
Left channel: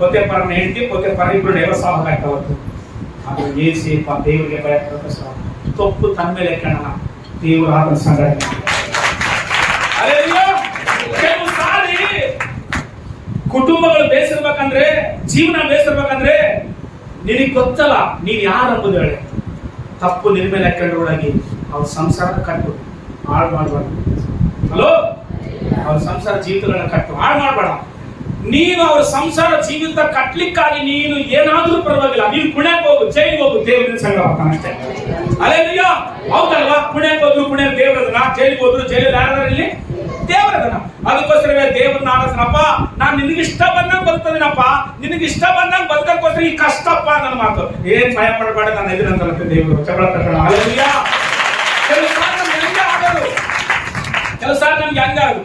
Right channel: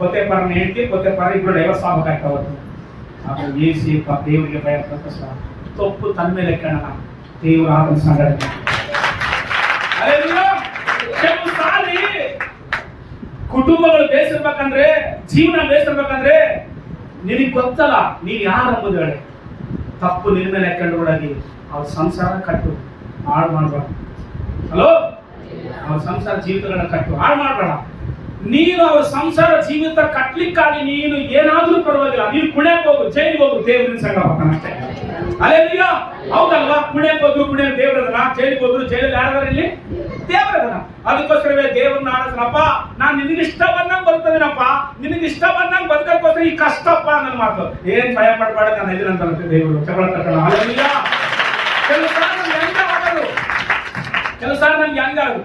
ಪೊತೆಫರನ ಹೆಂಡತಿ ಪೊತೆಫರ ಇಬ್ರು ಡೈವರ್ಸ್ ಆಗ್ಬೇಕಾಯ್ತು ಅವತ್ತು. ಅದು ಏಸೇಪ ದೇವರಿಗೆ ಭಯಪಡ ತಪ್ಪು ತನ್ನ ಮೇಲೆ ಕಣ್ಣ ದೇವರು ಆತನ ಸಂಗಡ. ಕೆಲವು ಸಾರಿ ಕುಟುಂಬಗಳು ಬೇಸಿರ್ಬೇಕಂದ್ರೆ, ಜೀವನ ಬೇಸಿರ್ಬೇಕಂದ್ರೆ ನಿನಗೆ ಗೊತ್ತಲ್ಲ ನೀನ್ ಯಾರು ಅಂಬುದು ಹೇಳಿ. ತಪ್ಪು ನಿನ್ ಮೇಲೆ ಹಾಕೊಂಡೋಗಿ ಅವ್ರ ಸಂಸಾರ ಕಟ್ಟು ಹಾಳು ಮಾಡಬೇಡ. ಹಲೋ, ಅವ್ರ ಸಂಸಾರ ಜೀವಿತಗಳನ್ನ ಕಟ್ಟು ಹಾಳು ಮಾಡಬೇಡ. ನೀನು ಅವ್ರ ಸಂಸಾರ ಜೀವಿತ ಕಟ್ಲಿಕ್ಕಾಗಿ ನೀನು ಏನಾದ್ರೂ ಪರವಾಗಿಲ್ಲ, ನೀನು ಪುಣ್ಯಕ್ಕೆ ಹೋಗು, ಜೈಲಿಗೆ ಹೋಗು, ದೇವ್ರಿನ ಸಂಘ ಬರ್ತಾನಷ್ಟೇ. ಅಲ್ಲೇಲಿಯಾ, ಹೌದಲ್ವಾ? ಪುಣ್ಯಕ್ಕೆ ಹೋದ್ರು ಪುಣ್ಯ ದೇವ್ರದನ, ಜೈಲಿಗೆ ಹೋದ್ರು ಜೈಲಲ್ಲಿ ಯಾರಾದ್ರೂ ಇಲ್ಲಿ ದೇವರದನ. ಅದಕ್ಕೋಸ್ಕರವೇ ದೇವ್ರನ್ನ ಆಡಸನಪ್ಪ, ನಾನ್ ನಿನಗಿಷ್ಟ ಬಂದಂಗ್ ಬದುಕ್ತದೇನಪ್ಪ, ನಿನಗಿಷ್ಟ ಬಂದಂಗ್ ಬದುಕೋಸ್ಕರ ಈ ಕಷ್ಟಪ್ಪ ನನ್ನ ಮಾತು. ಏನ್ ಭಯ ಪಡಬೇಡ, ನಾನು ಎದುರಂತ ದೇವರು ಚಗಳ ತಗೊಳ್ಳ. ಅಲ್ಲೇಲಿಯಾ, ಕೆಲವು ಸಾಲ ನಮ್ಗೆ ಹೆಂಗ ಆಗೋದು, ಕೆಲವು ಸಾಲ ನಮ್ಗೆ ಹೆಂಗಾಗೋದು,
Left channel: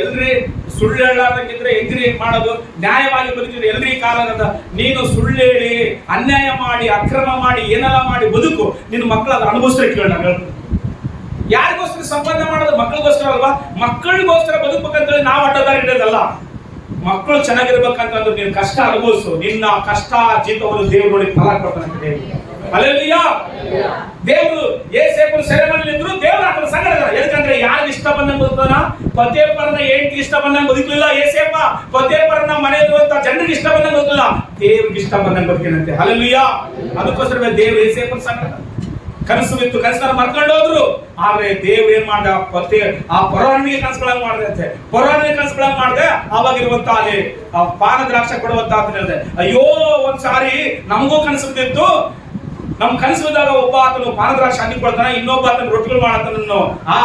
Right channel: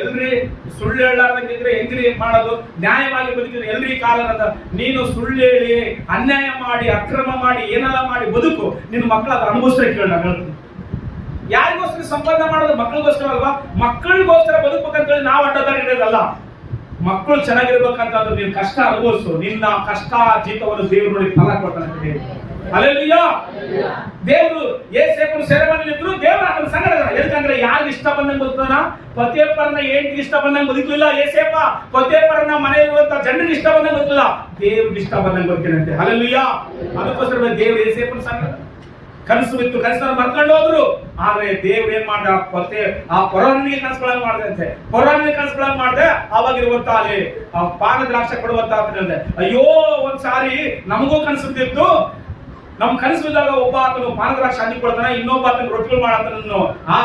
ಎಲ್ರಿ ಸುಳ್ಳು ಹೇಳಾರ್ದಂಗಿದ್ರೆ ಹೆಂಗ್ರಿ ಮಾಡೋದು, ನ್ಯಾಯವಾಗಿ ಬದುಕಿದ್ರೆ ಎಲ್ರಿ ಕಾಲದ. ನೀನು ಸುಳ್ಳು ಹೇಳಿ, ಅನ್ಯಾಯ ಮಾಡಿ, ಅಕ್ರಮ ಮಾಡಿ, ಏನೆಲ್ಲ ಮಾಡಿ ಬದುಕು, ನಿನ್ನ ಮಕ್ಕಳ ಅನುಭವಿಸ್ತಾರೆ. ಕೇಳ, ನಾನು ಹೇಳ್ತೀನಿ, ಯಾರಿಗೋಸ್ಕರ ಸಂಪಾದನೆ ಮಾಡೋದು? ಮಕ್ಕಳಿಗೋಸ್ಕರ ಅಲ್ವಾ? ಮಕ್ಕಳಿಗೋಸ್ಕರ ಬದುಕಬೇಕಂತೇಳಿ ನಾವು ಅಡ್ಡದಾರಿ ಹಿಡಿಯೋದಲ್ಲ. ಮಕ್ಕಳು ಚೆನ್ನಾಗಿರ್ಬೇಕಂತಂದ್ರೆ ನೀನು ಕಷ್ಟ ಅನುಭವಿಸು, ನಿನ್ನ ಕಷ್ಟ ಜೀತವನ್ನು ದೇವ್ರು ನೋಡಿ ಫಲ ಕೊಡ್ತಾನೆ. ಹಲ್ಲೆಲೂಯಾ. ದೇವರು ಏಸೇಪನ ಸೆರೆಮನೆಯಲ್ಲಿ ಇದ್ರು, ದೇವರು ಆತನ ಸಂಗಡ. ಯಾಕಂದ್ರೆ ಯಾರು ಇಷ್ಟ ಬಂದಂಗೆ ಬದುಕ್ತಾನ? ಪೊತೆಫರನ ಹೆಂಡತಿ ಇಷ್ಟ ಬಂದಂಗೆ ಬದುಕಲಿಲ್ಲ ಏಸೇಪ. ಪೊತೆಫರನ ಮನೆಯಲ್ಲಿರುವಂತ ಜನರಿಗೆ ಇಷ್ಟ ಬಂದಂಗೆ ಬದುಕಲಿಲ್ಲ, ದೇವ್ರಿಗೆ ಇಷ್ಟ ಬಂದಂಗೆ ಬದುಕಿನಂತೆ. ಹಲ್ಲೆಲೂಯಾ. ಅದಕ್ಕೋಸ್ಕರ ದೇವರು ಏಸೇಪನ ಸಂಗಡ ಕನಸು ಬಿತ್ತು, ಕನಸನ್ನ ಮರ್ಕೊಂಡು ಹೋದ್ರು. ಆದ್ರೆ ದೇವ್ರು ಏನ್ ಮಾಡ್ದ, ಆ ಪೊರಾನಿಗೆ ಕನಸುಗಳಾಗಿ ಮಾಡಿದೆ. ಪೊರಾನಿಗೆ ಕನಸುಗಳಾಗಿ ಮಾಡಿದೆ. ಅವಾಗಿರುವಂತ ಅಲ್ಲಿ ಆ ಪಾನ ದ್ರಾಕ್ಷ ಕೊಡುವಂತ ಅಂತ ಹೇಳಿದೆ. ಅಯ್ಯೋ, ಒಂದ್ಸಾರಿ ನಮಗೂ ಕನಸು ಬಿದ್ದಿತ್ತು. ನಮ್ ಕನಸು ಬಿದ್ದಾಗ ಒಬ್ಬ ಆತನು ಪಾನದ್ರಾಕ್ಷ ಹಣ್ಣಿ ಕೊಡ್ತಾನೆ, ಇನ್ನೊಬ್ಬ ಆತನ ರೊಟ್ಟಿಗಳು ಮಾಡತನನ್ನು ಆ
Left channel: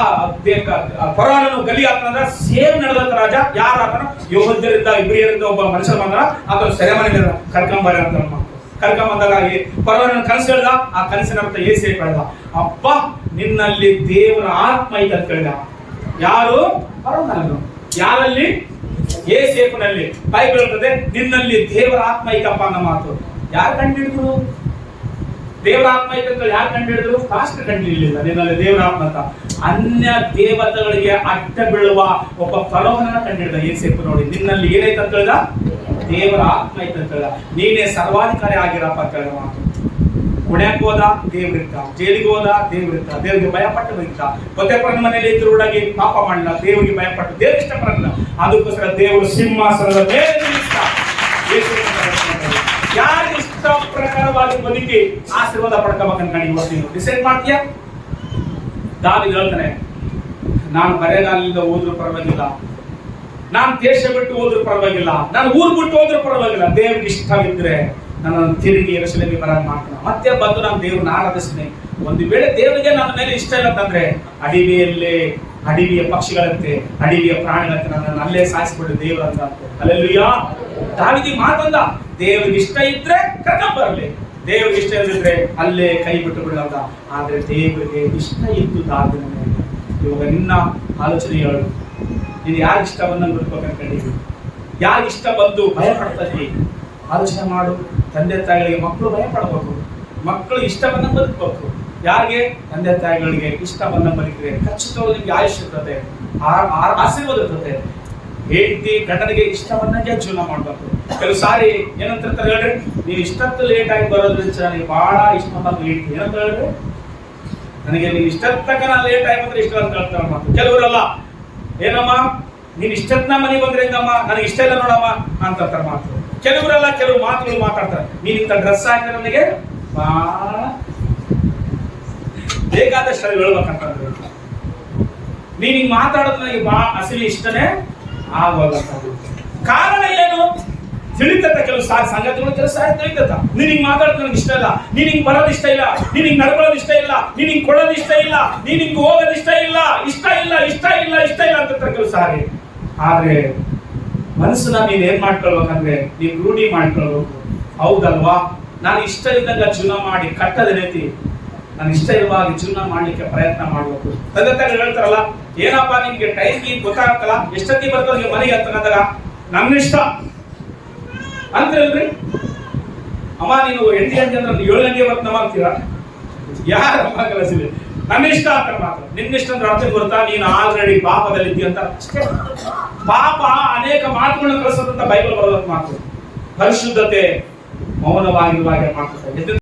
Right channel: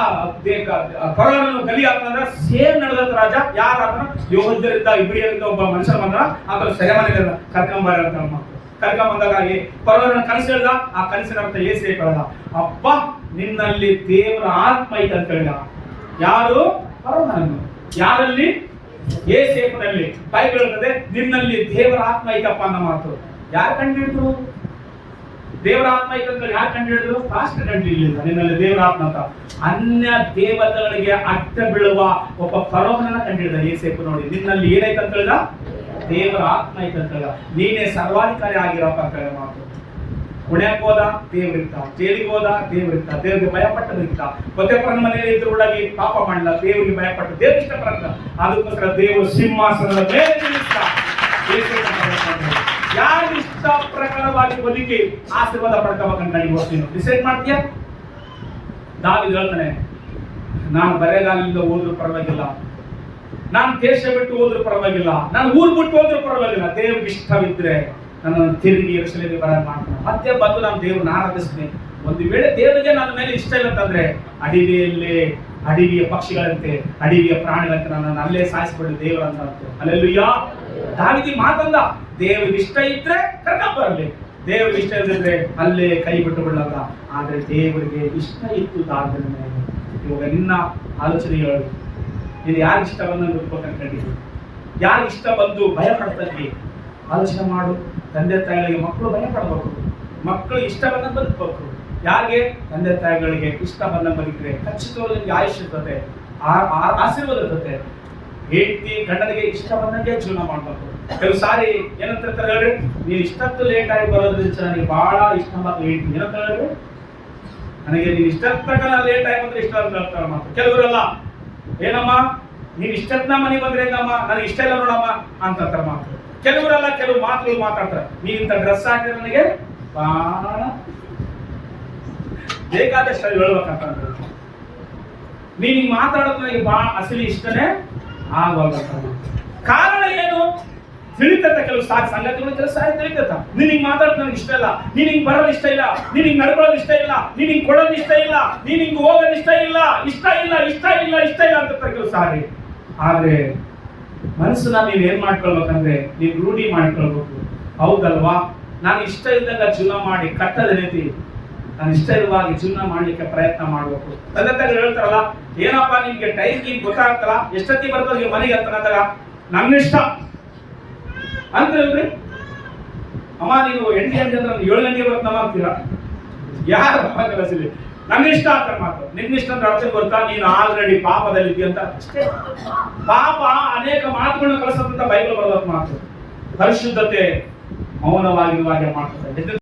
ಪೊರಾನನ್ನು ಗಲಿ ಹಾಕಂದ್ರೆ ಸೇಮ್ ನಡೆದಂತ ರಾಜ ಯಾರು ಆತನ ಯೋಧರಿಂದ ಇಬ್ರಿಯರಿಂದ ಒಬ್ಬ ಮನುಷ್ಯ ಬಂದ, ಆತನ ಸೆರೆಮನೆಯಲ್ಲಿ ಕರ್ಕೊಂಬರ ಅಂತ ಕರ್ಕೊಂಬಂದಾಗ ಪರವನ ಕನಸು ಹೇಳ್ದ. ಆ ಕನಸಿನ ಅರ್ಥ ಏಸೇಪ ಹೇಳ್ದ, ಅಪ್ಪ ನಿನ್ನಲ್ಲಿ ದೇವರ ಆತ್ಮ ಐತೆ ಅಂತ ಹೇಳಿದ. ಯಾರು? ಪರವನನ್ನು. ಯಾರಲ್ಲಿ? ಏಸೇಪನಲ್ಲಿ. ಬೈಬಲ್ ಹೇಳ್ತದೆ ನಿನ್ನಲ್ಲಿ ದೇವರ ಆತ್ಮ ಐತಪ್ಪ ಅನ್ನೋ ಮಾತು. ಯಾರು ಕಂಡು ಹಿಡಿದ್ರು? ದೇವರ ಆತ್ಮ ಐತೆ ಅಂತ ಯಾರು ಕಂಡು ಹಿಡಿದ್ರು? ಪಾಸ್ಟರ್ ಕಂಡು ಹಿಡಿಲಿಲ್ಲ ನಿನ್ನಲ್ಲಿ ದೇವರ ಆತ್ಮ ಅಂತ. ಅನ್ಯ ದೇವತೆಗಳಿಗೆ ಅಡ್ಡ ಬೀಳುವ ಒಬ್ಬ ಫರೋಹನನ್ನ ಕಂಡು ಹಿಡಿದ ಏಸೇಪ. ನೋಡಿ, ನಿನ್ನಲ್ಲಿ ಏನೈತೆ ಅಂತ ಹೇಳಿದ? ದೇವರ ಆತ್ಮ ಐತೆ ಅಂತ ಹೇಳಿದ. ನೀನೇ ಸರ್ವಾಧಿಕಾರಿ ಆಗಿರಪ್ಪ ಅಂತ ಹೇಳಿದ ಮಾತು. ಕುಣ್ಯಕ್ಕೆ ಹೋದ, ದೇವ್ರಿತ್ತ. ಜೈಲಿಗೆ ಹೋದ, ದೇವ್ರಿತ್ತ. ದೇವ್ರಿಗೆ ಭಯಪಟ್ಟು ಬದುಕಿದ. ಪೊತೆಫರನ ಮನೆಯಲ್ಲಿ ಇದ್ರೊಳಗೆ ಪಾಪ ಮಾಡಲಿಲ್ಲ, ದೇವರಿಗೆ ಭಯಪಟ್ಟು ದೇವ್ರಿಗೆ ಇಷ್ಟಪಡಲಿಲ್ಲ. ಅದಕ್ಕೋಸ್ಕರ ದೇವರು ಸಿಂಹಾಸನದ ಮೇಲೆ ನಿಲ್ಲಿಸ್ತಾ ಯಾರಿಗೆ ಇಷ್ಟ ಪ್ರಕಾರವಾಗಿ ಬದುಕಿ ಆಶೀರ್ವಾದ ಪಡ್ಕೋಬೇಕಂತ ಕಣಿಗೆ ಹೋಗ್ತೀನಿ. ಡಿಸೈಡ್ ಮಾಡ್ತೀಯಾ? ದಾವೀದ ಹೇಳ್ತಾನೆ, ನಾನು ಬರೆಗಾಲಿಂದ ಹೋದ್ರೂ ಪರವಾಗಿಲ್ಲ, ನಾನು ದೇಶ ಬಿಟ್ಟು ಹೋದ್ರೂ ಪರವಾಗಿಲ್ಲ, ನಾನು ಊರು ಬಿಟ್ಟು ಹೋದ್ರೂ ಪರವಾಗಿಲ್ಲ, ದೇವ್ರಿಗೆ ಇಷ್ಟವಿದ್ರೆ ನನ್ನನ್ನು ತಿರುಗಿ ಯೆರೂಸಲೇಮಿಗೆ ಬರೋದು ಮಾಡ್ತಾನೆ. ಮತ್ತೆ ಬಂದು ನಾನು ದೇವ್ರನ್ನ ಆರಾಧಿಸ್ತೀನಿ. ಒಂದು ವೇಳೆ ದೇವರಿಗೆ ನನ್ನ ಮೇಲೆ ಇಷ್ಟ ಇಲ್ಲ ಅಂತಂದ್ರೆ ಅಡವಿಯ ಪಕ್ಷಿಗಳಂತೆ, ಅಡವಿಯ ಪ್ರಾಣಿಗಳಂತೆ ನನ್ನನ್ನು ಅಲ್ಲೇ ಸಾಯಿಸ್ಬಿಡು ದೇವರು ಅಂತ. ಹಲ್ಲೆಲೂಯಾ. ದಾವೀದ ಮಾತಂದ, ದೇವರಿಗೆ ಇಷ್ಟ ಇದ್ರೆ ಕರ್ಕೊಂಡ್ ಬರಲಿ, ದೇವರಿಗೆ ಇಷ್ಟ ಇಲ್ಲದಿದ್ರೆ ಅಲ್ಲೇ ಕೈ ಬಿಟ್ಟು ಬಿಡಲ್ಲ. ಆದ್ರೆ ದೇವರಿಗೆ ಇಷ್ಟ ಇತ್ತು ದಾವೀದನ ಮೇಲೆ. ಇವಾಗ ನಿನ್ನ ಆಲೋಚನೆ ಹೇಳು, ನೀನು ಯಾರಿಗೆ ಇಷ್ಟ ಬಂದಂಗೆ ಬದುಕಬೇಕಂತ ಕಂಡಿದ್ದೀವಿ, ಯಾರಿಗೆ ಇಷ್ಟ ಬಂದು ಭಯ ಪಡ್ತಾ ಇದ್ದೀವಿ? ಆಲೋಚನೆ ಮಾಡು. ತಂದೆ ತಾಯಿಗಳಿಗೆ ಮಕ್ಕಳು ಭಯ ಪಡಬೇಕು, ಮಕ್ಕಳು ಇಷ್ಟ ಬಂದಂಗೆ ಬದುಕಬೇಕು. ಯಾರಿಗೆ? ತಂದೆ ತಾಯಿಗಳಿಗೆ ಇಷ್ಟ ಬಂದಂಗೆ ಬದುಕಿದ್ರೆ ಖಚಿತವಾಗಿ ನಿಮ್ಗೆ ಆಯುಷ್ಯ ಇರ್ತದೆ, ಆಶೀರ್ವಾದ ಇರ್ತದೆ. ಹೆಂಡತಿ ಗಂಡನಿಗೆ ಇಷ್ಟ ಬಂದಂಗೆ ಜೀವನ ಮಾಡ್ಬೇಕು. ಕೆಲವು ಸಾರಿ ಏನಂತ ಹೇಳ್ರಿ, ನೀವು ಇಷ್ಟತ್ತು ಲೇಟ್ ಆಗಿ ಬರೋದ್ರಿಂದ ನನಗೆ ಬಹಳ ಇಷ್ಟ ಬಂದು ಹೇಳ್ತೀನಿ ಏನಂತ ಹೇಳ್ರಿ, ನನಗೆ ನೀವು ಇಷ್ಟತ್ತಕ್ಕ ನಾನು ಲೇಟ್ ಆಗಿ ಬಂದ್ರೆ ಇಷ್ಟ ಅಂತ ಹೇಳ್ತಾರ ಮಾತು. ಕೆಲವರೆಲ್ಲ ಏನಮ್ಮ ನೀನ್ ಇಷ್ಟತ್ನ ಮನೆಗೆ ಬಂದ್ರೆ ಹೆಂಗಮ್ಮ, ನನಗೆ ಇಷ್ಟ ಇಲ್ಲ ನೋಡಮ್ಮ ಅಂತಾರ ಮಾತು. ಕೆಲವರೆಲ್ಲ ಕೆಲವು ಮಾತುಗಳು ಮಾತಾಡ್ತಾರೆ, ನೀನ್ ಇಂಥ ಡ್ರೆಸ್ ಹಾಕಿದ್ರೆ ನನಗೆ ಬಹಳ ಬೇಕಾದಷ್ಟು ಅದು ಹೇಳ್ಬೇಕಂತಂದ್ರೆ, ನೀನ್ ಹಿಂಗ್ ಮಾತಾಡೋದು ನನಗೆ ಬಹಳ ಅಸಲಿ ಇಷ್ಟನೇ ಆಗೋಲ್ಲ. ಕಾರಣ ಏನು? ತಿಳಿತತ್ತ ಕೆಲವು ಸಂಗತಿಗಳು, ಕೆಲವು ಸಾರಿ ತಿಳಿತತ್ತ. ನೀನ್ ಹಿಂಗ್ ಮಾತಾಡೋದು ನನಗೆ ಇಷ್ಟ ಇಲ್ಲ, ನೀನ್ ಹಿಂಗ್ ಬರೋದು ಇಷ್ಟ ಇಲ್ಲ, ನೀನ್ ಹಿಂಗ್ ನಡ್ಕೊಳ್ಳೋದು ಇಷ್ಟ ಇಲ್ಲ, ನೀನ್ ಹಿಂಗ್ ಕೊಡೋದು ಇಷ್ಟ ಇಲ್ಲ, ನೀನ್ ಹಿಂಗ್ ಹೋಗೋದು ಇಷ್ಟ ಇಲ್ಲ, ಇಷ್ಟ ಇಲ್ಲ ಇಷ್ಟ ಇಲ್ಲ ಇಷ್ಟ ಇಲ್ಲ ಅಂತ ಕೆಲವು ಸಾರಿ. ಆದ್ರೆ ಮನಸ್ಸನ್ನ ನೀವ್ ಏನ್ ಮಾಡ್ಕೊಳ್ಬೇಕಂದ್ರೆ ನೀವ್ ರೂಢಿ ಮಾಡ್ಕೊಳ್ಬೇಕು. ಹೌದಲ್ವಾ? ನಾನು ಇಷ್ಟ ಇದ್ದಂಗ ಜೀವನ ಮಾಡಿ ಕಟ್ಟದೇನೈತಿ, ನಾನು ಇಷ್ಟ ಇರುವಾಗ ಜೀವನ ಮಾಡ್ಲಿಕ್ಕೆ ಪ್ರಯತ್ನ ಮಾಡ್ಬೇಕು. ತಂದೆ ತಾಯಿಗಳು ಹೇಳ್ತಾರಲ್ಲ, ಏನಪ್ಪ ನಿಮ್ಗೆ ಟೈಮ್ ಗೀನ್ ಗೊತ್ತಾಗತ್ತಲ್ಲ, ಎಷ್ಟೊತ್ತಿ ಬರ್ತದೆ ನೀವು ಮನೆಗೆ ಅಂತಂದಾಗ ನನ್ನ ಇಷ್ಟ ಅಂತೀರಲ್ರಿ. ಅಮ್ಮ ನೀನು 8 ಗಂಟೆ ಅಂದ್ರೆ 7 ಗಂಟೆಗೆ ಬರ್ತನಮ್ಮ ಅಂತೀರಾ? ಯಾರಮ್ಮ ಕಲಿಸಿದೆ? ನನ್ನ ಇಷ್ಟ ಅಂತ ಮಾತು. ನಿನ್ನ ಇಷ್ಟ ಅಂದ್ರೆ ಅರ್ಥ ಗೊತ್ತಾ? ನೀನು ಆಲ್ರೆಡಿ ಪಾಪದಲ್ಲಿ ಇದ್ದೀಯ ಅಂತ ಅಷ್ಟೇ. ಪಾಪ ಅನೇಕ ಮಾತುಗಳನ್ನ ಕಲಿಸೋದಂತ ಬೈಬಲ್ ಬರೋದ ಮಾತು. ಪರಿಶುದ್ಧತೆ ಮೌನವಾಗಿರುವಾಗೆ ಮಾಡ್ತಾರೆ.